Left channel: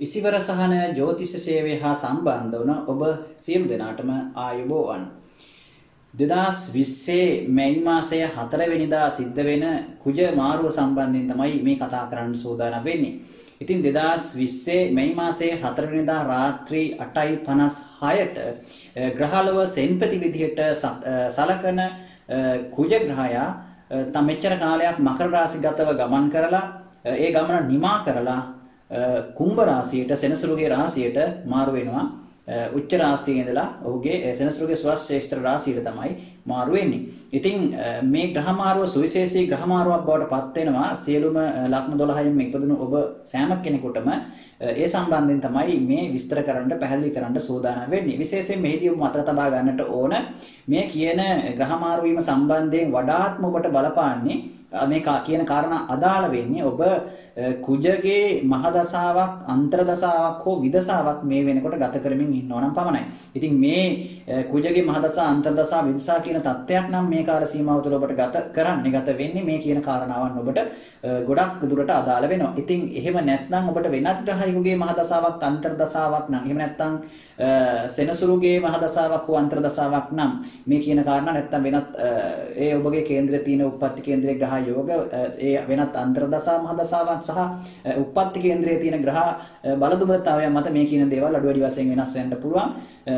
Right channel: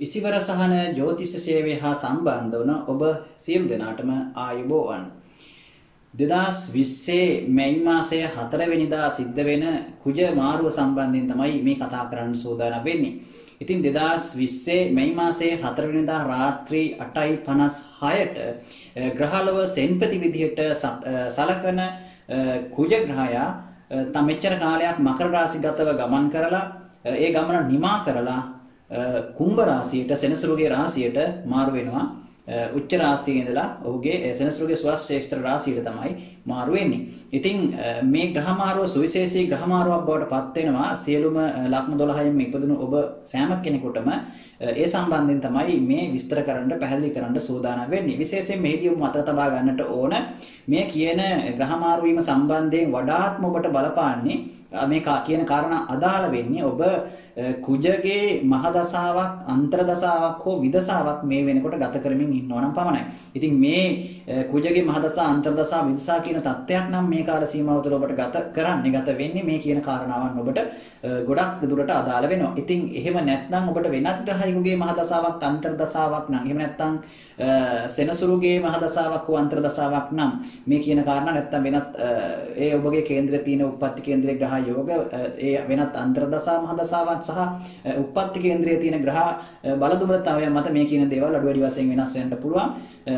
ඉසිවර සහන ජ්‍යොතිෂ සේවය හා සම්බන්ධ වන ඔබ සියලු දෙනාටම ආයුබෝවන්. 2020 මැයි මාසයේ 4 වෙනිදා සිද්ධ වෙන කුජ මාරුව සම්බන්ධයෙන් තමයි මේ කතා කරන්න සූදානම් වෙන්නේ. ඉතින් 2020 මැයි මාසයේ 4 වෙනිදා රාත්‍රී 8:56ට ග්‍රහලව සෙන්පති විදිහට සලකන කුජ ග්‍රහයා මෙච්චර කාලයක් මකර රාශිගතව ගමන් කරලා ඒ ගමන නිමා කරලා කුම්භ රාශියට සෙනසුරුගේ රාශියට මාරු වෙනවා. උච්ච රාශියේ ඉඳලා ඔහුගේ සෙනසුරුගේ ස්වශ්‍රේෂ්ඨ රාශියට තමයි මාරු වෙන්නේ. ඉතින් මේ ග්‍රහ මාරුව සුවිශේෂී ග්‍රහ මාරුවක් බවට පත් වෙනවා සියලුම ලග්න 12න් ඉපදුණු ඔබ සෑම කෙනෙකුටම. ඒ සම්බන්ධයෙන් තමයි මේ විස්තර කරන්න පැහැදිලි කරන්න සූදානම් වෙන්නේ. විශේෂයෙන් මෙහිදී ඔබ මතක තබා ගන්නට ඕන මේ කියන ග්‍රහ මාරු වීම සම්බන්ධයෙන් වඩාත්ම ඔබට බලපාන්නේ මේ කියන කාරණා අදාළ වෙන්නේ ඔබ කුජගේ මහදසාවක් අන්තර්දසාවක් හෝ විදසාවක් මේ වෙනකොට ගත කරමින් ඉන්නවා නම් පමණයි. ඉතින් මේ කුජගේ මහදසා අන්තර්දසා විදසා කියන තත්ත්වයක් නම් මේ කාල සීමාව තුළ ඔබට ගත වෙන්නේ මේ කියන කාරණාවන් ඔබට ගොඩක් දුරට අදාළ වෙනවා. ඉතින් එහෙම නැත්නම් ඔබට වෙනත් ග්‍රහයෙකුගේ මහදසාවක් අන්තර්දසාවක් නම් එහෙම නැත්නම් සෙනසුරුගේ මහදසාවක් හෝ අන්තර්දසාවක් නම් මේ කියන කාරණා නැත්නම් වෙනත් ඒ ඔබගේ කේන්ද්‍රයේ තියෙන උප්පත්ති කේන්ද්‍රයේ ග්‍රහ යෝග ඒ වෙනත් අන්තර්දසා මහදසාවක් සහ උප්පත්ති කේන්ද්‍රයේ තියෙන ග්‍රහ බලදුබලතාවයන් මත මේ කියන දේවල් අඩු වැඩි වශයෙන් වෙනස් වෙන්න පුළුවන්.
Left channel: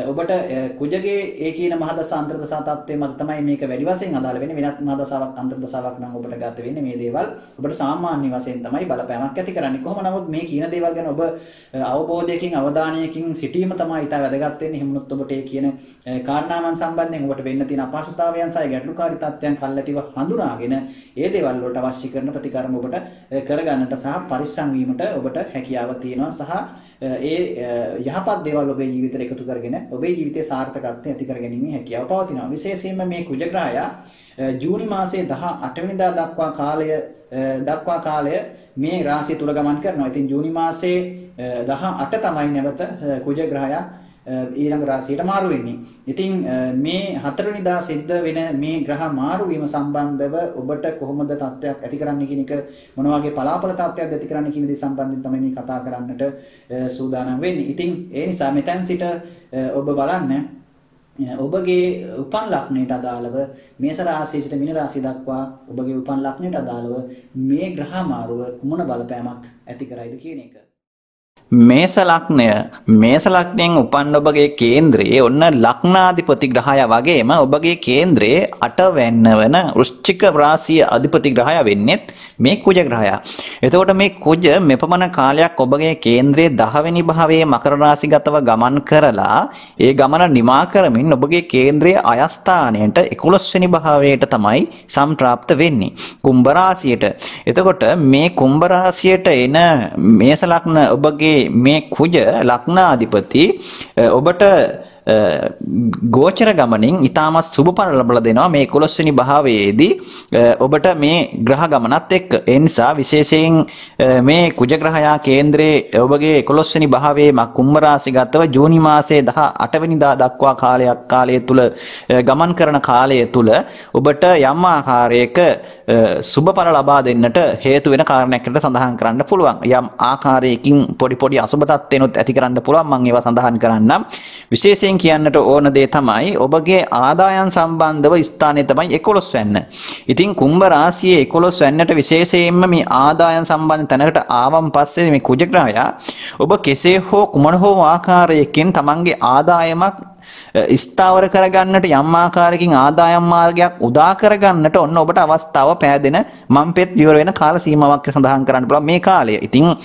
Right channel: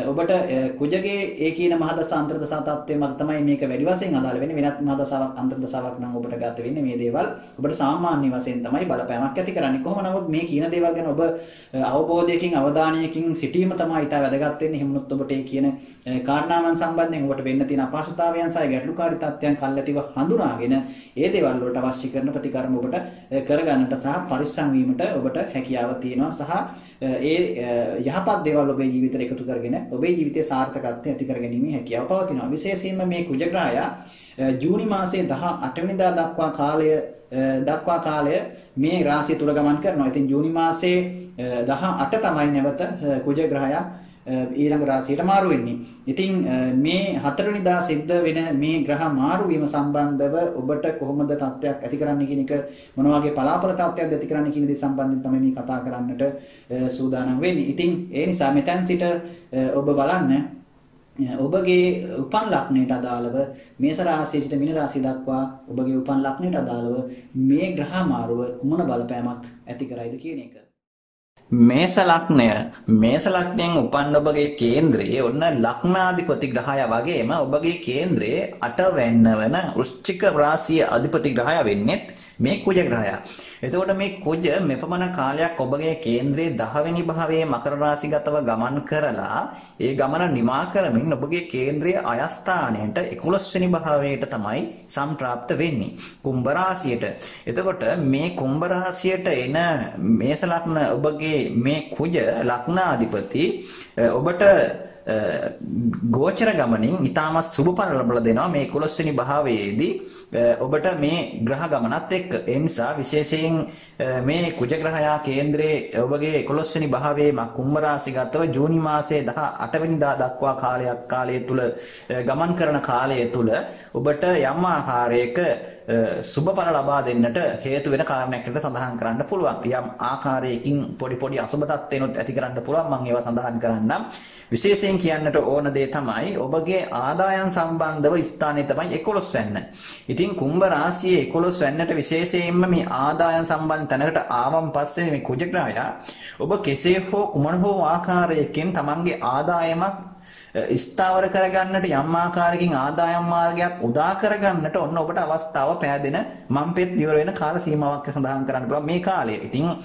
ඔබට කුජගේ ඒ කියන මහදසා අන්තර්දසා තත්ත්වයේ මත තමයි මේක වැඩි වශයෙන් අදාළ වෙන්නේ. වෙනත් මහදසාවක් අන්තර්දසාවක් නම් ඔබට ගත වෙන්නේ මේ දේවල් ඔබට සාමාන්‍ය වශයෙන් තමයි බලපෑමක් ඇති කරන්නේ. කොහොම නමුත් මේ කියන දේවල් ගැන ඔබ අවබෝධයකින් අවධානයකින් සිටීම තමයි ඉතා වැදගත් වෙන්නේ. එහෙම වුණොත් ඔබට ඒ කියන කාරණාවන් සම්බන්ධයෙන් ඔබට වෙන්න තියෙන අපහසුතාවයන් සහ ගැටලුකාරී තත්ත්වයන් කල්ැතිව හඳුනාගෙන ඒ දේවල් වලට අවශ්‍ය කරන ප්‍රතිකර්ම ඔබට කරගන්නට සහ පරිස්සම් වීමට ඔබට හැකියාව තියෙනවා. සහ ඒ යහපත් දේවල් ඔබේ ජීවිතයට එකතු කරගෙන ඔබේ ජීවිතයේ සාර්ථකත්වය ඇති කරගැනීමේ හැකියාව පවතිනවා. විශේෂයෙන්ම මේ කුජ ග්‍රහයා ජූනි මාසයේ 18 වෙනිදා දක්වා කාලය මේ රාශිය තුල ගමන් කරනවා. ඉතින් ජූනි මාසයේ 18 තමයි නැවත කුජ ග්‍රහයා ඊළඟ රාශියට මාරු වෙන්නේ. ඉතින් මේ 4 වෙනිදා සිද්ධ වෙන මේ ග්‍රහ මාරු වීම සම්බන්ධව ඔබට කොහොමද තත්ත්වයක් ඇති කරන්නේ කියන එක මොන වගේ පලාපල තත්ත්වයක්ද ඇති කරන්නේ කියන දේ සම්බන්ධයෙන් තමයි මේ කතා කරන්නට සූදානම් වෙන්නේ. ඉතින් ඒ නිසා මෙතෙන් සිට ඔබ බලන්න ඔබගේ උපන් ලග්නයට අදාළව මේෂ රාශිය සිට මීන රාශිය දක්වා ඔබගේ උපන් ලග්නයට අදාළව මේ ග්‍රහ මාරුව කුමන බලපෑමක් ඇති කරයිද කියන එක. මේෂ ලග්නයෙන් උපන් ඔබගේ කේන්ද්‍රයේ ඔන්න ලග්නාධිපති ග්‍රහයා වගේම ඔබගේ කේන්ද්‍රයේ 8 වෙන්න වන වෘශ්චික රාශිය අධිපති ග්‍රහයා වෙන්නේ මේ කුජ ග්‍රහයා. එතකොට මේ කුජ මෙපමණ කාලයක් ඔබගේ කේන්ද්‍රයේ 10 වෙනි භාවයේ මකර රාශිගතව ගමන් කරලා ඒ ගමන නිමා කරමින් ඔබගේ කේන්ද්‍රයේ අයස්ථානයට 11 වෙනි භාවයට තමයි සම්ප්‍රාප්ත වෙන්නේ කුම්භ රාශියට. එතකොට මේ කුම්භ රාශියට එන මේෂ ලග්න ඔබගේ මේ කුජ ලග්නාධිපති ඔබට ගෝචර ගමනින් ඊටමත් සුබ පල ලබා දෙනවා මේ 11 වෙනි භාවයේදී ඔබට මේ ග්‍රහ ගමනත් එක්ක. ඒ නිසා විශේෂයෙන් මේ කුජ ග්‍රහයා කේන්ද්‍රයේ ඔබගේ 11 වෙනි භාවයේ කුම්භ රාශිගතව ජූනි මාසයේ 18 වෙනිදා දක්වා කාලය තුල ගමන් කරන කාලය තුල ඔබට යම් ආකාරයක සුබඵල ලබා දෙන්නට හේතු වෙන කාරණයකට සඳහන් කරන්න පුළුවන්. යම් ආකාරයකින් පොඩි අසුබ තත්ත්වෙනුත් ඇති කරන්න පුළුවන්. මම ඒවා සඳහන් කරන්නම්. විශේෂයෙන් කියන්නට ඕන දේ තමයි ඔබගේ ආදායම් සම්බන්ධව ස්ථානය තමයි 11 වෙන්න. ඉතින් කුම්භ රාශියේ 11 වෙන්නට විශේෂයෙන්ම මේ ආදායම් සම්බන්ධ තැනකට ආවම් පස්සේ මේ කුජ ග්‍රහයා ඔබ කෙසේ හෝ කුමන හෝ ආකාරයකින් තමන්ගේ ආදායමක් ස්ථාවර කරගන්නට යම් ආකාරයකින් ආදායම් මාර්ගයක් උදා කරගන්නට ඔන්න ඔබට අවස්ථාව පෑදෙන මම්පෙත් ඉවර වෙන කාල සීමාවක් සඳහන් කරන්න පුළුවන් මේ කාලය. ඉතින්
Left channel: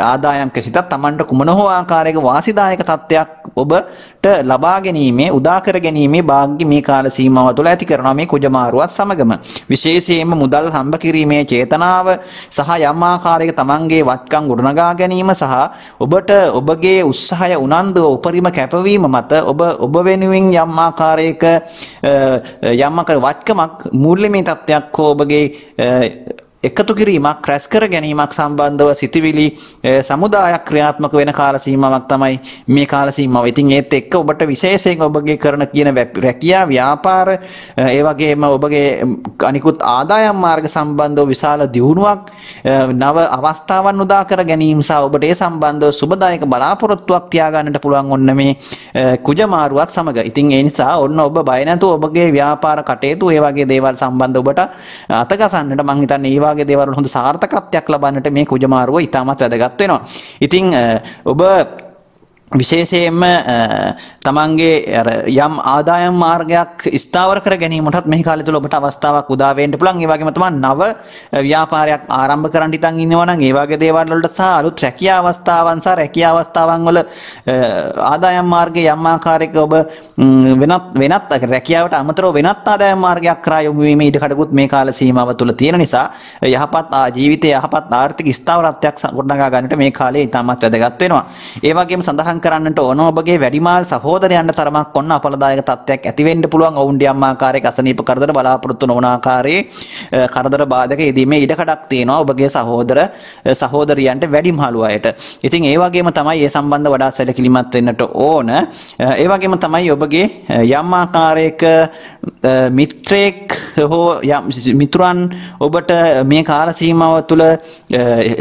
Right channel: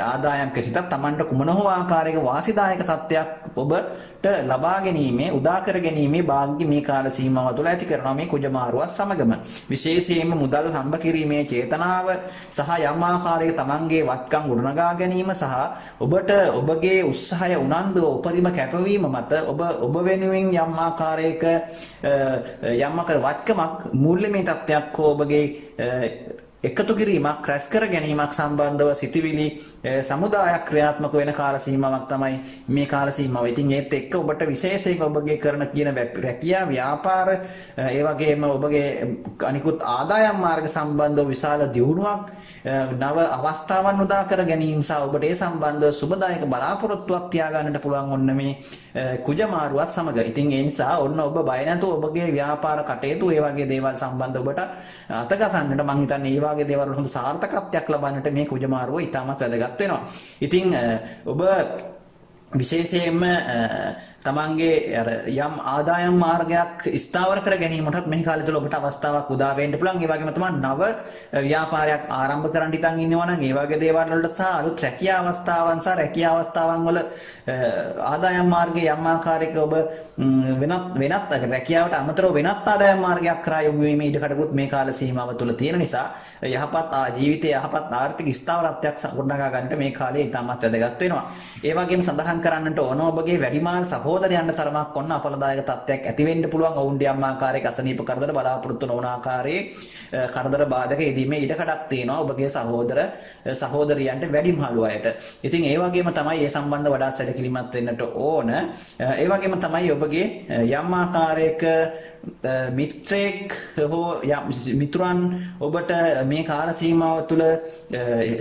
ආදායම් කිසිතත් Tamanට කුමන හෝ ආකාරයක වාසිදායක තත්ත්වයක් ඔබට ලබා ගැනීමේ උදා කර ගැනීමේ වාග්ය මේ කාල සීමාව තුළ ඇති කරනවා මේ කුජ මාරුවත් සමගම. විශේෂයෙන්ම මුදල් හම්බ කිරීමේ චේතනාව සහ යම් ආකාරයක Tamanගේ වත්කම් ගොඩනගා ගැනීම සහ ඔබට ඔබගේ උත්සාහය උනන්දුව උපරිම කැපවීම මත ඔබ වෙනුවෙන් යම් ආකාරයක වත්කමක් මූල්‍යමය තත්ත්වයක් හෝ ඔබගේ එකතු කිරීමක් රැස් කර ගැනීමක් සම්බන්ධව සිටිවිලි සමුදායක් ක්‍රියාත්මක වෙන කාල සීමාවක් තමයි මේ කාල සීමාව. ඉතින් ඒත් එක්ක ඔබට විශේෂයෙන් ඔබගේ කරන කියන රැකියා ව්‍යාපාර ඒ වගේම ඔබගේ අනිකුත් ආදායම් මාර්ග සම්බන්ධව විශාල දියුණුවක් නව අවස්ථාවන් උදා කර ගැනීම සහ ඔබට ඒ සම්බන්ධව සුබදායක බලාපොරොත්තුවක් තියාගන්නට පුළුවන් ඔන්න මේ කුජ මාරුවත් සමග. ඉතින් ඒ නිසා ඔන්න ඔබ බය නැතුව ඔබගේ ව්‍යාපාර කටයුතු ඒ වගේ දේවල් සම්බන්ධව ඔබට අතගසන්නට මම හිතන්නේ ඒ වගේ දේවල් හොඳ සාර්ථකත්වයක් ලබන්නට මේ කුජ මාරුව ඉතාමත් වැදගත් වෙනවා. ඉතින් ඔබ විශේෂයෙන්ම තමන්ගේ යම් ආදායම් මාර්ගයක් ස්ථාවර කර ගැනීමටත් මේ කාලය තුළ ඔබට අවස්ථාවක් උදා වෙන්න පුළුවන්. ඒ වගේම තමයි නව ව්‍යාපාරයක් ආරම්භ කරන්න ඉතින් ඉන්නවා නම් ඒ වගේ දේවල් වලට සහ අලුත් රැකියා අවස්ථාවන් සහ රැකියා අවස්ථාවන් වල ආදායම් මාර්ගයේ යම් ආකාරයක ඔබ වෙනත් රැකියාවට අමතරව වෙනත් ආදායම් මාර්ගයක් කරා යොමු වීමේ ඉඩකඩකුත් මේ කාල සීමාව තුළ තියෙන නිසා යහපත් ජීවිතයේ යහපත් ආර්ථික ස්ථාවරත්වයක් ගොඩනගා ගන්නට මේ කාලය ඉතාමත් වැදගත් වෙනවා. ඒ වගේම සඳහන් කරන්නට ඕන ඔබගේ වැඩිමාල් සහෝදරයන්ට තරමක් ඔන්න අපලදායක තත්ත්වයක් ඇති වෙන්න පුළුවන්. ඔවුන්ට යම් ආකාරයක අසනීප කරදර බලාපොරොත්තු නොවන ආකාරයේ කරදර බාධක යෙදීමේ ඉඩකඩක් තියෙනවා ඔබගේ සහෝදරයන්ට වැඩිමහලු අයට. ඉතින් ඒ වගේම තමයි ඒ සම්බන්ධ වඩා සැලකිලිමත් වෙන්නට ඕන. ඒ වගේම තමයි ඔබගේ යම් ආකාරයක මිත්‍රෙක් හෝ මිතුරන් ඔබට මේ කාල සීමාව තුළ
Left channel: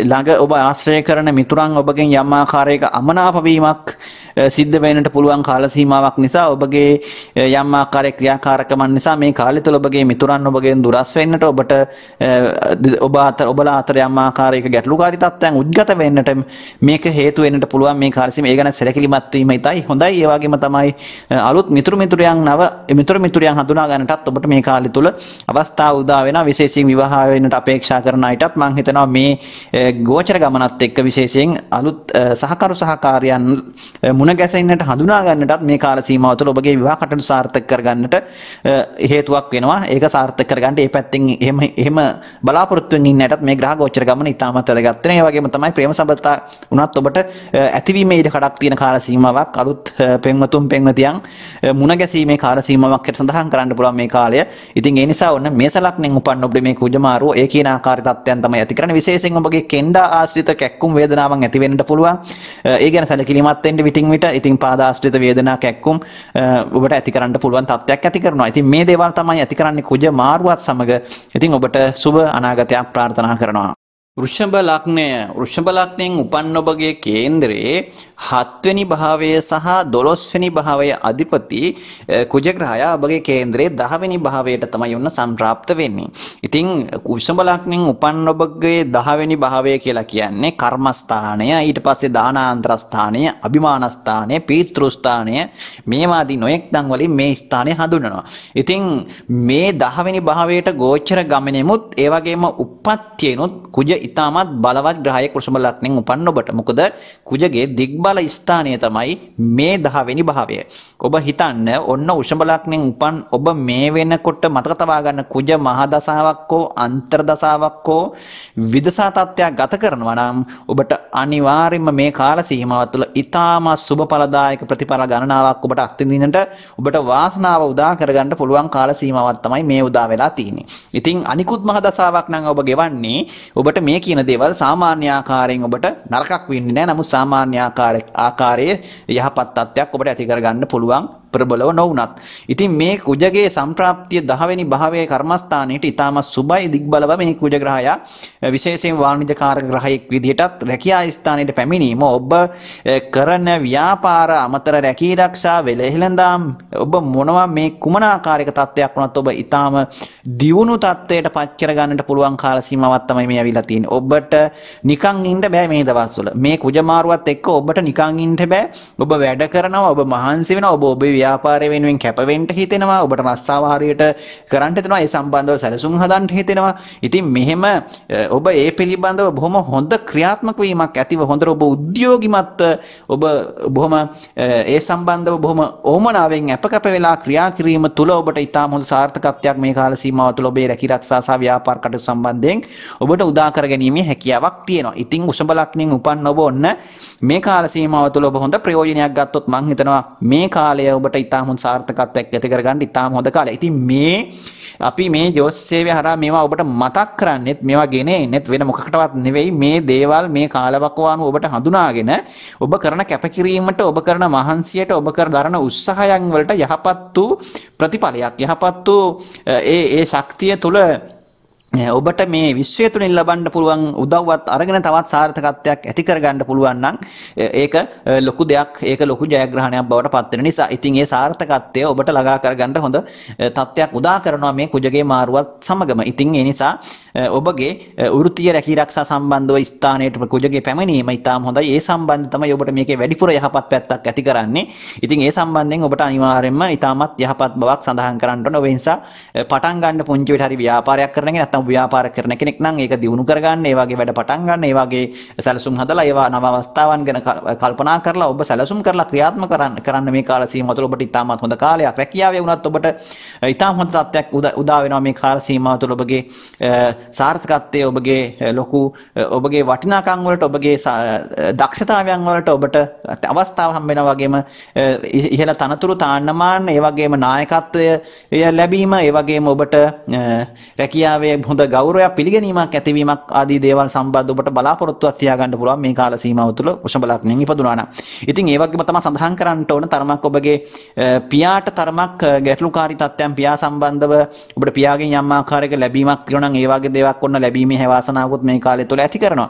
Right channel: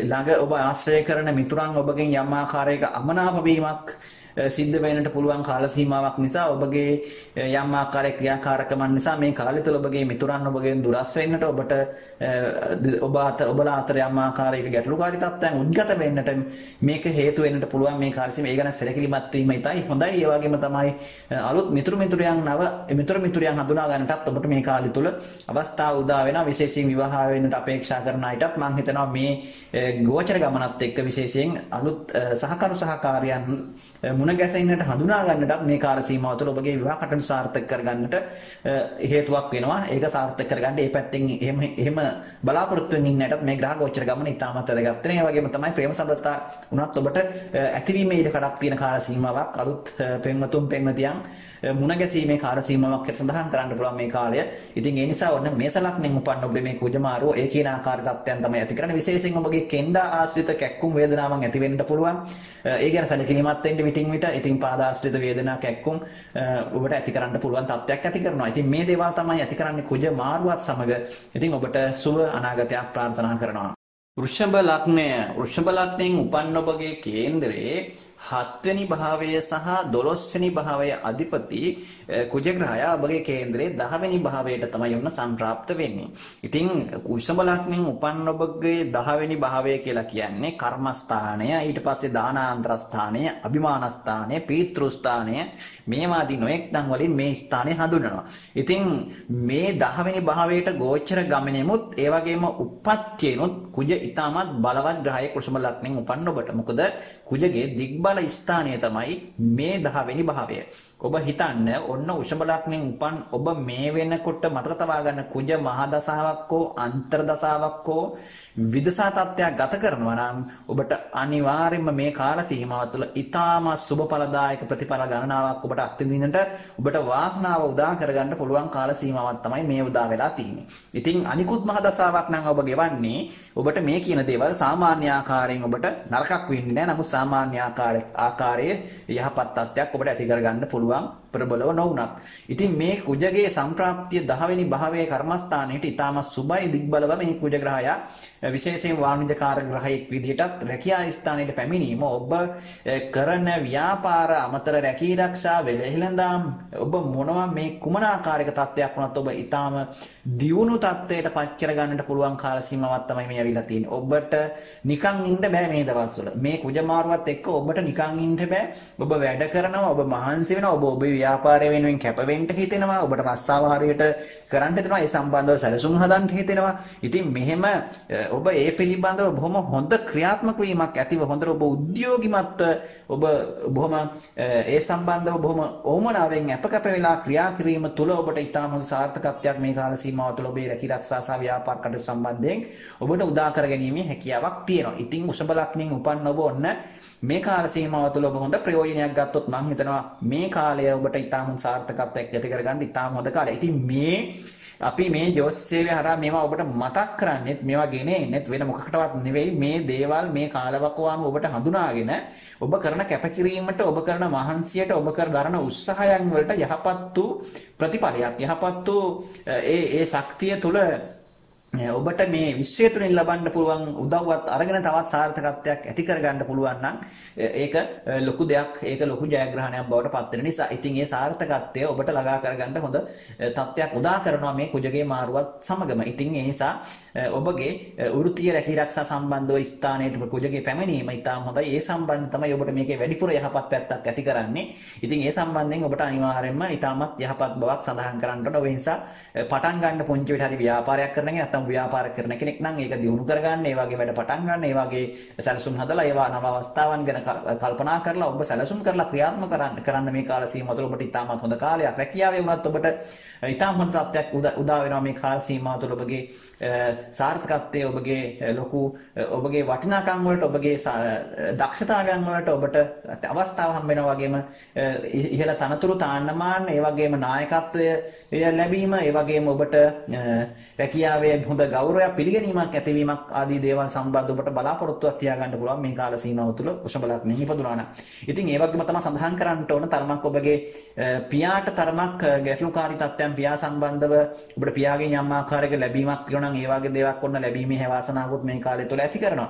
ළඟ ඔබ ආශ්‍රය කරන මිතුරන් ඔබගෙන් යම් ආකාරයක අමනාප වීමක් සිද්ධ වෙන්නට පුළුවන් කාල සීමාවක් නිසා ඔබගේ යම් ආකාරයක ක්‍රියාකාරකමන් නිසා මේ කාලය තුළ ඔබගේ මිතුරන් ඔබගෙන් දුරස් වෙන්නට ඔබලා අතර යම් ආකාරයක ගැටලුකාරී තත්ත්වයන් උද්ගත වෙන්නට මේක හේතු වෙන්නට පුළුවන් මේ කාල සීමාව. ඒ ගැන සැලකිලිමත් වීම ඉතයි හොඳයි. ඒ වගේම තමයි අලුත් මිතුරියන් හඳුනා ගන්නටත් ඔබට මේ කාලය තුළ අවස්ථාව උදා වෙනවා. විශේෂයෙන් විවාහ වෙන්නට අපේක්ෂා කරන අයටත් මම හිතනවා මේ ගෝචර ගමනත් එක්ක විශේෂයෙන් අලුත් සහකාරයන් මුණ ගැසෙන්නට හඳුනා ගන්නටත් මේ කාල සීමාව තුළ ඔබගේ විවාහ කටයුතු සාර්ථක කරගන්නට හේතුවක් වෙනවා. ඒක සාර්ථක කරගන්න ඒ පැත්තෙන් එහෙම බලාපොරොත්තු වෙමින් ඉන්නටත් මේ ග්‍රහ ගෝචර ගමන ඉතාමත් වැදගත් වෙනවා. ඒ වගේම තමයි ප්‍රේම සම්බන්ධතා උනත් ඔබට ඇතිවීමේ ඉඩ කඩක් තියෙන කාල සීමාවක්. අලුත් පෙම්වතියන් මුණ ගැසීමේ කාල සීමාවක් සඳහන් කරන්න පුළුවන් මේ කාලය. ඉතින් ඒ නිසා ඔන්න මේස ලග්නෙන් උපන්න ඔබට මේ කුජ මාරුව ඒ කියන ආකාර තත්ත්වයන් තමයි ඇති කරන්නේ. විශේෂයෙන් ඔබගේ කෙන්ඩා ආශ්‍රිත කැක්කුම් වේදනාවන් ඇති වෙන්නට පුළුවන්. ඒ ගැන සැලකිලිමත් වෙන්න විටින් විට ඉතින් පාදාශ්‍රිත වේදනා කැක්කුම් ඔබට ඇති කරන්න පුළුවන් තත්ත්වයක් ඇති කරනවා. ඉතින් මේ දේවල් තමයි ඇති කරන්නේ කුජ මාරුවත් සමග. ඉතින් ඔබට සුබ අනාගතයක් ප්‍රාර්ථනා කරනවා. වෘෂභ ලග්නයෙන් උපන් ඔබගේ කේන්ද්‍රයේ 7 වෙනි භාවය සහ 12 වෙනි භාවය අධිපති කුජ ග්‍රහයා ඔබගේ කේන්ද්‍රයේ 10 වෙනි භාවයට තමයි ඔන්න සම්ප්‍රාප්ත වෙන්නේ. ඉතින් වෘෂභ ලග්නයෙන් උපන් ඔබගේ 10 වෙනි භාවය කියලා කියන්නේ කර්මස්ථානය, ඊට පස්සේ දානාන්තර ස්ථානය, අභිමාන ස්ථානය, පීතෘ ස්ථානය මේවාදී නොයෙක් දන් වලින් මේ ස්ථානය හඳුන්වනවා. ඉතින් මේ 10 වෙනි භාවයට ගෝචර ගමනෙමුත් ඒ වගේම උප්පත්තියනොත් කුජ ඉතාමත් බලවත් ග්‍රහයෙක් වෘෂභ ලග්නයෙන් උපන්න ඔබට. මොකද කුජගේ දිග්බල ස්ථානය තමයි මේ 10 වෙනි භාවය. ඔබ හිතන්න ඔන්න වෘෂභ ලග්නයෙන් උපන් ඔබ මේ වෙනකොට මතක තබා ගන්න කුජ මහ දසාවක් හෝ අන්තර් දසාවක් හෝ විදසා තත්ත්වයක් ගත කරනවා නම් ඔබට අනිවාර්යයෙන්ම මේ කාල සීමාව තුළ ඉතාමත් සුබ ඵලදායක ප්‍රතිඵල ගණනාවක් ඔබට අත්විඳින්නට ඔබට වාසනාව උදා කරගන්න පුළුවන් කාල සීමාවක් තමයි මේ උදා වෙලා තියෙන්නේ. ඉතින් අනිකුත් මහ දසාවක් නම් ඔබ ගෙවන්නේ ඔබට මේ කියන දේවල් සාමාන්‍ය ආකාරයෙන් ඔබට නරකක් වෙන්නේ නැහැ. නමුත් සාමාන්‍ය ආකාරයේ යහපත් තත්ත්වයක් ඔබට ඇති කරගන්න පුළුවන් ප්‍රබලව නොවුනත්. ඉතින් මේ කුජගේ සම්ප්‍රාප්තිය 10 වෙනි භාවයේ කර්මස්ථානයේට ඉතාම සුබයි දිග්බලව මේ කුජ ග්‍රහයා විශේෂයෙන් වාණිජකාරක ග්‍රහයෙක් විදිහටත් රැකියා ස්ථානයේ පැමිණීම ඔබ කරන ව්‍යාපාර අමතර රැකී ආරක්ෂා වෙලෙහිලඳාම් ඔබ මොනවා මේ කුමන ආකාරයක තත්ත්වයක් වුණත් ඔබ ඉතාම දියුණු තත්ත්වයට පත් කර ගන්නට පුළුවන් කාල සීමාවක් තමයි මේ ඇවිල්ලා තියෙන්නේ. ඔබට නිකන් ඉන්න බෑ මේ දවස්වල. මේ කුජ මාරුවත් එක්ක ඔබට නිකන් ඉන්න බෑ. ඔබ වැඩ කරනවා, ඔබ මහන්සි වෙනවා, ඔබ ඔබේ ව්‍යාපාරය වෙනුවෙන් කැප වෙන්න හිතෙනවා, ඔබට රස්සාව හරියට කරන්න හිතෙනවා, ඒ සම්බන්ධව සැලසුම් හදන්න හිතෙනවා. ඉතින් මෙහෙම ඔබ ඒ පිළිබඳව බොහොම හොඳ ක්‍රියාත්මක වීමක් ඇතිව හොඳට ඔබ උද්‍යෝගිමත් ඔබ බොහොම ඒ සම්බන්ධව බොහොම ඕමනාවෙන් අපකප වෙලා ක්‍රියා කිරීම තුළ ඔබට ඉතාම හොඳ සාර්ථකත්වයක් මේ කාල සීමාව තුළ ඔබේ රැකී ආරක්ෂා සහ ව්‍යාපාර කටයුතු සම්බන්ධයෙන් ඔබට උදා කර ගැනීමේ හැකියාවක් තියෙනවා. ඉතින් වෘෂභ ලග්නයෙන් උපන් ඔබ ඔන්න මේ කාල සීමාව තුළ ඔබ හොඳ ප්‍රයෝජනයක් ගත්තොත් මම හිතනවා මේ කාලය ඔබට ඉතාම හොඳ සාර්ථකත්වයක් ඇති කරගන්න ඉතාම හොඳ කාලයක්. ඉතින් අපි මේ ජෝතිෂ්‍යය හරහා මේවා ඔබට මතක් කරන්නෙත් මේවා ගෙන එන්නෙත් වෙන මොකකටවත් නෙවෙයි මේ දේවල් මේ කාලවකවානුව ඔබට හඳුනාගෙන ඔබ කරන කැපකිරීමට ඔබ කරන මහන්සියට ඔබ කර දරන උත්සාහයන් වලට යහපත් වූ ප්‍රතිඵලයක් යහපත් වූ ඒ ශක්තිය තුළ ඔබට මේ විශ්වය තුලින් ලබන්න පුළුවන් උදව්වත් අරගෙන තවත් සාර්ථකත්වයක් ඇති කරගන්න පුළුවන් නම් ඒක ලොකු දෙයක් ඒක ලොකු ජයග්‍රහණයක් බවට පත් වෙන නිසා ඉතින් ඒ සාර්ථකත්වය ඔබට ළඟා කරගන්න හොඳ තත්ත්වයක් උදා කරනවා මේ කුජගේ මාරුවත් සමගම. ඉතින් ඒ නිසා ඔබගේ වෘත්තීය රැකී ආරක්ෂා සම්බන්ධව ස්ථානයට කුජගේ පැමිණීම ඉතාම හොඳයි. ඒ සම්බන්ධ තමයි ඔබට මේකේ වැඩිපුර යහපත් පැත්තක් ඇති කරන්නේ. ඉතින් ඒ සම්බන්ධයෙන් ඔබට අනිවාර්යයෙන්ම ඉතාමත් යහපත් බවක් සඳහන් කරන්න ඕන. ඔබ නිසා පටන් ගන්න පුංචි විදිහට හරි ව්‍යාපාරයක් කරනගෙන නැත්නම් ව්‍යාපාර කරන කෙනෙක් නම් ඒක දියුණු කරගන්න, ඒ වගේ වැඩ පටන් ගන්න, ඒ වගේ සැලසුම් හදලා ඒවා නව අවස්ථාවන් ගැන කල්පනා කරලා ඔබ සැලසුම් කරලා ක්‍රියාත්මක කරන්න මේ කාල සීමාව තුළ ඔබට ඉතාමත් හොඳ කාලයක්. රැකියාවේ වුණත් ඔබට ඉතාම හොඳ තත්ත්වයක් උදා වෙනවා මේ කාල සීමාව තුළ. ඔබගේ සාර්ථකත්වයේ ඔබගේ ලොකු ඔබගේ වටිනාකම් වලට ඔබගේ දක්ෂතාවයන් වලට ඔබට අවස්ථාව හම්බ වෙනවා. වගේම ඉහළ තනතුරු තාන්නමාන, ඒ වගේම නායකත්වය ලැබීම, ඒ වගේම ඔබට රැකියාවේ හොඳ ගෞරවයක් පිළිගැනීමක් ඇතිවීමක් ආදී දේවල් සම්බන්ධ ඔබට බලාපොරොත්තුවක් තියාගන්න පුළුවන් මේ කාල සීමාව තුළ වෘෂභ ලග්නයෙන් ඉපදුනා නම්. ඉතින් ඒ වගේම තමයි සඳහන් කරන්න ඕන තරමක් ඔබගේ පියාට තරමක් ගැටලුකාරී තත්ත්වයන් පියා සම්බන්ධව ඔබට පියාගෙන් යම් ආකාරයක ලැබීමක් තියෙනවා නම් ඒ වගේ දේවල් ඔන්න ලැබීමේ හැවාසනාවකුත් මේ කාලය තුළ ඇති කරනවා.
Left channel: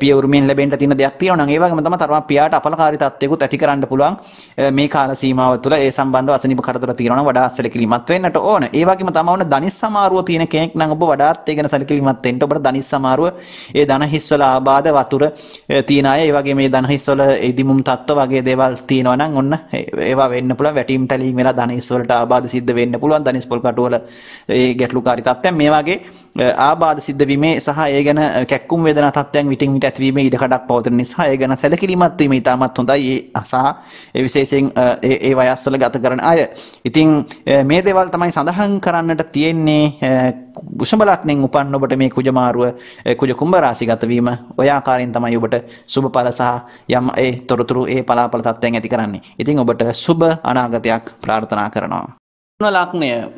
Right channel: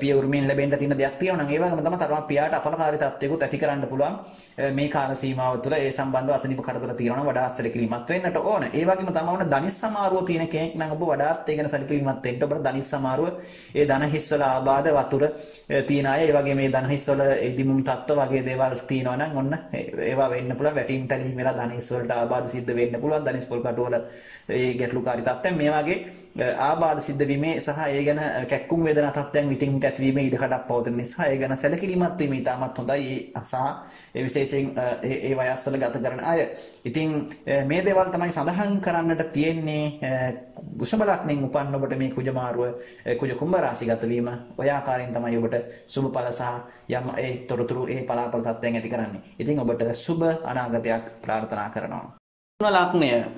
පිය උරුමෙන් ලැබෙන්න තියෙන දෙයක් තියෙනවා නම් ඒ වගේම තමයි තරමක් පියාට අපලකාරී තත්ත්වයකුත් ඇති කරන්න පුළුවන් මේ කාල සීමාව තුළ. ඒ සම්බන්ධව අසනීප කරදර තියෙනවා නම් වඩා සැලකිලිමත් වෙන්නට ඕන. ඒ වගේම තමයි ඔන්න ධනිස් සමාරුව තියෙන කෙනෙක් නම් ඔබ වඩාත් ඒ ගැන සැලකිලිමත් වෙන්න. ඔබට ධනිස් සමාරුව ඒ ධන හිස්වල ආබාධ වතුර තියෙන අය, ඒ වගේ මේ ධන හිස්වල ඉදිමුම් තත්ත්ව වගේ දේවල් තියෙනවා නම් ඔන්න ඒවා වෙන්න පුළුවන්. වැටීම් තැලීම් වෙලා ධන හිස්වලට ආබාධ සිද්ධ වෙන්න පුළුවන්. ධනිස් පොල් කටුවල ඒ ගැටලුකාරී තත්ත්වයන් මේ වගේ ආබාධ සිද්ධ වීමේ සහ ඒ ගැන කැක්කුම් වේදනා තත්ත්වයන් විටින් විට ඇතිවීමේ ඉඩ කඩක් පවතින නිසා ඒ ගැන සැලකිලිමත් වීම ඉතාමත් හොඳයි. සහ ඒ විශේෂයෙන් ඒ වයස්වල ගත කරන අය. ඉතින් මේ දේවල් තමයි සඳහන් කරන්නට තියෙන්නේ. වෘෂභ ලග්නයෙන් උපන් ඔබට මේ කුජ මාරුව කුජ කුම්භ රාශිගත වීම ඔය ආකාරයෙන් තමයි ඔබට සුබ ඵල සහ යම් ඒ තොරතුරු ඒ පලාපල තත්ත්වයන් ඇති කරන්නේ. ඉතින් ඔබට සුබ අනාගතයක් ප්‍රාර්ථනා කරනවා.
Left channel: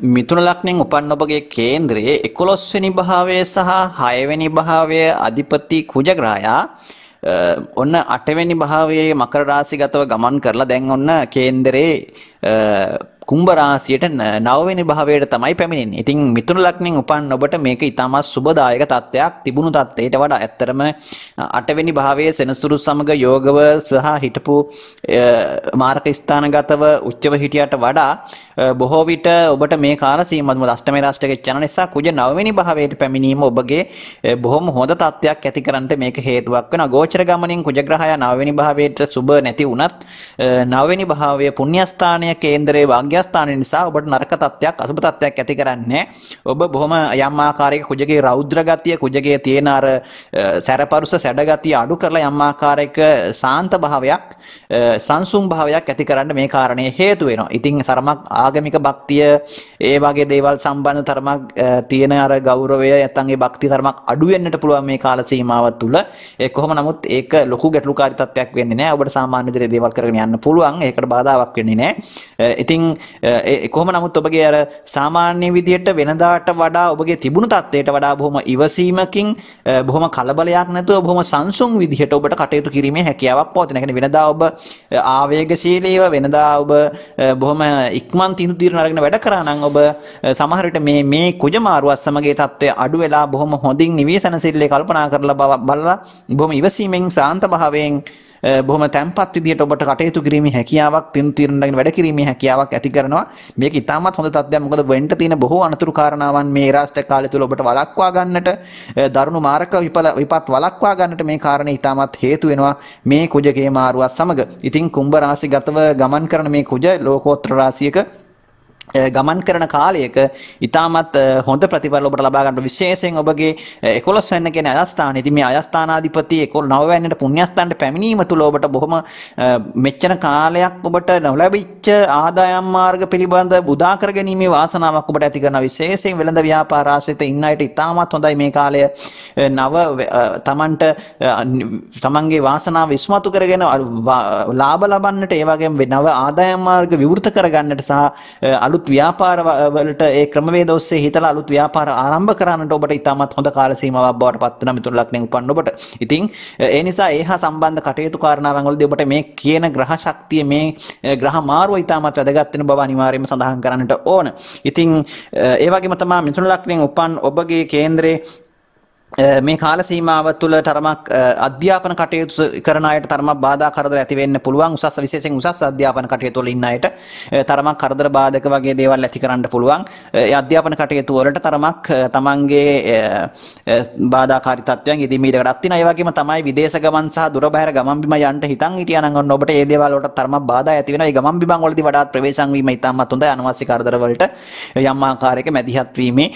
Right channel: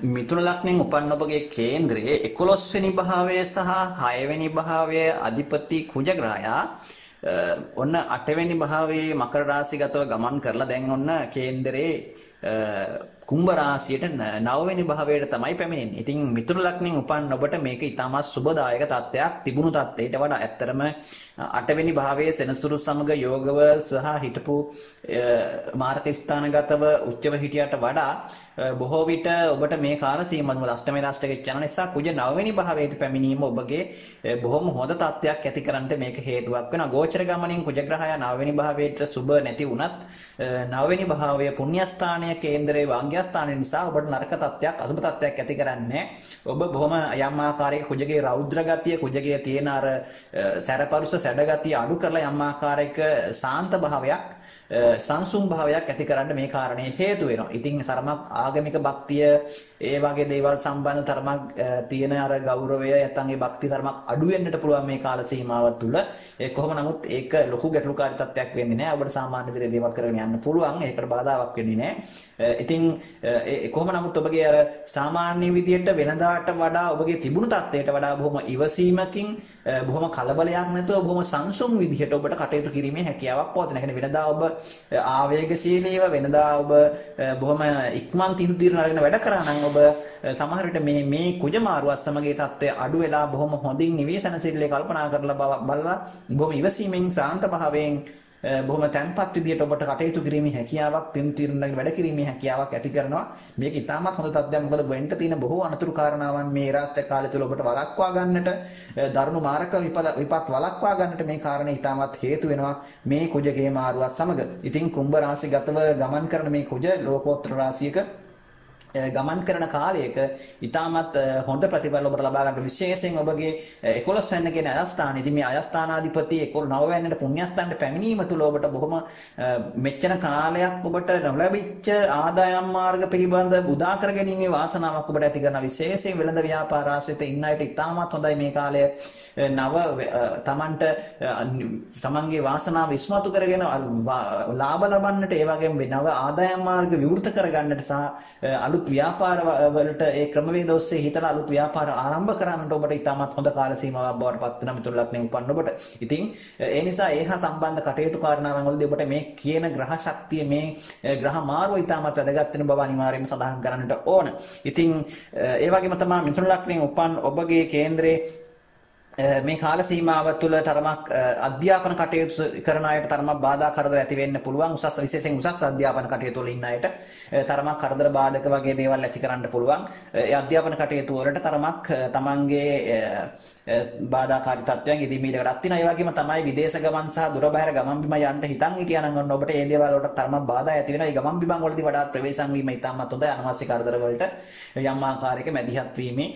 මිථුන ලග්නයෙන් උපන් ඔබගේ කේන්ද්‍රයේ 11 වෙනි භාවය සහ 6 වෙනි භාවයේ අධිපති කුජ ග්‍රහයා ඔන්න 8 වෙනි භාවයේ මකර රාශිගතව ගමන් කරලා දැන් ඔන්න කේන්දරේ කුම්භ රාශියට 9 වෙනි භාවයට තමයි පැමිණෙන්නේ. ඉතින් මිථුන ලග්නයෙන් උපන් ඔබට මේක ඉතාමත් සුබදායක තත්ත්වයක්. තිබුණු තත්ත්වයට වඩා ඇත්තටම 8 වෙනි භාවයේ සෙනසුරු සමග යෝගව සහ හිටපු මාර්ග ස්ථානගතව උච්චව හිටියට වඩා බොහෝ විට ඔබට මේ කාල සීමාව අෂ්ටමේ රාශියක යන නිසා කුජ 9 වෙනි භාවයට පැමිණීම ඔබගේ බොහොම හොඳ තත්ත්වයක් ඇති කරන්නට මේක හේතුවක් වෙනවා. ගෝචර ගමනින් කුජ ග්‍රහය 9 වෙනි භාවයට සුබ නැති වුණත් 9 වෙනි භාවය පුණ්‍යස්ථානය කේන්දරයේ වාග්යස්ථානය නිසා ඔබට නරක තත්ත්වයක් අසුබ තත්ත්වයක් ඇති කරන්නේ. ඔබ බොහොම යම් ආකාරයක කුජගේ රෞද්‍ර ගතිය කුජගේ තියෙන අර සැරපරුස සැඩ ගතිය අඩු කරලා යම් ආකාරයක සාන්ත භාවයක් සංසුම් භාවයක් ඇති කරන්න මේ කාරණේ හේතු වෙනවා. ඉතින් තරමක් ආගමික භක්තිය ඒ වගේ දේවල් සම්බන්ධ තරමක් තියෙන අර ගෞරවය නැත්නම් ඒ භක්තිය තරමක් අඩු වෙන්නට පුළුවන් මේ කාල සීමාව තුළ. ඒ කොහොම නමුත් ඒක ලොකු ගැටලුකාරී තත්ත්වයක් වෙන්නේ නැහැ. ඔබට සාමාන්‍ය විදිහට දේවල් කරගෙන යන්න පුළුවන්. ඒකට බාධාවක් වෙන්නේ නැහැ. ඉතින් කොහොම නමුත් ඔබගේ අර සාමාන්‍ය විදිහට වෙනදාට වඩා ඔබගේ තිබුණු තත්ත්වයට වඩා බොහොම ඉවසීමකින් බොහොම කලබලයක් නැතුව බොහොම සංසුන් විදිහට ඔබට කටයුතු කිරීමේ හැකියාවක් පවතින. ඒ කියන්නේ වෙනදා ඔබ ආවේගශීලීව වෙනදා ඔබ බොහොම ඉක්මන් තීන්දුව අරගෙන වැඩ කරා නම් ඔබ සමහර විට මේ කුජ මාරුවත් සමග ඒ තත්ත්වය අඩු වෙලා බොහොම හොඳින් නිවේසනශීලී කල්පනා කරලා බලලා බොහොම ඉවසීමෙන් සාන්ත භාවයෙන් බොහොම තැම්පත් විදියට ඔබට කටයුතු කිරීමේ හැකියාවක් තීරණ වැඩ කිරීමේ හැකියාවක් ඇති කරනවා. මේක ඉතාමත් හොඳ තත්ත්වයක්. මොකද වෙන්න තියෙන බොහෝ අනතුරු කාරණාවන් මේ රාෂ්ට්‍ර කාලය තුල ඔබට වළක්වා ගන්නට දරුණු මාරක විපත් වළක්වා ගන්නට මේ කාරණේ ඉතාමත් හේතු වෙනවා මේ කුජගේ මාරුවත් සමග. ඉතින් කුම්භ රාශිගතව ගමන් කරන මේ කුජ ලෝකෝත්තර රාශියක ගමන් කරන කාලයක ඉතාමත් හොඳ ප්‍රතිඵල ඔබට ලබා ගන්න විශේෂයෙන් ඔබගේ 11 වෙනි කියන අයස්ථානයේ ඉතින් මේ අයස්ථානාධිපති 19 වෙනිට පුණ්‍යස්ථානට පැමිණීම තුළ ඔබට බොහොම මෙච්චර කාලයක් ඔබට නොලැබිච්ච ආදායම් මාර්ග පිළිබඳ උදා කර ගැනීමේ වාසනාවක් ඔබට ඇති කරන විශේෂයෙන් වෙළඳ ව්‍යාපාර ආශ්‍රිත ඉන්න අයට ඉතාමත් හොඳයි මේ කාලය නව තමන්ට තමන්ගේ වාසනාව ඉස්මතු කරගෙන ලාභ ලබන්නට ඒ වගේම නව ආදායම් මාර්ග විවෘත කරගන්නට සහ අලුත් ව්‍යාපාර වලට ඒ ක්‍රමවේද ඔස්සේ හිතලා අලුත් ව්‍යාපාර ආරම්භ කරන්නට ඔබට ඉතාමත් හොඳ කාල සීමාවක් බවට පත් වෙන මිතුරු ලග්නෙන් උපන්න ඔබට. ඉතින් ඒ නිසා ඒ හා සම්බන්ධ කටයුතු කාරණාවන් වලදී ඔබට මේ කියන ග්‍රහ ශක්තිය මේ ග්‍රහ මාරුව ඉතාමත් වැදගත් වෙන බව අනිවාර්යයෙන්ම සඳහන් කරන්නට ඕන. ඉතින් ඒ වගේම තමයි මිතුරු ලග්නෙන් උපන් ඔබගේ කේන්ද්‍රයේ මේ කාල සීමාව තුළ තරමක් අධ්‍යාපන කටයුතු කරන අයට තරමක් බාධා කරදර ඇති වෙන්න පුළුවන්. උසස් විශේෂයෙන් උසස් අධ්‍යාපන කටයුතු වල ඉන්න අයට තරමක් කරදර බාධක වගේ දේවල් ඇති කරන්න පුළුවන්. ඒ අධ්‍යාපන කටයුතු වලට තරමක් තමන්ගේ බාධාකාරී තත්ත්වයන් ඉදිමීදකටත් තියෙනවා. ඒ වගේම තමයි විදේශ ගමන් සහ දුර බැහැර ගමන් බිම යන්න හිතන් හිටියා නම් ඔන්න ඔබට මේ දේවල් වලට තරමක් බාධා ඇති වෙනවා. මේ ගමන් බිමන් වලදී වඩාත් ප්‍රවේශම් වීම ඉතාමත් හොඳයි. අනවශ්‍ය කරදර වලට යම් ආකාරයක මැදිහත් වීමේ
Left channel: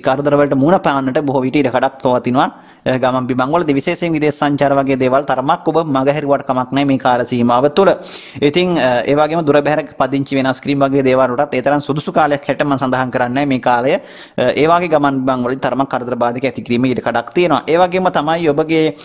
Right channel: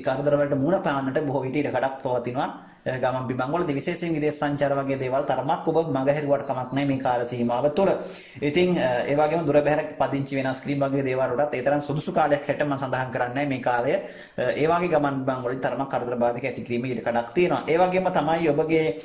කරදර වලට මුහුණ පාන්නට බොහෝ විට ඉඩකඩක් පවතිනවා. ගමන් බිමන් වලදී විශේෂයෙන් විදේශ සංචාර වගේ දේවල් තරමක් ඔබ මගහැරුවට කමක් නැහැ මේ කාල සීමාව තුළ. ඉතින් ඒ වගේම දුර බැහැර පදිංචි වෙනස් කිරීම වගේ දේවල් වලටත් ඒ තරම් සුදුසු කාලයක් හැට මම සඳහන් කරන්නේ මේ කාලය. ඒ වගේ ගමන් බිමන් වලදී තරමක් කරදර බාධක ඇති කිරීමේ ඉඩකඩක් තියෙනවා. ඒ වගේම තමයි ඔබගේ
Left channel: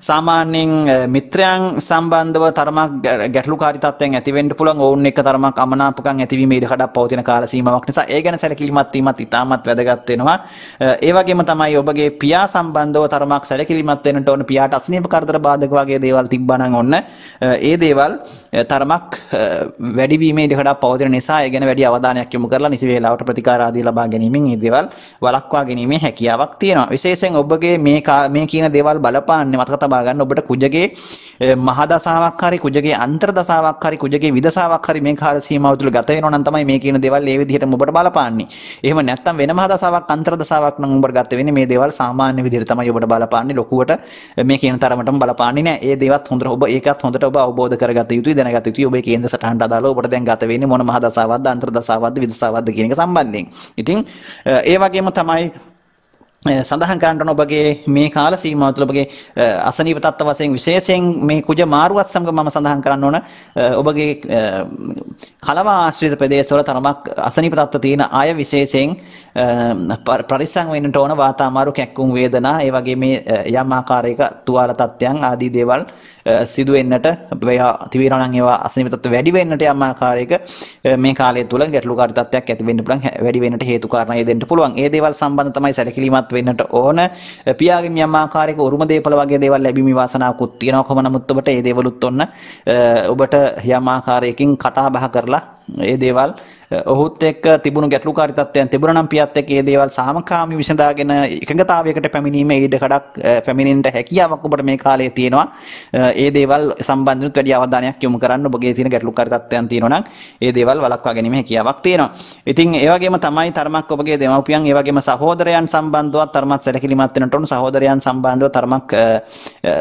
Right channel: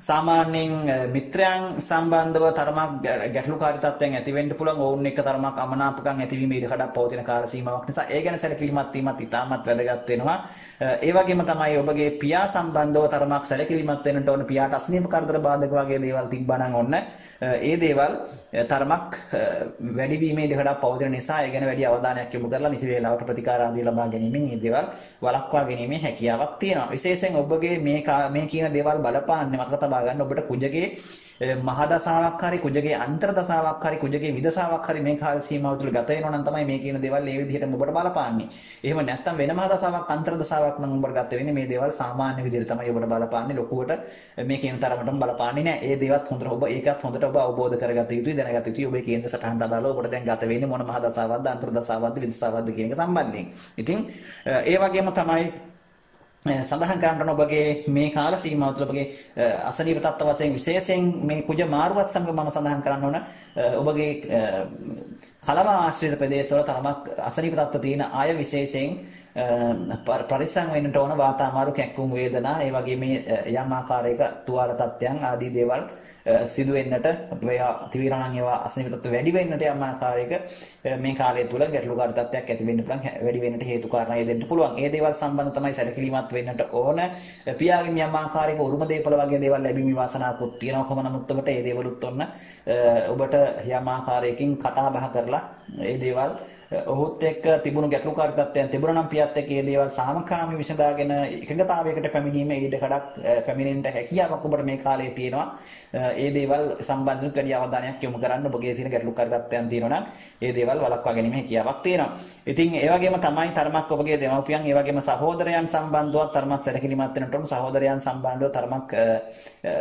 සාමාන්‍යයෙන් මිත්‍රයන් සම්බන්ධව තරමක් ගැටලුකාරී තත්ත්වයන් ඇති වෙන්න පුළුවන්. ඔවුන් එක්ක තරමක් අමනාපකම් ඇතිවීම ඉඩකඩක් පවතින කාල සීමාවක් නිසා ඒ ගැන සැලකිලිමත් වීමත් ඉතාමත් වැදගත් වෙනවා. ඒ වගේම තමයි ඔබගේ පියා සම්බන්ධව තරමක් සැලකිලිමත් වෙන්නට ඕන. පියාට අසනීප කරදර බාධක වගේ දේවල් තිබ්බා නම් ඔන්න ඒ දේවල් තරමක් වැඩිවීමේ ඉඩකඩක් පවතින නිසා ඒ ගැන වැඩි අවධානයක් යොමු කරලා නිසි වේලාවට ප්‍රතිකාර ආදී ලබා ගැනීමෙන් මේ දේවල් වළක්වා ගැනීමේ හැකියාවක් තියෙනවා. විශේෂයෙන් ඔබගේ මේ කියන දේවල් බලපාන්නේ මතක තබා ගන්න ඔබට කුජගේ මහා දසාවක් හරි කුජගේ අන්තර් දසාවක් හරි කුජගේ විදසාවක් හරි මේ කාල සීමාව තුළ ගත වෙනවා නම් තමයි මේ කියන දේවල් ඒ විදිහටම ඔබට බලපාන්නේ. එහෙම නැත්නම් වෙන මහා දසාවක් අන්තර් දසාවක් නම් ඔබට ගත වෙන්නේ මේ දේවල් සාමාන්‍ය විදිහට තමයි ඔබට බලපාන්නේ. ලොකුවට මේ කියන තරමටම බලපාන්නේ නැහැ. ඒ දේවත් හොඳට ඔබ ඒකත් හොඳට ඔබ අවබෝධ කරගත යුතුයි, දැනගත යුතුයි. ඔබේ කේන්ද්‍ර සටහනට අදාළව ඔබට දැන් ගත වෙන්නේ මොන මහා දසාවක්ද අන්තර් දසාවක්ද විදසාවක්ද කියන එක සම්බන්ධයෙන්. ඉතින් ඒ වගේම තමයි සඳහන් කරන්න ඕන ඔබගේ මේ කාල සීමාව තුළ ඔබගේ අසනීප තත්ත්ව වශයෙන් විශේෂයෙන් මේ කුජ මාරුවත් සමග මම සඳහන් කරන්න ඕන ඔබගේ කලව ආශ්‍රිත ප්‍රදේශවල තරමක් අසනීප තත්ත්ව තියෙන අය විශේෂයෙන් පරිස්සම් වෙන්නට ඕන. වාත අමාරු, කැක්කුම් වේදනා, ඒ වගේ මේ යම් ආකාරයක තුවාල තත්ත්වයන් ආදී දේවල් සිදු වෙන්නට තිබෙනවා නම් ඒවා අසනීප තත්ත්ව වැඩි වෙන්නට යම් ආකාරයක මේ කාලය තුළ ගැටලුකාරී තත්ත්වයක් ඇති වෙන්න පුළුවන්. වැඩි වෙන්නට හේතු කාරණා දෙන්න පුළුවන්. ඒ දේවල් සම්බන්ධ තමයි සැලකිලිමත් වෙන්නට ඕන. පියාගෙන් යම් ආකාරයක උරුම දේපල වගේ දේවල් ලැබීමේ වාසනාවකුත් තියෙනවා. කොහොම නමුත් ඔබට ඒ දේවලුත් ඔන්න ඔබට යම් ආකාරයකින් කතා බහ කරලා ඒ දේවල් ඔහුත් එක්ක තිබුණු ගැටලුකාරී තත්ත්වයන් තිබුණා නම් පියත් එක්ක ඒ දේවල් සාමකාමී විසඳාගෙන එකඟතාවයකට පැමිණීමේ ඉඩකඩක් පැමිණෙන්න හැකියාවක් ඔබට මේ කාලයේ තියෙනවා. ඒ දේවල් සම්බන්ධව වැඩි අවධානයක් යොමු කරන්න. ඔබගේ තියෙන ගැටලුකාරී තත්ත්වයන් තියෙනවා නම් ඒ දේවල් වළක්වා ගැනීම හැකියාවක් තියෙනවා. ඉතින් ඒ වගේම තමයි තරමක් ඔබගේ දෙමව්පියන් ඒ වගේම සහෝදරයන් සම්බන්ධව තරමක් සැලකිලිමත් වෙන්නට ඕන. සහෝදරයන් සම්බන්ධව තරමක්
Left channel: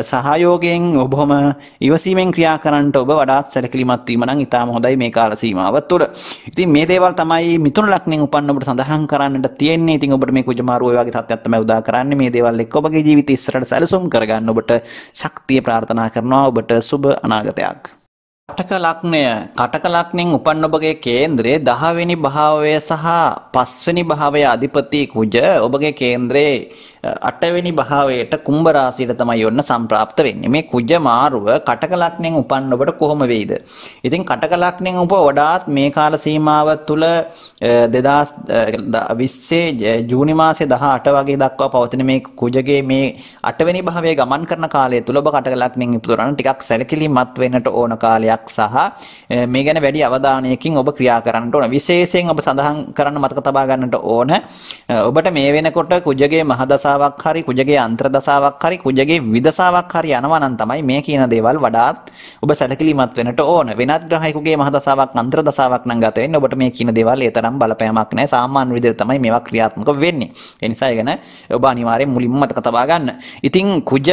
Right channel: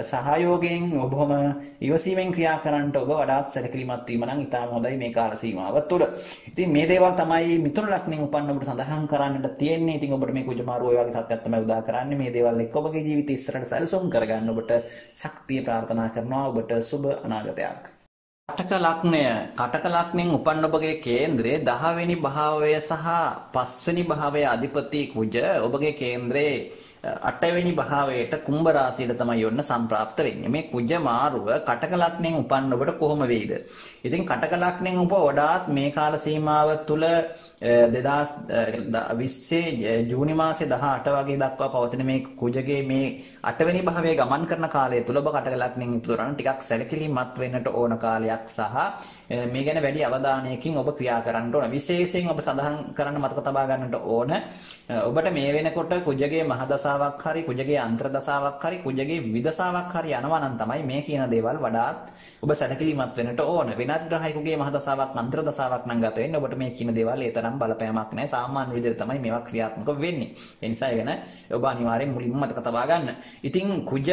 සහයෝගයෙන් ඔබම ඉවසීමෙන් ක්‍රියා කරන්නට ඔබ වඩාත් සැලකිලිමත් වීම නම් ඉතාම හොඳයි මේ කාල සීමාව තුළ. ඉතින් මේ දේවල් තමයි මිථුන ලග්නෙන් උපන්න ඔබට සඳහන් කරන්නට තියෙන්නේ. ඉතින් ඔබට මේ කුජ මාරුව වගේ තත්ත්වයක් තමයි උදා කරන්නේ. මේ දේවල් එක්ක ඔබගේ ජීවිතය ඉස්සරහට සැලසුම් කරගන්න ඔබට ශක්තිය ප්‍රාර්ථනා කරනවා. ඔබට සුබ අනාගතයක්. කටක ලග්නෙන් උපන්න ඔබගේ කේන්ද්‍රයේ 10 වෙනි භාවය සහ 5 වෙනි භාවයේ අධිපති කුජ ඔබගේ කේන්ද්‍රයේ 8 වෙනි භාවයට කුම්භ රාශියට තමයි යොන්න සම්ප්‍රාප්ත වෙන්නේ. මේ කුජ මාරුව කටක ලග්නෙන් උපන්න ඔබට කොහොම වෙයිද? ඉතින් කටක ලග්නෙන් ඔබ වඩාත් මේ කාල සීමාව තුළ 2020 ජූනි මාසේ 18 වගේ දක්වා පවතින මේ කුජගේ මේ 8 වෙනි භාවයේ ගමන් කරන කාලය තුළ ඔබ කටක ලග්නෙන් ඉපදුණා නම් ටිකක් සැලකිලිමත් වෙන්නට ඕන කාලයක් සහ මේ ගැන වැඩි අවධානයකින් ඔබ ක්‍රියා කරන්නට ඕන. විශේෂයෙන් ඔබ සඳහන් කරන්න මතක තබා ගන්නට ඕන ඔබට මේ වෙනකොට කුජගේ මහදස දසාවක් හරි කුජගේ අන්තර දසාවක් හරි කුජගේ විදසාවක් හරි යනවා නම් තමයි මේ කියන දේවල් වඩාත් ඔබ සැලකිලිමත් වෙන්නට ඕන. වෙනත් ග්‍රහයෙකුගේ මහ දසාවක් අන්තර දසාවක් නම් ගත වෙන්නේ ඔබට මේ කියන දේවල් ඒ තරම් බලපෑමක් නැහැ. සාමාන්‍ය විදිහට තමයි මේවා ක්‍රියාත්මක වෙන්නේ. ඒ නිසා ඒ ගැන ඔබ අනිවාර්යෙන් මුලින්ම මතක තබා ගන්න. ඉතින් කුජ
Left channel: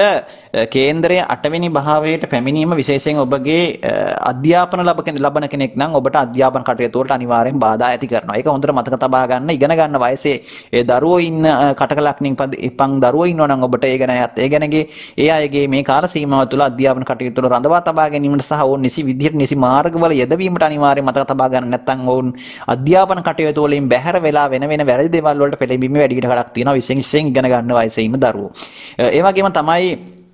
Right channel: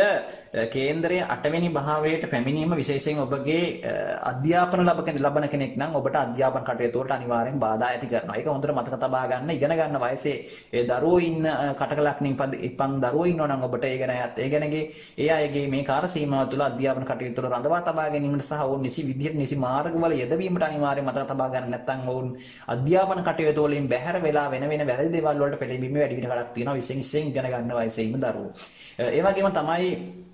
කේන්ද්‍රයේ 8 වෙනි භාවයට පැමිණීම විශේෂයෙන් ඔබගේ අධ්‍යාපන ලබන කෙනෙක් නම් ඔබට අධ්‍යාපන කටයුතු වලට අනිවාර්යෙන් බාධා ඇති කරනවා. ඒක හොඳට මතක තබා ගන්න. ඉගෙන ගන්න වයසේ ඒ දරුවෝ ඉන්න කටකලක්නින් ඉපන් දරුවෝ ඉන්නවා නම් ඔබට ඒ ගැනගේ ඒ අයගේ මේ කාල සීමාව තුළ අධ්‍යාපන කටයුතු වල රඳවා තබා ගැනීමට සහ ඔවුන් නිසි විදිහට නිසි මාර්ගවල යෙදවීමට අනිවාර්යෙන් මතක තබා ගන්න. නැත්නම් ඔවුන් අධ්‍යාපන කටයුතු වලින් බැහැර වෙලා වෙන වැරදි දේවල් වලට පෙළඹීමේ වැඩි කඩක් තියෙනවා. විශේෂයෙන් ඉගෙන ගන්න වයසේ ඉන්න දරුවෝ. ඒ වගේම තමයි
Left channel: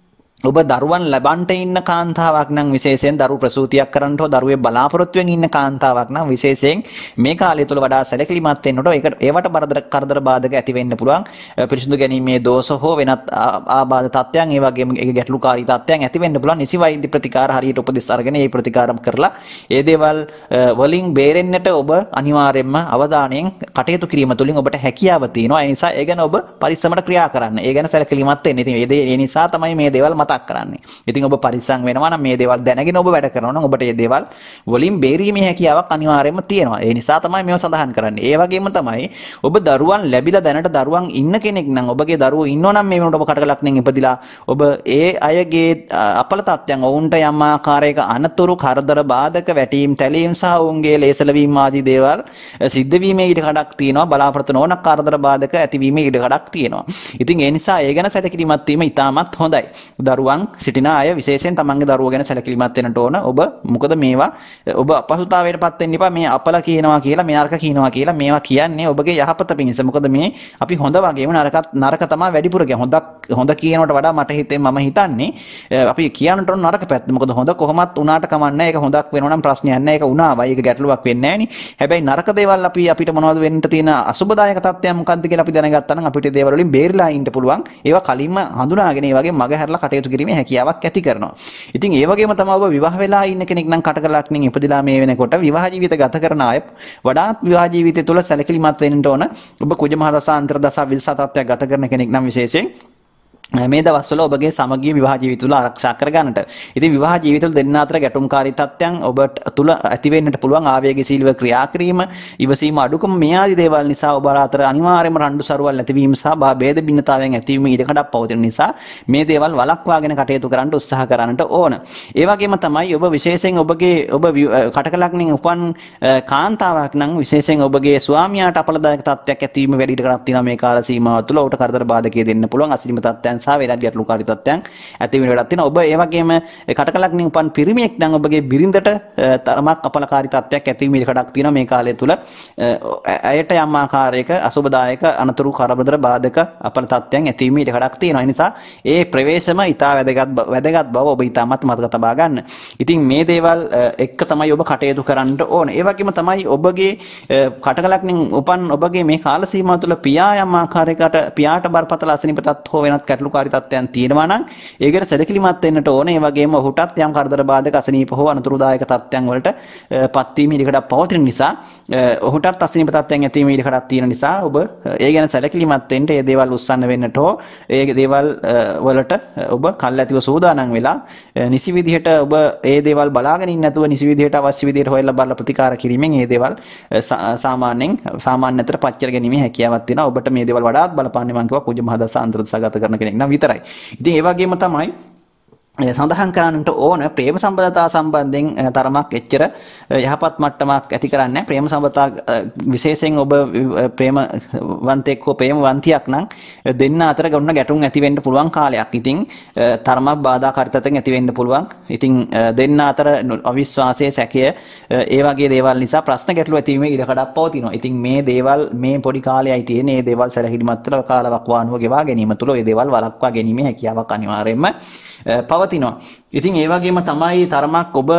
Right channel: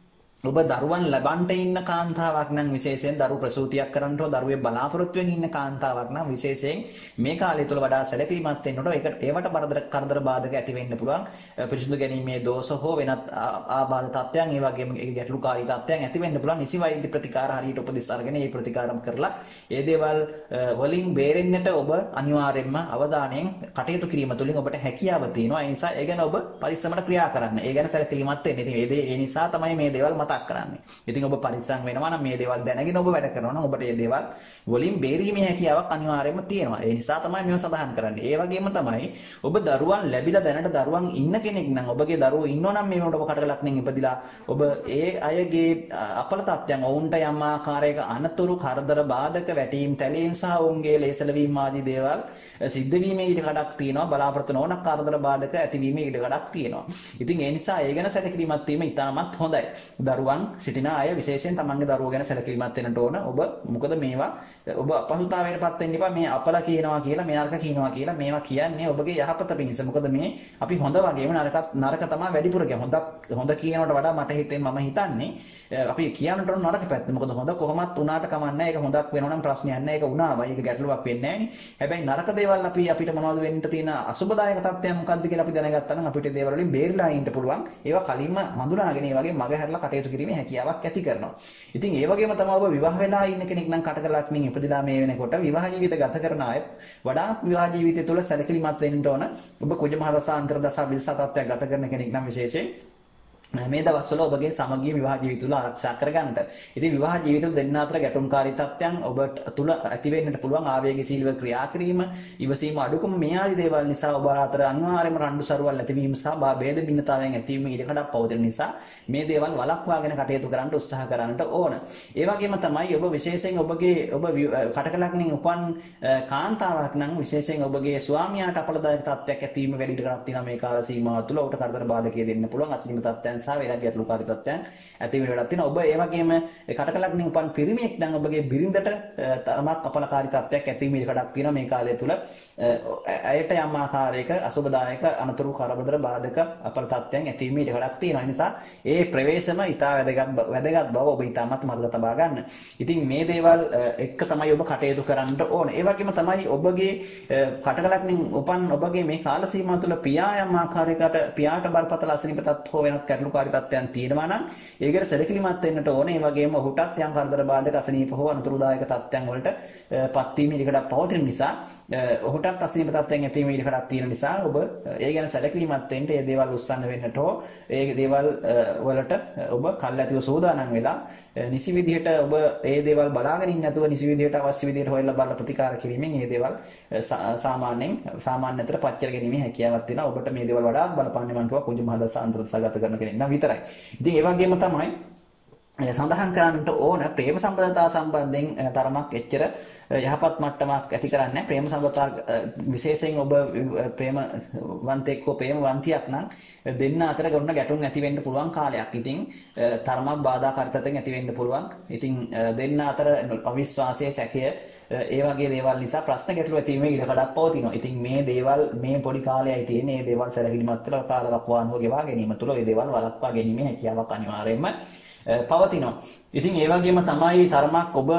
ඔබ දරුවන් ලබන්ට ඉන්න කාන්තාවක් නම් විශේෂයෙන් දරු ප්‍රසූතියක් කරන්නට හෝ දරුවේ බලාපොරොත්තුවෙන් ඉන්න කාන්තාවක් නම් විශේෂයෙන් මේ කාලය තුල වඩා සැලකිලිමත් වෙන්නට ඒවට කරදර බාධක ඇති වෙන්න පුළුවන්. පිරිසිදු ගැනීමේ දෝෂ හෝ වෙනත් ආබාධ තත්ත්වයන් ඒ වගේම ගැටලුකාරී තත්ත්වයන් ඇති වෙන්න පුළුවන්. නිසි වෛද්‍ය ප්‍රතිකාර හරියට උපදෙස් අරගෙන ඒ ප්‍රතිකාර කරලා ඒ දේවල් වලින් බේරෙන්නට ඔබ අනිවාර්යයෙන්ම අවධානයෙන් කටයුතු කිරීම තුළින් ඔබට හැකියාව තියෙනවා. ඒ නිසා ඒ ගැන ඔබ පරිස්සමට ක්‍රියා කරන්න. ඒ ගැන සැලකිලිමත් වෙන්න. ඉතින් ඒ නිසා තමයි මේ දේවල් කරන්නේ. ඉතින් ඔබ පරිස්සම් වෙනවා නම් මේ දේවල් දැනගෙන ඔබ වැඩ කරනවා නම් ඔබට මේ දේවල් වලින් බේරීමේ හැකියාවක් අනිවාර්යයෙන්ම තියෙනවා. ඒ නිසා තමයි මේව සඳහන් කරන්නේ. ඒ වගේම තමයි ඔබ දරුවන් ලැබිලා දැනට දරුවන් ඉන්න කෙනෙක් නම් ඔබගේ දරුවෝ ඉන්නවා නම් මේ වෙනකොට ඔබ කටකලක්ෙන් ඉපදිලා ඔබ ඒ අයගේ අපල තත්ත්වයන් ඔවුන්ට යම් ආකාරයක අනතුරු කරදර බාධක වැටීම් තැලීම් සහ ඔවුන්ගේ ලේසලවීම ආදී දේවල් සිද්ධ වීමේ ඉඩ කඩක් තියෙනවා. බලාපොරොත්තු නොවන කරදර බාධක ඇතිවීමේ ඉඩ කඩක් තියෙනවා. ඉතින් ඒ නිසා ඒ ගැන සැලකිලිමත් වීම ඉතාමත් හොඳයි. දරුවන් සිටින අය විශේෂයෙන් තමන්ගේ දරුවෝ ගැන සැලකිලිමත් වෙන්නට ඕන. ඔබ මොකද මේවා ඔබ අපහසුතාවයටපත් වෙන්න එපා. මේ අපල කියනවා කියලා මේ නරක කියනවා කියලා මේවා කියන්නේ ඔබගේ යහපත පිණිස. මොකද මේ අපි හොඳ වගේම නරක තමයි වැඩිපුර කියන්නේ. හොඳ කියනකට වඩා මට මම හිතන්නේ අපි කියන්නට ඕන නරක පැත්ත. මොකද හොඳ කොහොමත් උනාට කමන්නේ. ඒක හොඳක් වෙනවා නම් ප්‍රශ්නයක් නැහැ. ඒක උනාවයි. ඒක ගැටලුවක් වෙන්නේ නැහැ නේ. හැබැයි නරක දේවල් අපිට මොනවද වෙන්න තියෙන අසුබදායක තත්ත්වයන් මොකක්ද කියලා අපි දැනගත්තා නම් අපිට දේවල් වලින් බේරිලා ඉන්න පුළුවන්. ඒවා කලින්ම හඳුනාගෙන ඒ වගේ මග හැරලා කටයුතු කිරීමේ හැකියාවක් ඇති කරනවා. ඉතින් ඒ වගේම තමයි ඔබ විවාහ වෙලා ඉන්න කෙනෙක් නම් කටකලක්ෙන් ඉපදිලා මේ වෙනකොට විවාහ ජීවිත ගත කරන අය වඩාත් විවාහ ජීවිතය තුළ සැලකිලිමත් වෙන්න ඕන. ඔබ කුජ මහ දසා අන්තර දසා විදසා තත්ත්වයක් ගත කරන කෙනෙක් නම් විශේෂයෙන් මේ දවස්වල ඔබගේ සමගිය විවාහ ජීවිත තුළ ආරක්ෂා කරගන්නට. ඉතින් විවාහ ජීවිත තුළ දෙන්න අතර ගැටුම්කාරී තත්ත්වයන් ඔබට තුළ ඇති වෙන්නට පුළුවන්. ආවේගශීලීව ක්‍රියා කිරීම, ඉවසීම අඩුකම මේ ආදී දේවල් නිසා ඔබ අතර අනිවාර්යයෙන්ම රණ්ඩු සරුවල් ඇතිවීම සහ භේද බින්නතාවයන් ඇතිවීම ඉඩකඩක් පවතින නිසා මේ දේවල් වළක්වාගෙන කටයුතු කරන්න උත්සාහ කරන්නට ඕන. ඒ වගේම තමයි ඔබ විශේෂයෙන් ඔබ කටකලක්ෙන් උපන් කාන්තාවක් නම් විශේෂයෙන් ඔබගේ ස්වාමියාට අපලදායක තත්ත්වයක් ඇතිවීම වැඩි ඉඩකඩක් තියෙනවා මේ කාල සීමාව තුළ. ඔබට කරදර බාධකයේ දෙන්න පුළුවන් අසිරිම තත්ත්වයන් සහ වෙනත් ගැටලුකාරී තත්ත්වයන් ඇති වෙන වැඩක් තියෙනවා. ඔබ ඒ වගේම කටකලක්ෙන් උපන් පිරිමියෙක් නම් ඔබගේ බිරිඳට තරමක් අපලකාරී තත්ත්වයක් ඇති වෙන ඉඩකඩක් තියෙනවා මේ කාලය තුල. ඇයට යම් ආකාරයක අසුබදායක අනතුරු කරදර බාධක අපල තත්ත්වයන් ඇති වෙන ඉඩකඩක් තියෙනවා. ඒ නිසා ඒ ප්‍රවේශම ඉතා වැදගත් බව ඔබ ඉතාමත් මතක තබා ගන්න. ඉතින් මේ දේවල් එක්ක තමයි ඔබ කටයුතු කරන්න ඕන. ඒ වගේම තමයි ඔබගේ කටකලක්ෙන් උපන් ඔබගේ මේ කාල සීමාව තුළ පියා යම් ආකාරයකට පියාට බරපතල අසනීප තත්ත්ව හෝ වෙනත් ගැටලුකාරී තත්ත්වයන් තියෙනවා නම් ඒකට සැලකිලිමත් වෙන්නට ඕනේ. ඒ වගේම ඔහුටත් යම් කරදර බාධක අසනීප හෝ අනතුරුදායක තත්ත්වයන් වලට පත්වීම ඉඩකඩක් පවතින නිසා ඔහුටත් අසනීප තත්ත්වයන් ඇතිවීම ඉඩකඩක් තියෙන නිසා ඔබ ඒ ගැන සැලකිලිමත් වෙන්න ඒ දේවල් උස්සන්න වෙන්නට හෝ ඒ දේවල් වලට ඔබ කල්ැතිව සූදානම් වෙලා නිසි විදිහට ඔබ ඒ දේවල් බලාගෙන ඉන්න නැතුව නිසි විදිහට අවශ්‍ය විදිහට හොයලා බලලා ප්‍රතිකාර කිරීමෙන් ඒ දේවල් සාමාන්‍ය අතර පච්චර ගැනීමේ හැකියාවක් තියෙනවා. ඔබට මේ දේවල් වඩාත් බලපාන්නේ මම කිව්වා කුජ මහ දසා අන්තර දසා ගත කරන කෙනෙක් නම් විතරයි. ඉතින් ඒ වගේම තමයි සඳහන් කරන්නට ඕන ප්‍රේම සම්බන්ධතා සම්බන්ධයෙන් තරමක් එච්චර යහපත් මට්ටමක් ඇති කරන්නේ. ප්‍රේම සම්බන්ධතා විශේෂයෙන් ඔබ ප්‍රේමවන්තෙක් හෝ ප්‍රේමවන්තියක් නම් දෙන්න අතර ගොන්න ගැටුම් ඇති වෙන්න පුළුවන් කාලයක්. ඉතින් තරමක් බාධාකාරීත්වයෙන් ඇති වෙන්න පුළුවන්. ඉතින් දෙන්න අතර අවිශ්වාසය, සැකය ඒ වගේ දේවල් නිසා ප්‍රශ්න ගැටලු ඇති වීමේ ඉඩකඩක් පවතිනවා. ඉතින් මේ දේවල් මේ පොඩි කාලයයි තියෙන මේ දේවල් සැලකිලිමත් කරලා කාලවක් වානුව ගෙවා ගැනීම තුළ මේ දේවල් වළක්වා ගැනීමේ හැකියාවක් අනිවාර්යයෙන්ම පවතිනවා. ඉතින් ඒ වගේම තමයි තරමක් ඔබ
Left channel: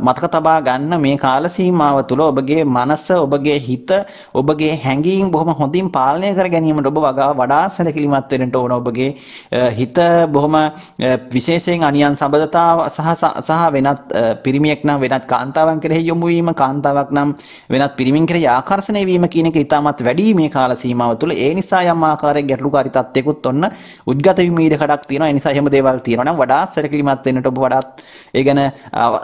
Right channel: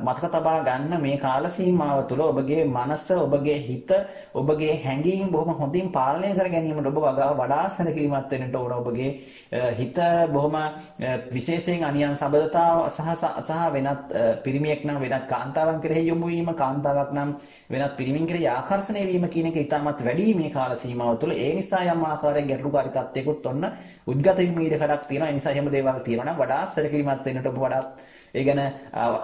මතක තබා ගන්න මේ කාල සීමාව තුළ ඔබගේ මනස, ඔබගේ හිත, ඔබගේ හැඟීම් බොහොම හොඳින් පාලනය කර ගැනීමට ඔබ වඩා සැලකිලිමත් වෙන්නට ඕන. ඔබගේ හිත බොහොම විශේෂයෙන් අනියන් සබඳතාව සහ වෙනත් පිරිමියෙක් නම් වෙනත් කාන්තාවන් කෙරෙහි යොමු වීම, කාන්තාවක් නම් වෙනත් පිරිමින් කෙරෙහි ආකර්ෂණය වීම කියන එක ඉතාමත් වැඩි මේ කාල සීමාව තුළ. ඒ නිසා යම් ආකාරයක ගැටලුකාරී තත්ත්වයකුත් ඔන්න උද්ගත වීම ඉඩකඩක් තියෙනවා. ඒ නිසා එහෙම දේවල් තියෙනවා නම් වඩා සැලකිලිමත් වෙන්නට ඔබ වඩාත් ඒ ගැන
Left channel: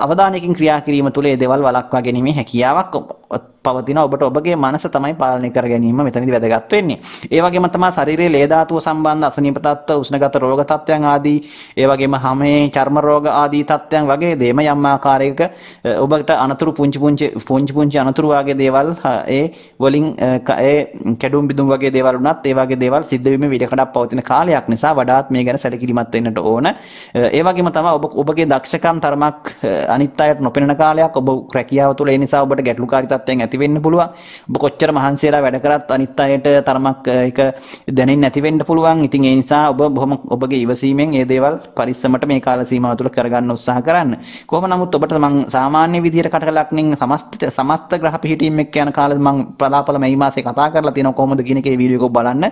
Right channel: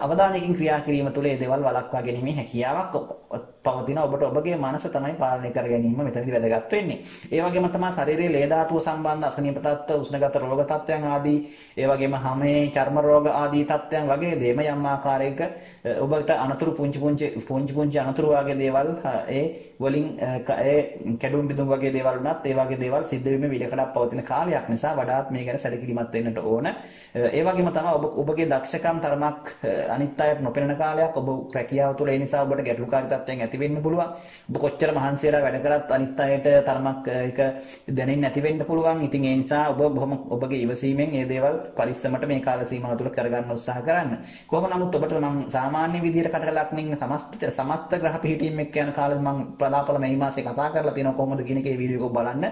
අවධානයකින් ක්‍රියා කිරීම තුළ ඒ දේවල් වළක්වා ගැනීමේ හැකියාවක් පවතින. ඔබට ඔබගේ මනස තමයි පාලනය කර ගැනීම මෙතනදී වැදගත් වෙන්නේ. ඒ වගේම තමයි ශරීරයේ ලේ ධාතුව සම්බන්ධ අසනීප තත්ත්ව, උෂ්ණගත රෝග තත්ත්වයන් ආදී, ඒ වගේම හැමේ චර්ම රෝග ආදී තත්ත්වයන් වගේ දේම යම් ආකාරයක ඔබට අනතුරු පුංචි අනතුරු වගේ දේවල් ඒ වලින් ඒ කැඩුම් බිදුම් වගේ දේවල් උනත් ඒ වගේ දේවල් සිද්ධ වීමේ විඩකඩක් පවතින කාලයක් නිසා වඩාත් මේ ගැන සැලකිලිමත් වෙන්නට ඕන. ඒ වගේම තමයි ඔබගේ දක්ෂකම් තරමක් අනිත් අයට නොපෙනෙන කාලයක්. ඔබ රැකියාව තුළ ඒ නිසා ඔබට ගැටලුකාරී තත්ත්වයන් ඇති වෙන්න පුළුවන්. ඔබ කොච්චර මහන්සි වෙලා වැඩ කරත් අනිත් අයට තරමක් ඒක දැනෙන්නේ නැති වෙන්න පුළුවන්. ඉතින් ඒ නිසා ඔබ බොහොම ඔබගේ ඉවසීමෙන් මේ දේවල් පරිස්සමට මේ කාල සීමාව තුළ කරගන්න උත්සාහ කරන්න. කොහොම නමුත් ඔබට මම සාමාන්‍ය විදිහට කටකලක්නින් සමස්ත ග්‍රහ පිහිටීම් එක්ක යන කාලෙ මම පලාපල මේ මාසේ කතා කරලා තියෙනවා කොහොමද කියන එකේ වීඩියෝ එක බලන්න.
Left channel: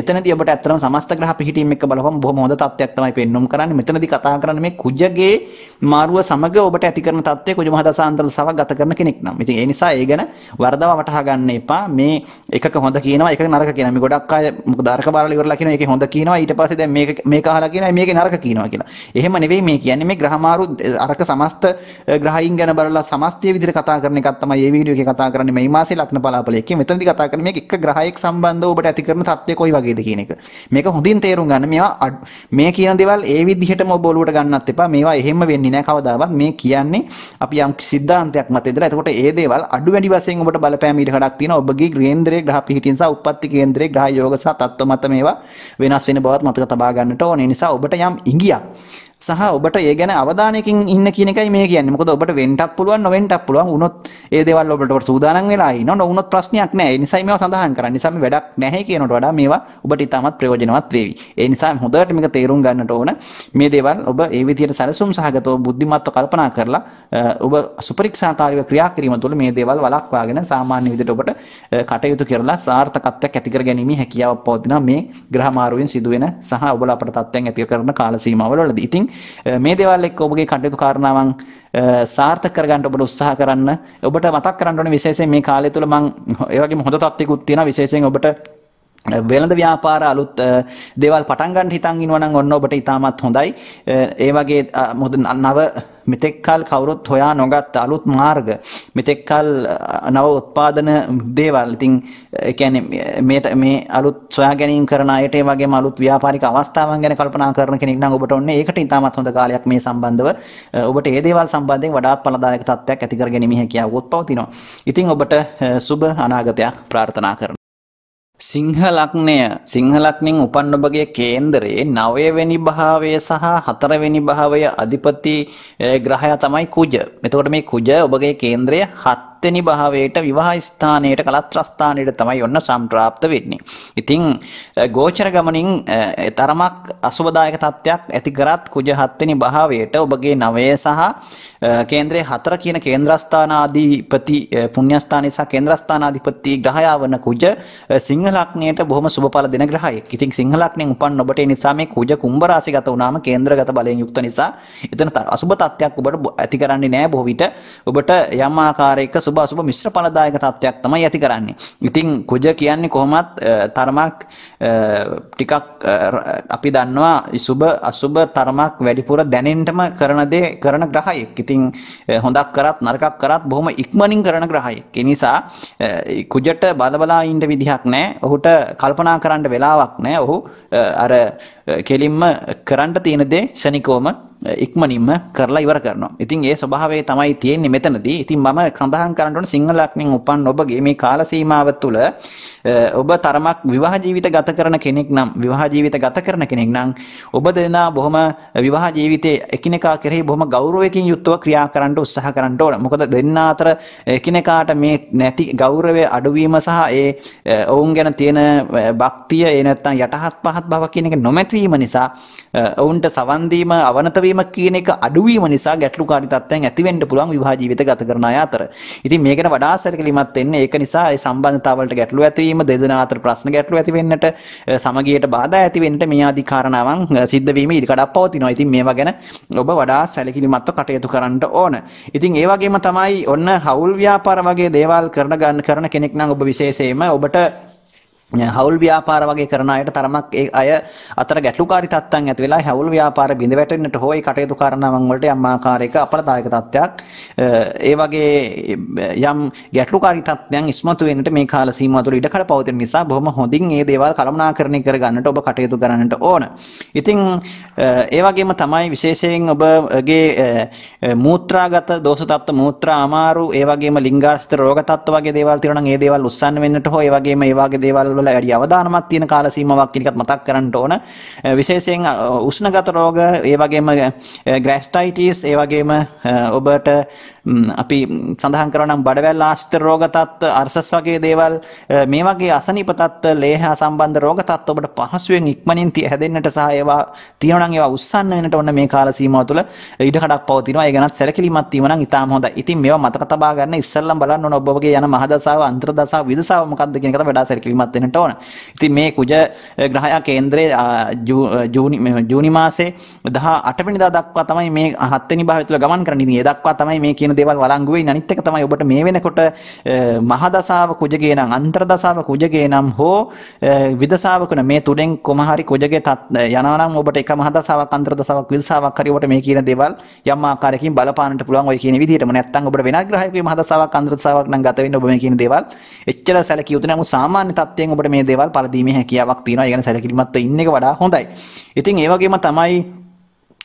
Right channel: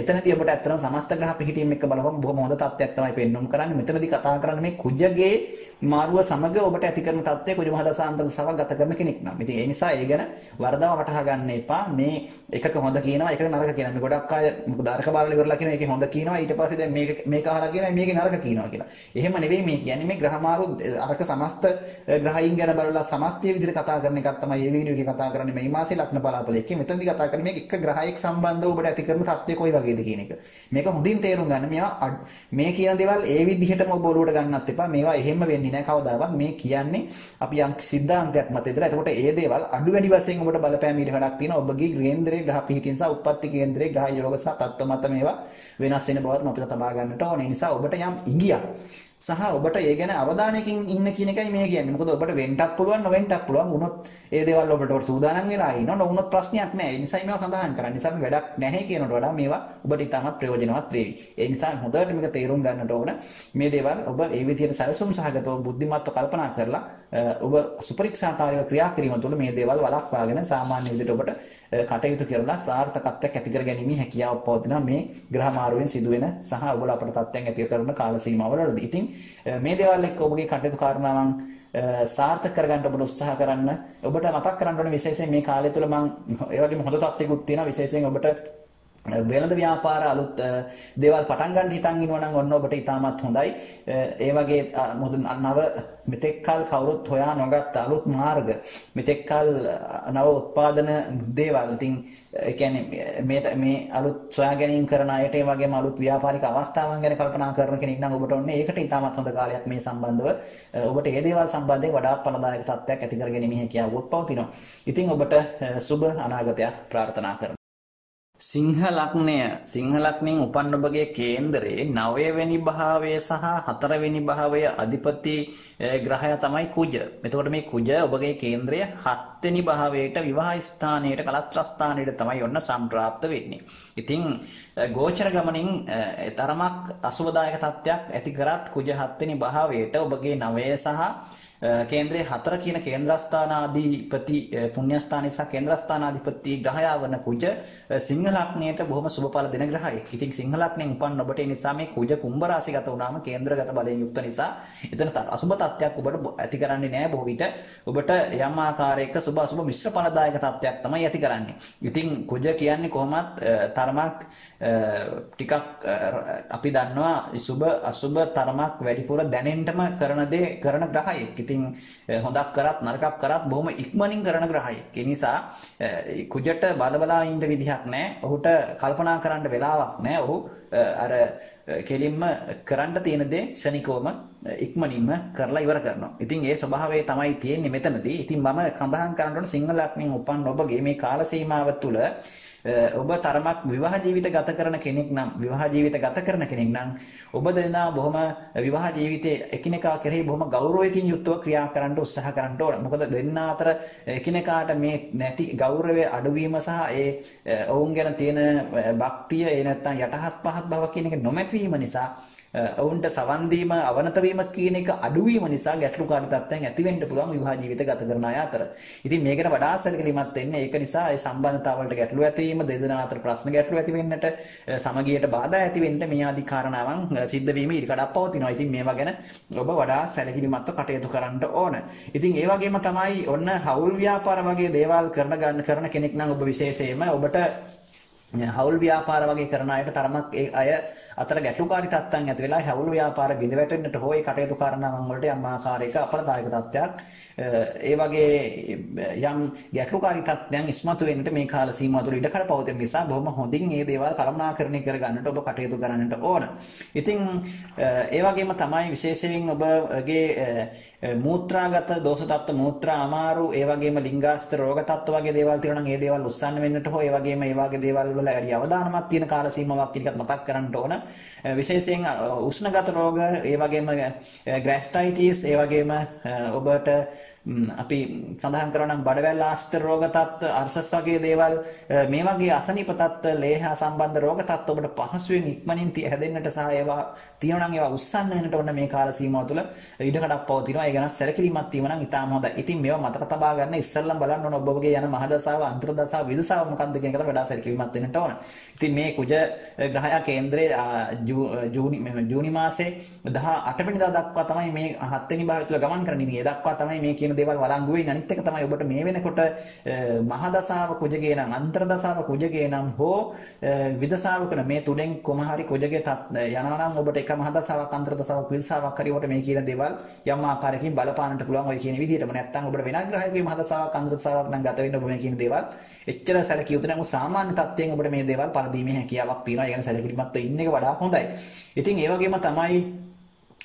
එතනදී ඔබට ඇත්තටම සමස්ත ග්‍රහ පිහිටීම් එක්ක බලපුවම බොහොම හොඳ තත්ත්වයක් තමයි පෙන්වුම් කරන්නේ. මෙතනදී කතා කරන්නේ මේ කුජගේ මාරුව සමග ඔබට ඇති කරන තත්ත්වය කුජ මහදසාන්තර සවක් ගත කරන කෙනෙක් නම්. ඉතින් ඒ නිසා ඒ ගැන වරදව වටහා ගන්න එපා. මේ එකක හොඳ කියනවා එකක නරක කියනවා. මේ ගොඩක් අය මොකද අරක බලලා ඉවරලා කියනවා ඒකේ හොඳ කියනවා ඊට පස්සේ දැන් මේක අහලා කියනවා මේකේ නරක කියනවා කියලා. එහෙම නෙවෙයි මේ කියන්නේ මේ ග්‍රහ මාරු අරක සමස්ත ග්‍රහයින් ගැන බලලා සමස්තය විදිහට කතා කරන එකක් තමයි මේ වීඩියෝ එකේ කතා කරන්නේ. මේ මාසේ ලග්න පලාපලයේ මෙතනදී කතා කරන්නේ මේක එක ග්‍රහයක සම්බන්ධව ඔබට ඇති කරන තත්ත්වය කොයි වගේද කියන එක. මේක හොඳින් තේරුම් ගන්න. මේවා මේ කියන දේවල් ඒ විදිහටම ඔබ ඔලුවට ගන්නත් එපා. මේවා එහෙම වෙන්නේ නැහැ කවදාවත්. මේ කියන්නේ අපි යම් සිද්ධාන්තයක් මත ඉඳලා. එතකොට ඒ දේවල් අඩු වැඩි වශයෙන් ඔබට බලපෑම ඊට කඩක් තියෙනවා. ඔබගේ කේන්ද්‍රයේ ග්‍රහ පිහිටින් සහ උප්පත්ති කේන්ද්‍රයේ ග්‍රහ යෝග සහ තත්ත්ව මත මේවා වෙනස් වෙන බවත් මතක තබා ගන්නට ඕනේ. ඒ නිසා ඔබට යම් ඉඟියක් සහ ඔබට ඒ ගැන අවධානයකින් ඉන්න කියන එකයි මේ කියන්නේ. මොකද ඔබට වෙන්නත් පුළුවන් නොවෙන්නත් පුළුවන්. වුණොත් ඒ දේවල් ඔබට සූදානම් වෙලා ඉන්න නොවුනොත් ප්‍රශ්නයක් නැහැ. ඒ නිසා මේවා සඳහන් කරන්නේ. නිසා මේ වැඩක් නැහැ කියනට වඩා මේවා ඔබට ඉතාමත් ප්‍රයෝජනවත් වේවි. ඒ නිසා හොඳට මේක තේරුම් ගන්නට ඕන. මේ දේවල් ඔබ ඒ විදිහට සැලසුම් සහගතව බුද්ධිමත්ව කල්පනා කරලා ඔබ සුපරීක්ෂාකාරීව ක්‍රියා කිරීම තුළ මේ දේවල් වළක්වාගෙන සාමාන්‍ය විදිහට ඔබට කටයුතු කරලා සාර්ථකත්වයක් ඇති කර ගැනීමේ හැකියාවක් පවතිනවා මේ ග්‍රහ මාරුවෙන් සිදුවෙන සහ ඔබලා අපට තත්ත්වයන් ඇති කරන කාල සීමාවලදී. ඉතින් මේ දේවල් එක්ක ඔබගේ කටයුතු කාරණාවන් සාර්ථක කරගන්න ඔබට උත්සාහ කරන්න. ඔබට මතක් කරන්න ඕනේ විශේෂයෙන් මේ කාලය තුල මම ඒ වගේම හොඳ තත්ත්වයකුත් තියෙනවා. විශේෂයෙන් ඔබට වෙළඳ ව්‍යාපාර අලුත් දේවල් පටන් ගන්න හිතන් ඉන්නවා නම් ඔන්න ඔබට ඉතාමත් හොඳයි. ඒ වගේ මොකද නව මෙතෙක්කල් කවුරුත් හොයා නොගත් අලුත් මාර්ග මෙතෙක්කල් නව උත්පාදන දේවල්. ඉතින් ඒ කියන්නේ මේ අලුත් සොයා ගැනීම කරන අයට ඒ වගේම අලුත් ව්‍යාපාරික අවස්ථාවන් ගැන කල්පනා කරන කෙනෙක් නම් ඔබට ඔන්නේ ඒකට ඉතාමත් හොඳ කාලයක් මේ සම්බන්ධව ඔබට මේ දේවල් සම්බන්ධයෙන් වඩාත් ඵලදායක තත්ත්වයක් ඇති කර ගැනීම හැකියාවක් පවතිනවා. ඉතින් ඔබට සුබ අනාගතයක් ප්‍රාර්ථනා කරනවා. සිංහ ලග්නෙන් උපන් ඔබගේ කේන්දරේ 9 වෙනි භාවය සහ 4 වෙනි භාවය අධිපති ග්‍රහයා තමයි කුජ. එතකොට මේ කුජ ඔබගේ කේන්ද්‍රය 7 වෙනි භාවයට විවාහ ස්ථානයට කලත්‍ර ස්ථානයට තමයි ඔන්න සම්ප්‍රාප්ත වෙන්නේ. ඉතින් ගෝචර ගමනින් තරමක් අසුබදායක තත්ත්වයක් ඇති කරත් කුජ 7 වෙනි භාවයට ඔබගේ 9 සහ කේන්ද්‍රයේ 4 කියන කේන්ද්‍රස්ථානාධිපති පුණ්‍යස්ථානයේ සහ කේන්ද්‍රස්ථානාධිපති ග්‍රහයා වන කුජ සිංහ ලග්නයට බොහොම සුබඵල දෙන ග්‍රහයෙක්. ඉතින් සිංහ ලග්නෙන් උපන් ඔබට ඒ නිසා මේ කුජ කුම්භ රාශිගත වුණාම කේන්ද්‍රගත බලයෙන් යුක්ත නිසා එතන අසුබ තත්ත්වයක් ඔබට ඇති කරන්නේ නැහැ. බොහෝ විට ඔබට යම් ආකාරයක සුබ අසුබ මිශ්‍ර ඵලදායක තත්ත්වයක් තමයි ඇති කරන්නේ. ඉතින් කුජ කියන්නේ කොහොමත් තරමක් ටිකක් අපි දන්නවා සුබ අසුබ තරමක් වැඩිපුර දැනෙන්නම කරන දේ කරන ග්‍රහයෙක්. ඉතින් හොඳක් කරත් නරකක් කරත් බොහොම ඉක්මනින් කරන ග්‍රහයෙක්. ඒ නිසා කුජට බලබලා ඉන්න විදිහක් නැහැ. ඔහුට කල්පනා කරන්න වෙලාවක් නැහැ. ඔහු අර කෙලින්ම කරන්න තියෙන දේ ශනිකෝම ඉක්මනින්ම කරලා ඉවර කරනවා. ඉතින් ඒ ස්වභාවය තමයි තියෙන්නේ මෙතනදී. ඉතින් මම සඳහන් කරන්න ඕන සිංහ ලග්නෙන් උපන් ඔබගේ මේ කාල සීමාව තුළ ඔබ තරමක් විවාහ ජීවිත ගත කරන කෙනෙක් නම් ඔබ දෙනා බොහොම විවාහ ජීවිතයේ එකිනෙකා කෙරෙහි බොහොම ගෞරවයෙන් යුක්තව ක්‍රියා කරන්න උත්සාහ කරන්න ඕන. මොකද දෙන්නා අතර එකිනෙකාට මේ නැති ගෞරවය අඩුවීම සහ ඒ ඔවුන් ගැන තියෙන භක්තිය ඒ නැත්තම් යටහත් පහත් බව කියන එක නොමැතිවීම නිසා ඔවුන්ට සවන් දීම අවනත වීම කියන එක අඩුවීම නිසා ගැටලුකාරී තත්ත්වයන් ඇති වෙන්න පුළුවන් විවාහ ජීවිත ගත කරන අය අතර. ඉතින් මේකට වඩා සැලකිලිමත් වෙන්න ඒක නිසා ඒ සම්බන්ධතාවලට ගැටලු ඇතිවීම දෙදෙනා අතර ප්‍රශ්න ගැටලු ඇති වෙන්නට සමගියට බාධා ඇති වෙන්නට මේ ආදී කාරණාවන් සිද්ධ වීම ඉඩකඩක් පවතිනවා. ඉතින් මේවා ගැන ඔබ වඩා සැලකිලිමත්ව කටයුතු කරන්න ඕන. ඉතින් ඒ වගේම තමයි ඔන්න හවුල් ව්‍යාපාර වගේ දේවල් කරන කෙනෙක් නම් ඔබ විශේෂයෙන්ම ඔබට හවුල් ව්‍යාපාර වගේ කරන අයට තරමක් ඒ අය අතර ගැටලුකාරී තත්ත්වයන් ඇති වෙලා හවුල් ව්‍යාපාර බිඳ වැටෙන්නට හෝ ඒ කටයුතු කරනවන් වලට යම් ආකාරයක අපලදායක තත්ත්වයක් ඒ වගේ යම් ගැටලුකාරී තත්ත්වයන් ඉස්මතු වෙන්නට මේ කාල සීමාව තුළ ඉඩකඩ පවතින නිසා බොහොම හොඳින් මේ දේවල් කළමනාකරණය කර ගන්නට ඔබ කටයුතු කරන්නට ඕන. ඉතින් ඒ වගේම තමයි විශේෂයෙන් ඔබගේ මූත්‍රාගත දෝෂ තත්ත්ව මූත්‍රා අමාරු ඒ වගේම ලිංගාස්ත රෝග තත්ත්ව වගේ දේවල් තියෙනවා නම් ඒ දේවල් උස්සන්න වෙන්නට හෝ ඒ වගේම ඒ වගේ දේවල් වල වැඩි අවධානමක් තියෙන කාල සීමාවක් කියන එකත් මතක් කරන්න ඕන. විශේෂයෙන් උෂ්ණගත රෝග ඒ වගේම ග්‍රැස්ටයිටිස් ඒ වගේම ඔබට අපි සඳහන් කරනවා නම් බඩවැල් ආශ්‍රිත රෝග තත්ත්ව අර්සස් වගේ දේවල් මේ වගේ අසනීප තත්ත්ව ලේහ සම්බන්ධ රෝග තත්ත්ව ඔබට පහසුවෙන් ඉක්මනින් හැදෙන්නට සහ ඒවා තියෙනවා නම් ඒවා උස්සන්න වෙනට ඔන්න මේ කාල සීමාව තුළ ඉඩකඩක් පවතිනවා. ඒ ගැනත් සැලකිලිමත් වීම නම් ඉතාම හොඳයි. ඉතින් මේවා මතක තබා ගන්න ඉස්සෙල්ලම් බලන්න ඕන ඔබගේ යන මහදසාව අන්තර්දසාව විදසාව මොකක්ද කියන එකට වඩා සැලකිලිමත් වෙන්නට ඕන. ඉතින් මේ කුජ ග්‍රහයා කේන්ද්‍රයේ ජූනි මාසේ 18 වෙනිදා දක්වා තමයි මේ 7 වෙනි භාවය තුළ ගමන් කරන්නේ. ඉතින් ඒ දක්වා තමයි මේ කියන දේවල් වළංගු වෙන්නේ. අනිත් එක තමයි ඔබට මේ වෙනකොට මහදසාව කුජගේ නම් අන්තර්දසාව කුජගේ නම් හෝ විදසාවකුන මේ තුනෙන් කොම හරි කුජගේ යනවා නම් ඔබට එක මහදසාවක් අන්තර්දසාවක් විදසාවක් හරි ඔබට මේ කියන දේවල් යම් ආකාරයකින් බලපාන්නට පුළුවන් ඔය කියන විදිහටම. නැත්තම් ඔබට වෙනත් ග්‍රහයකගේ මහදසාවක් අන්තර්දසාවක් නම් ගත වෙන්න ඔබ මේ කියන දේවල් එච්චර සැලකිය යුතු නැහැ. සාමාන්‍ය තත්ත්වයෙන් ඔබට මේ දේවල් පළදීමේ හැකියාවක් තියෙනවා. ඒ ගැන සැලකිලිමත් ඉන්න එක වඩා හොඳයි. ඉතින් ඒ වගේම තමයි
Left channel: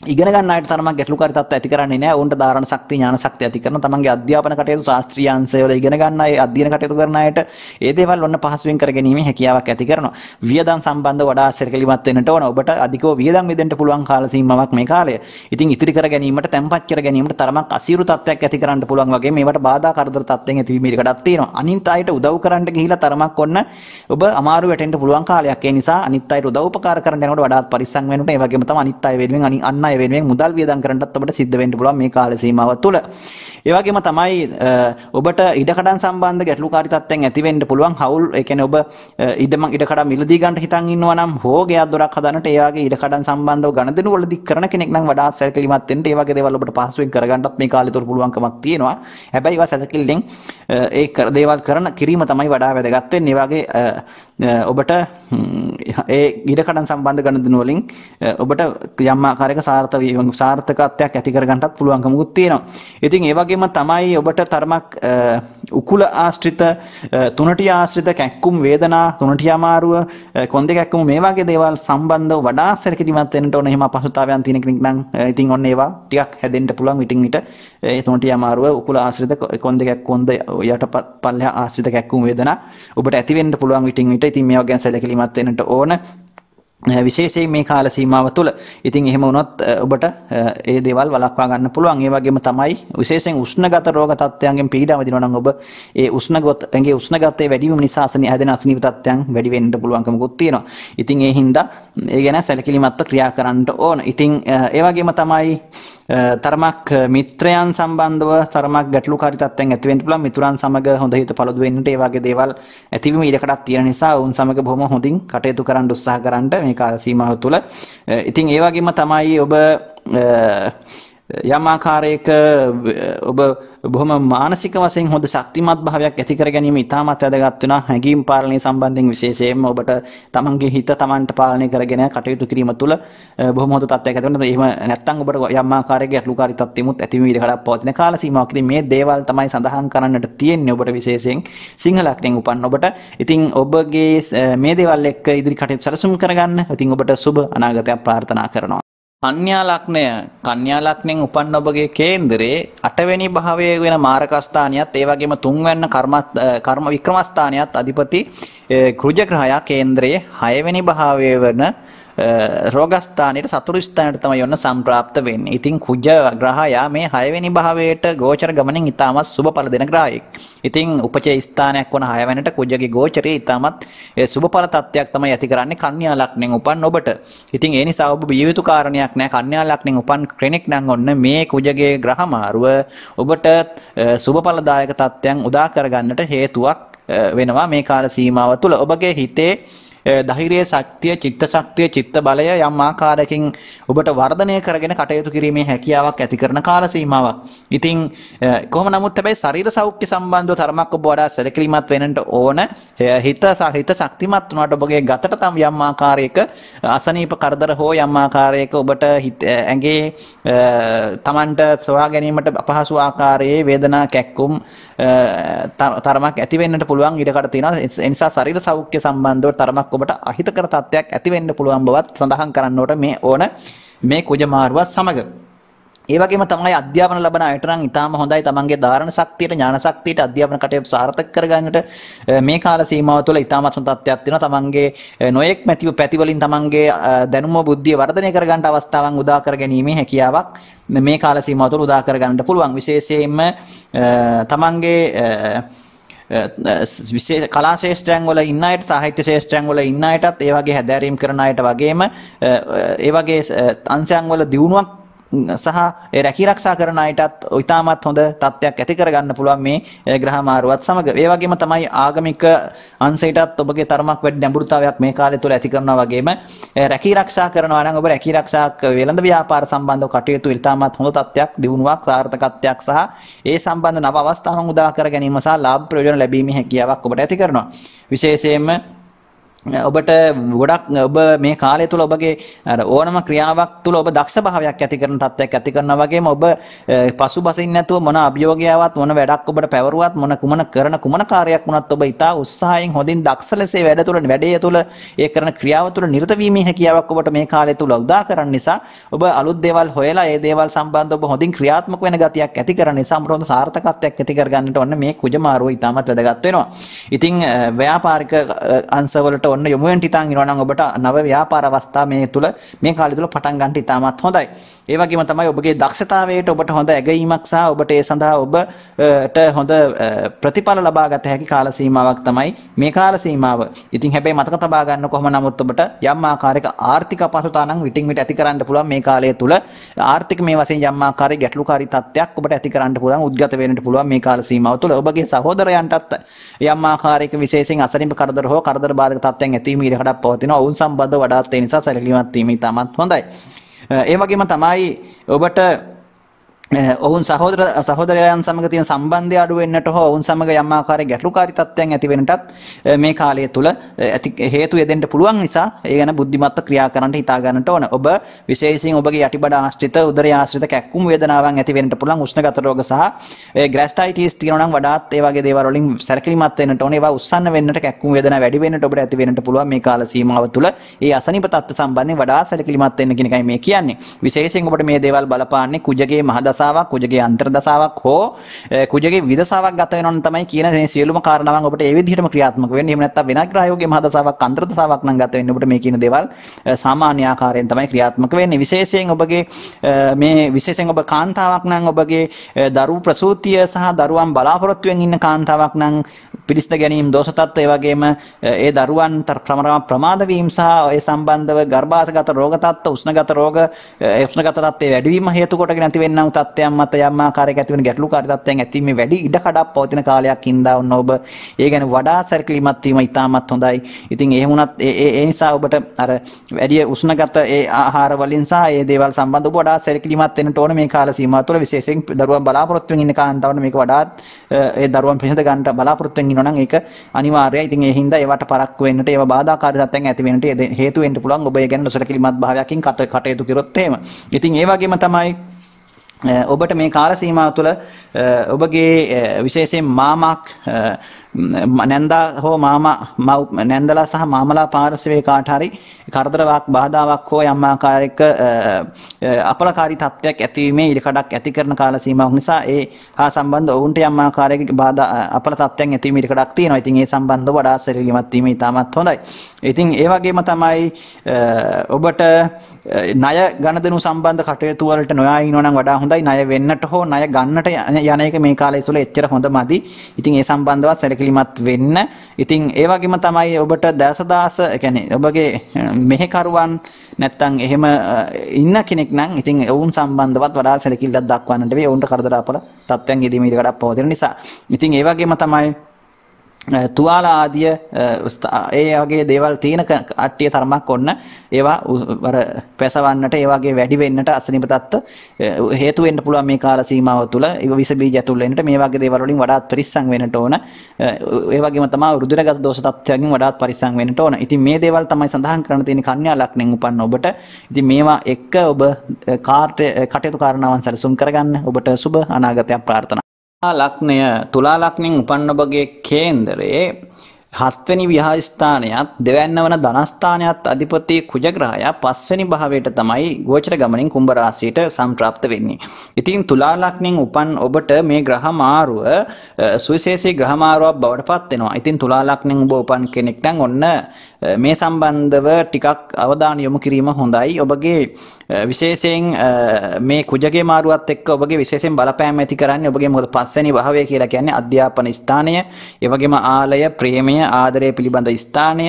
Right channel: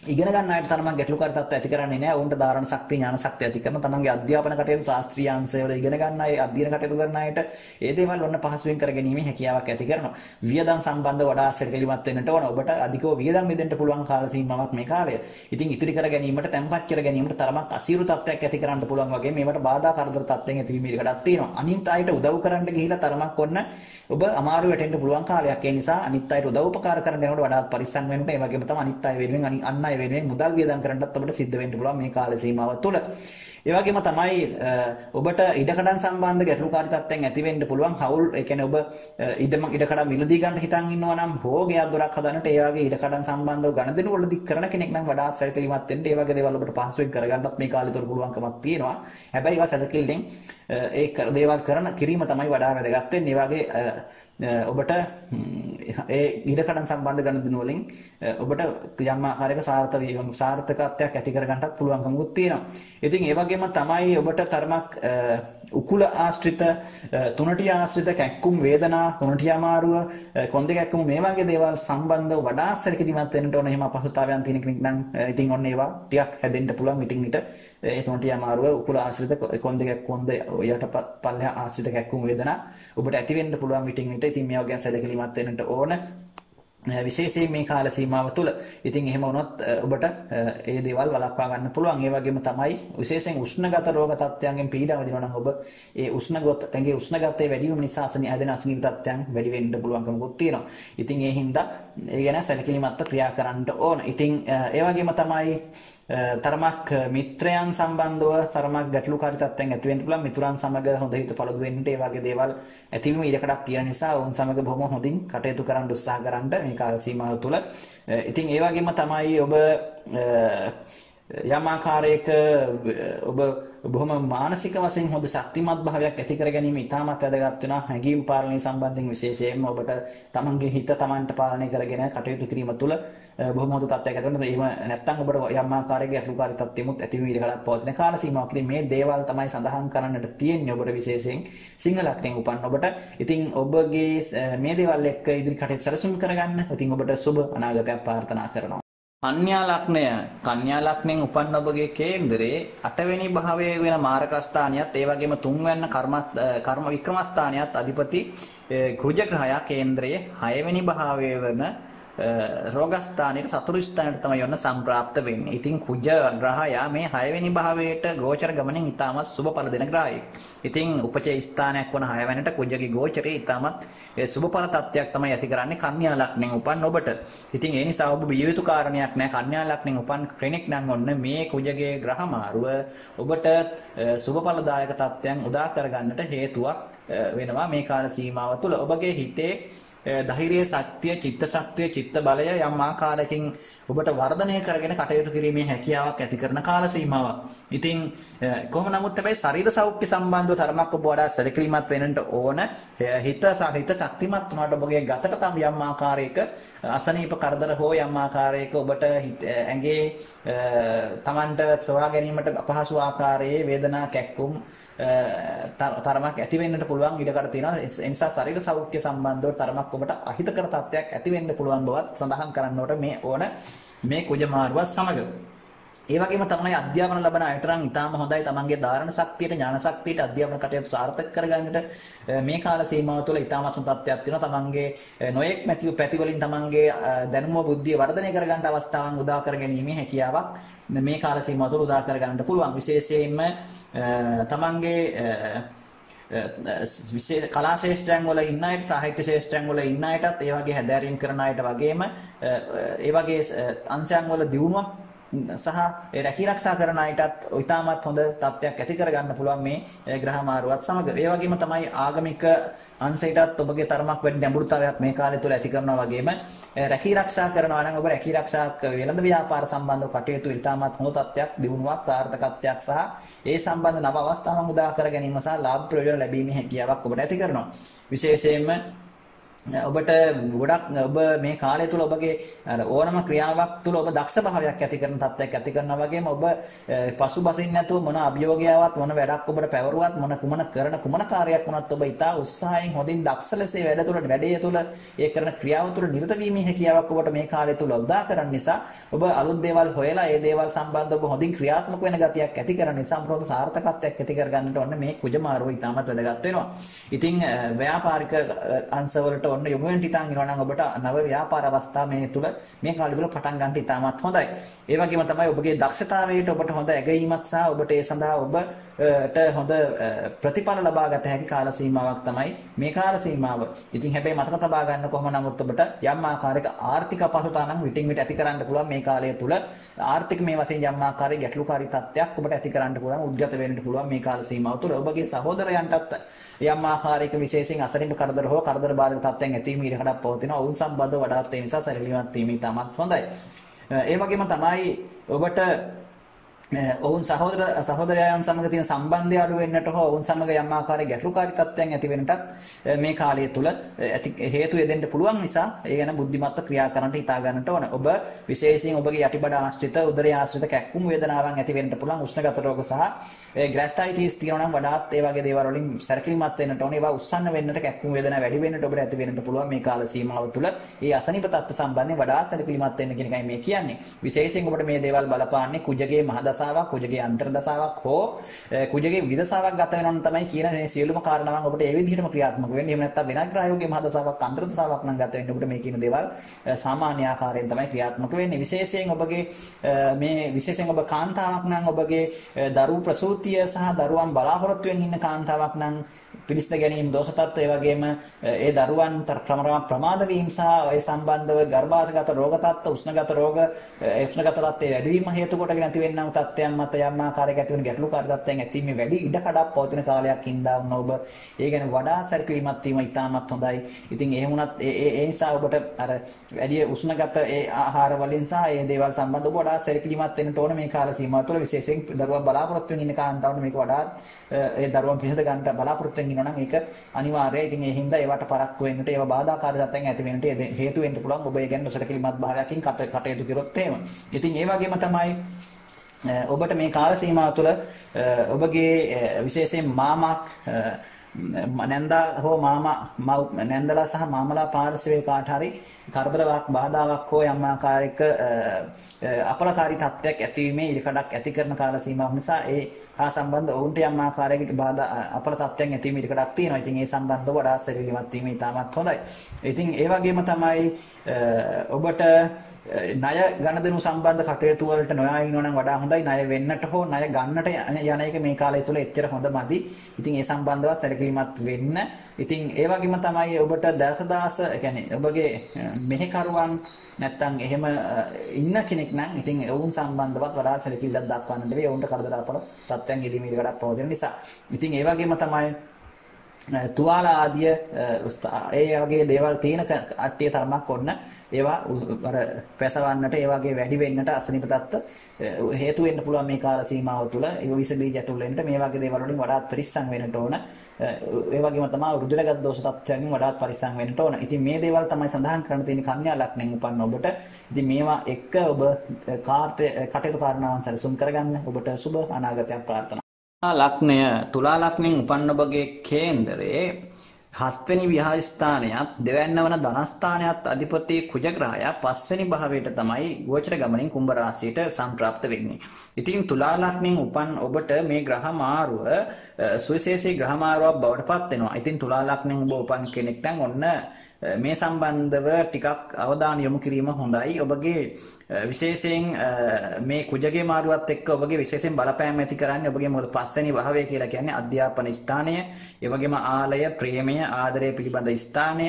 ඉගෙන ගන්න අයට තරමක් ගැටලුකාරී තත්ත්ව ඇති කරන්නේ නැහැ. උන්ට ධාරණ ශක්තිය ඥාන ශක්තිය ඇති කරන තමන්ගේ අධ්‍යාපන කටයුතු ශාස්ත්‍රීය අංශවල ඉගෙන ගන්න අය අධ්‍යයන කටයුතු කරන අයට ඒ දේවල් ඔන්න පහසුවෙන් කර ගැනීමේ හැකියාවක් ඇති කරනවා. වියදම් සම්බන්ධව වඩා සැලකිලිමත් වෙන්නට ඕන. ඔබට අධිකව වියදම් වෙදෙන්න පුළුවන් කාල සීමාවක් මේ කාලය. ඉතින් ඉතිරි කර ගැනීමට තැම්පත් කර ගැනීමට තරමක් අසීරු තත්ත්වයක් ඇති කරන්න පුළුවන් වගේ මේවට බාධා කරදර තත්ත්වයන් ඇතිවීම ඉඩකඩක් තියෙනවා. අනිත් අයට උදව් කරන්න ගිහිලා තරමක් ඔන්න ඔබ අමාරු වැටෙන්න පුළුවන් කාලයක්. ඒ නිසා අනිත් අයට උදව් උපකාර කරන්න යනකොට වඩාත් පරිස්සම් වෙන්න ඕනේ. ඒ වගේම තමයි අනිත් අය වෙනුවෙන් අන් අය වෙනුවෙන් මුදල් වියදම් කරන්නත් ඔබට සිද්ධ වෙන්න පුළුවන් මේ කාල සීමාව තුළ. ඒ වගේම තමයි ඔබට ඉඩකඩම් සම්බන්ධ ගැටලුකාරී තත්ත්වයන් ඇති වෙන්න පුළුවන්. හවුල් ඒ කියන්නේ ඔබ ඉඩකඩම් මිලදී ගන්න හිතන් ඉන්නවා නම් හෝ ගෙයක් දොරක් හදන්නට ඒ වගේ ඉඩකඩම් සම්බන්ධව ගණදෙනු වලදී කරන කෙනෙක් නම් වඩා සැලකිලිමත් වෙන්න. ඒ වගේ දේවල් ඔබට පහසුවෙන් කරගන්නත් මේ කාලය තුළ පුළුවන්කමක් තියෙනවා. හැබැයි ඒවා සැලකිල්ලෙන් ඒ දේවල් කිරීම තමයි වඩා වැදගත් වෙන්නේ. ඒ වගේ ඔබට ඒ ඉඩකඩම් සම්බන්ධ ගණදෙනු වලින් ඔබට යම් ආකාරයක සාර්ථකත්වයක් ඇති කරගන්නත් පුළුවන්කමකුත් තියෙනවා. ඉතින් ඒ වගේම තමයි ඔබට තරමක් උකුල ආශ්‍රිත තුනටිය ආශ්‍රිත කැක්කුම් වේදනා තුනටිය අමාරුව කොන්දේ කැක්කුම මේ වගේ දේවල් සම්බන්ධව වඩා සැලකිලිමත් වෙන්න ඕන. එහෙම අපහසුතාවයන් තියෙන කෙනෙක් නම් ඉතින් ඔන්න ඒවා ටිකක් හැදෙන්න පුළුවන් විටින් විට. ඒ තුනටිය අමාරුව උකුල ආශ්‍රිත කොන්දේ කැක්කුම් යටපත් පල්ලෙහා ආශ්‍රිත කැක්කුම් වේදනා ඔබට ඇති වෙන්න පුළුවන් විටින් විට. ඉතින් මේවා ගැන සැලකිලිමත් වෙන්නට ඕන. විශේෂයෙන් මේ කාල සීමාව තුළ. ඉතින් එහෙම වුණොත් ඔබට ඒ දේවල් වළක්වා ගන්න පුළුවන්. ඒ වගේම තමයි විශේෂයෙන් උෂ්ණගත රෝග තත්ත්වයන්ගෙන් පීඩා විඳිනවා නම් ඔබ ඒ උෂ්ණගතයේ උෂ්ණගතයේ වැඩි වීම නිසා හැදෙන අසනීප තත්ත්වයන් වැඩි වෙන්න පුළුවන්කමකුත් තියෙනවා. ඉතින් ඒ හින්දා ඒ ගැන සැලකිලිමත්ව ක්‍රියා කරන්න ඕන. ඉතින් ඒ වගේම තමයි තරමක් මිත්‍රයන් සම්බන්ධව තරමක් ගැටලුකාරී තත්ත්වයන් ඇති වෙන්න පුළුවන්. මිතුරන් සමග හොඳ හිත පළදු වෙන්නට ඒ වගේ දේවල් ඇතිවීම ඉඩකඩක් තියෙන නිසා උන් සමග බොහොම හොඳින් කටයුතු කරන්න උත්සාහ කරන්න මේ කාල සීමාව තුළ. ඉතින් ඒ වගේම තමයි ඔබ යම් ආකාරයක ඔබ බොහොම මානසික වශයෙන් හොඳ ශක්තිමත් භාවයක් ඇති කර ගැනීම ඉතාමත් වැදගත් වෙනවා. හැඟීම් පාලනය සම්බන්ධයෙන් විශේෂයෙන්ම ඔබට තමන්ගේ හිත තමන්ට පාලනය කරගෙන කටයුතු කිරීම තුළ බොහොම හොඳ තත්ත්වයක් ඇති වෙනවා. එහෙම නැත්නම් ඔබට යම් ආකාරයක ගැටලුකාරී තත්ත්වෙමුත් ඇතිවීම ඉඩකඩක් පවතින කාල සීමාවක්. ඉතින් මේ දේවල් තමයි සඳහන් කරන්නට තියෙන්නේ ඔබට විශේෂයෙන් සිංහල ලග්නයෙන් උපන් ඔබට. ඉතින් ඔබගේ මේ දේවල් එක්ක ඉදිරි කටයුතු සැලසුම් කරගන්න. ඉතින් ඔබට සුබ අනාගතයක් ප්‍රාර්ථනා කරනවා. කන්‍යා ලග්නයෙන් උපන් ඔබගේ කේන්දරේ 8 වෙනි භාවයේ වෙන මාරක ස්ථානියත් ඒ වගේම 3 වෙනි කර්ම වික්‍රම ස්ථානියත් අධිපති කුජ ග්‍රහයා කේන්දරයේ 6 වෙනි භාවයේ වෙන රෝගස්ථානයේ සතුරු ස්ථානයට තමයි යොන්න සම්ප්‍රාප්ත වෙන්නේ. ඉතින් කුජ ග්‍රහයා මේ 6 වෙනි භාවයට ගෝචර ගමනින් ඉතාමත් සුබඵල දෙන ග්‍රහයෙක්. ඉතින් උපචේ ස්ථානයක් වන 6 වෙනිට කුජගේ ගෝචරයේ ඉතාමත් සුබඵල තත්ත්වයක් තමයි ඇති කරන්නේ කන්‍යා ලග්නෙන් උපන් ඔබට. ඉතින් ඒ නිසා ඔබ බිය යුතු කාරණයක් නෑ. කන්‍යා ලග්නෙන් උපන් කෙනෙක් නම් ඔන්න මේ කුජගේ ග්‍රහ මාරුව ඔබට සුබඵලදායක තත්ත්වයන් උදා කරගන්නට හේතුවක් වෙනවා මේ කාල සීමාව තුළ. ඔබගේ හිතේ ධෛර්ය ශක්තිය, චිත්ත ශක්තිය, චිත්ත බලය යම් ආකාරයකින් ඔබට වර්ධනය කරගෙන කටයුතු කිරීමේ හැකියාවක් ඇති කරන කාල සීමාවක්. ඉතින් කොහොම නමුත් හැබැයි ශරීර සෞඛ්‍ය සම්බන්ධව තරමක් ඔබ වඩා සැලකිලිමත් වෙන්නට ඕන. හිත ශක්තිමත් වුණාට ඔබගේ ගතට තම යම් ආකාරයක අසනීප කරදර හෝ යම් ආකාරයක ඔබට ඇඟේ තමන්ට සොයා ගැනීමට අපහසු ආකාරයේ වේදනා කැක්කුම් තරමක් ඇති වෙන්නට පුළුවන් ඉඩකඩ තියෙනවා. ඒ නිසා ශරීර සෞඛ්‍ය සම්බන්ධව තරමක් ඔබට අහිතකර තත්ත්වයක් ඇති වෙන්න පුළුවන් බවත් සඳහන් කරන්නට මේ කුජ මාරුවත් සමග. ඒ වගේම තමයි අධ්‍යාපන ලබන අයට නම් ඊටාම හොඳයි. තමන්ගේ ධාරණ ශක්තියට, ඥාන ශක්තියට අධ්‍යාපන කටයුතු සාර්ථක කරගන්නට මේ කාල සීමාව තුළ ඊටාමත් හොඳ තත්ත්වයක් තියෙනවා. තමන්ගේ නොයෙක් පැති වලින් තමන්ගේ දැනුම බුද්ධිය වර්ධනය කරගන්න අවස්ථාවන් උදා කර ගැනීමේ හැකියාවක් මේ කාල සීමාව තුළ උදා කරගන්නට පුළුවන්. විශේෂයෙන්ම තමන්ගේ විශේෂ කලා ශාස්ත්‍රයන් වල ඉන්න අයට, සාහිත්‍ය ශාස්ත්‍රයන් වල ඉන්න අයටත්, ඒ වගේ හැදෑරීම් කරන අයට වගේම ඒ වගේ අංශයන් වල දියුණුවක් සහ ඒ රැකී ආරක්ෂා කරන අයටත් ඉතාමත් හොඳ තත්ත්වයක් ඇති කරගන්න පුළුවන් මේ ග්‍රහ මාරුවත් සමග. ඒ වගේම තමයි ආගමික අංශයටත් ඔබගේ තරමක් වැඩි ගැඹුරුතාවයක් මේ කාලය තුළ ඇති කරනවා වගේම රැකී ආරක්ෂා කරනවා නම් ඔබ රැකී ආරක්ෂා වෙළඳ ව්‍යාපාර සම්බන්ධව කටයුතු ඉතාමත් හොඳ තත්ත්වයක්, දියුණුවක්, සාර්ථකත්වයක් සහ ඒ සම්බන්ධ නව අවස්ථාවන් උදා කර ගැනීම සහ ලාභ ප්‍රයෝජන ලැබීමේ හැකියාවක් ඔබට ඇති කරනවා. විශේෂයෙන්ම ඔබට ගොඩක් ඔබ මේ කාලය තුළ ඔබගේ ඕනම ක්‍රියාවක් තුළ ඔබ දක්ෂ භාවයක් ඇති කරන තත්ත්වයක් ඇති කරනවා වගේම ඔබ පසුබසින් නැතුව මොන අභියෝගයාවක් මොන වැඩක් ඔබට පැවරුවත් කුමන කාර්යයක් වුණත් ඔබ ඉතා උත්සාහයෙන් හොඳින් දක්ෂ ලෙස වැඩේ තුළ ඒ කරන ක්‍රියාව තුළ නිරත වීමේ හැකියාවක් ඔබට මේ කාලය තුළ උදා කරන නිසා ඔබ අලුත් දේවල් හොයලා ඒ දේවල් සම්බන්ධව ඔබ හොඳින් ක්‍රියාත්මක වෙන ගතියක් ඇති කරන නිසා අපට හොඳ සාර්ථකත්වයක් ඇති කරගන්නට ඔන්න මේ කුජ මාරුව ඉතාමත් වැදගත් වෙනවා. ඉතින් ව්‍යාපාරික අංශවලට ඔන්න යොමු වෙන්න හිතාන් ඉනවා නම් ඔබට නව ව්‍යාපාර අවස්ථා මේ කාලය තුල පටන් ගන්න ඉතාමත් හොඳයි. ඒ වගේම තමයි ඔබගේ දක්ෂතාවයට ඔබට හොඳ ඇගීමක් සහ ඔබට ඒ සඳහා ඔබට හොඳ ප්‍රතිඵල ලබා ගත හැකි කාල සීමාවක් තමයි මේ කාල සීමාව. ඉතින් හැබැයි මතක තබා ගන්න කොහොම නමුත් ඔබට යම් ආකාරයක ආර්ථික අපහසුතාවක් නම් විටින් විට ඇති කරන්න පුළුවන් මේ කාලය තුල. ආර්ථික මේ වශයෙන් යම් ආකාරයක ගැටලුකාරී තත්ත්වයක් ඔබට ඇති කරන්න පුළුවන්, උද්ගත වෙන්නට පුළුවන් මේ කාල සීමාව තුල. ඔබගේ සහෝදරයන්ටත් යම් ආකාරයක විශේෂයෙන් අසනීප කරදර හෝ කරදර බාධක තත්ත්වයන් ඇතිවීම ඉඩකඩක් පවතිනවා. ඔවුන් සම්බන්ධව වඩාත් ඒ නිසා සැලකිලිමත් වීම ඉතාමත් හොඳයි. ඒ වගේම තමයි ඔබට ඔවුන් සහෝදරයන් සමග තියෙන සම්බන්ධය අඩු වෙන්නට හෝ ඔවුන් සමග යම් ආකාරයක ගැටලුකාරී තත්ත්වයන් ඇති වෙන්නටත් මේ කාලය තුල හේතු යෙදෙන්න පුළුවන් නිසා ඒ ගැන බුද්ධිමත්ව ක්‍රියා කරන්නට හිතා ගන්නට ඕන. ඔබ විශේෂයෙන් ඔබගේ යටිබඩ ආශ්‍රිත, උදරය ආශ්‍රිත කැක්කුම් වේදනාවන් ඇති වෙන්නට පුළුවන්. උෂ්ණගත රෝග සහ ග්‍රැස්ටයිටිස් තියෙනවා නම් වඩාත් ඒ වගේ දේවල් වලින් සැලකිලිමත් වෙන්නට ඕන. ඒවා උස්සන්න වෙන්නට, කැක්කුම් වේදනා වැඩි වෙන්නට ඔබට ඇති වෙන්නට පුළුවන් මේ කාල සීමාව තුල. ඒ අසනීප තත්ත්ව සම්බන්ධයෙන් වඩා සැලකිලිමත් වෙන්න කියන එකයි මේ කියන්නේ. විශේෂයෙන් ඔබට මේ දේවල් බලපාන්නේ කුජගේ මහදස කුජගේ අන්තර්දසාවක් හෝ කුජගේ විදසාවක් ගත වෙනවා නම් තමයි කියන මේ සියලුම කාරණාවන් ඔබට ඒ විදිහටම ක්‍රියාත්මක වෙන්නේ. එහෙම නැත්නම් වෙනත් ග්‍රහයෝගයේ මහදසාවක් අන්තර්දසාවක් නම් ගත වෙන්නේ ඔබට මේ කියන දේවල් සාමාන්‍ය ආකාරයෙන් තමයි ක්‍රියාත්මක වෙන්නේ. විශේෂයෙන් ඔබ කාන්තාවක් නම් ඔබගේ දරු ප්‍රසූතිය සහ දරුවන් බලාපොරොත්තුෙන් ඉන්න කාන්තාවක් නම් පිළිස්ත ගැනීම, දෝෂ තත්ත්ව, ඒ වගේම ඒ දරුවන් ප්‍රමාද වීම සහ ඒ සම්බන්ධව ගර්භාෂගත රෝග තත්ත්ව, උෂ්ණගත රෝග, උෂ්ණගත තත්ත්වයේ වැඩිවීම හේතු කොටගෙන ඇති වෙනා වූ තත්ත්වයන් මත යම් ආකාරයක ඇති වෙන ගැටලුකාරී තත්ත්වයන් ඇතිවීමේ වැඩි ඉඩකඩක් පවතින කාලයක් ඉඳා වුණ ඔබ ඒ ගැන වඩා සැලකිලිමත් වීම ඉතාමත් හොඳයි. ඉතින් ඒ වුණත් ඒ නිසා ඔබට අර වැඩි උෂ්ණගත ඒ ආහාර වලින් සහ ඒ දේවල් සම්බන්ධව ඔබ වඩා සැලකිලිමත් වෙන්න ඕන මේ කාල සීමාව තුළ. විශේෂයෙන් දරුවන් බලාපොරොත්තු වෙන ඉන්න කාන්තාවට මේක වඩාත් ඒ දරුවන් පිළිඳ ගන්නට බලාපොරොත්තු වෙන ඉන්නවා නම් ඒක අනිවාර්යයි. ඉතින් ඒ හින්දා ඒවට පරක්කු වෙන්නට, ඒව බාධාකාරී තත්ත්වයන් ඇති වෙන්නට හේතු වෙන්න පුළුවන් ඔබ ඒ ගැන නොසැලකිලිමත් භාවයකින් කටයුතු කරොත් එහෙම. ඉතින් ඒ වගේම තමයි ඔබට මේ කාල සීමාව තුළ ඔබගේ විශේෂයෙන් මාමක් නැන්දා හෝ මාමා නැන්දලා සහ මාමලා පාර්ශවයේ කාට හරි කරදරයක් බාධාවක් හෝ යම් ආකාරයක අපලකාරී තත්ත්වයක් ඇතිවීමේ ඉඩකඩක් ඇති කරන කාල සීමාවක් නිසා ඒ හා සම්බන්ධ ඔවුන්ට යම් ආකාරයක බාධා අපල තත්ත්වයන් ඇතිවීමේ ඉඩකඩක් තියෙනවා. ඉතින් ඒ සම්බන්ධව වඩා සැලකිලිමත් වීම ඉතාමත් හොඳයි. ඉතින් ඒ වගේම තමයි ඔබට ණය ගනුදෙනු සම්බන්ධ කටයුතු වලට නොයා ඉන්නවා නම් වඩා හොඳයි. ණය වෙන්නට හෝ ණය ගන්නට යන එක මේ කාලය තුළ එච්චර හොඳ මදි. ඉතින් ඒ සම්බන්ධවත් සැලකිලිමත් වෙන්න. ඉතින් ඒ වගේම තමයි ඔබට දසදාස කියන්නේ ඔබගේ මෙහෙකරුවන් නැත්තම් එහෙම ඉන්න කෙනෙක් නම් ඉතින් ඔවුන් සම්බන්ධවත් වඩා සැලකිල්ලක් දක්වන්නට වෙයි. ඔවුන්ට කරදර අපල තත්ත්වයන් යෙදීම ඉඩකඩක් පවතින නිසා. ඉතින් ඒ වගේම තමයි තුවාල ආදිය ඒ වගේ දේවල් තියෙන කට්ටිය තරමක් ඔන්න ඒවා අර පැසවන්නට ඒ වගේ වැඩි වෙන්නට අසනීප තත්ත්ව හේතු වෙන්න පුළුවන් මේ කාල සීමාව තුළ ඒ විස බීජ ඇතුල් වෙන්නට මේ වගේ දේවල් වලින් වඩාත් පරිස්සම් වෙන්නට ඕන. ඒ වගේම තමයි රුධිරගත දෝෂ තත්ත්වයන්ගෙන් වඩාත් පරිස්සම් වෙන්නට ඕන. ඉතින් මේ දේවල් තමයි සඳහන් කරන්න තියෙන කන්‍යා ලග්නෙන් උපන්න ඔබට. ඉතින් මේවා එක්ක ඔබ කටයුතු කාරණාවන් සැලසුම් කරගන්න. ඔබට සුබ අනාගතයක් ප්‍රාර්ථනා. ලග්නය තුලා ලග්නෙන් උපන්න ඔබගේ කේන්දරයේ 7 වෙනි විහාරස්ථානයත් දෙවැන්න වන ධනස්ථානයත් අධිපති කුජ ග්‍රහයා 5 වෙනි භාවයට තමයි ගෝචර ගමනින් කුම්භ රාශියට සම්ප්‍රාප්ත වෙන්නේ. ඉතින් තුලා ලග්නෙන් උපන් ඔබට මේ ග්‍රහ මාරුව සුවිශේෂී ග්‍රහ මාරුවක් බවට පත් වෙනවා. ඉතින් තුලා ලග්නෙන් ඔබ උපන් කෙනෙක් නම් ඔන්න මේ සම්බන්ධව ටිකක් අවධානය යොමු කිරීම හොඳයි. ඔබගේ විශේෂයෙන් මේ කුජගේ මාරුවත් එක්ක ඔබගේ විශේෂයෙන් බලපෑම් ඇති කරන්නේ ඔබගේ මොකද 5 වෙනි භාවය කියලා කියන්නේ අධ්‍යාපන ස්ථානය, ඒ වගේම ආලය, ප්‍රේමය, ආදරය පිළිබඳ ස්ථානය,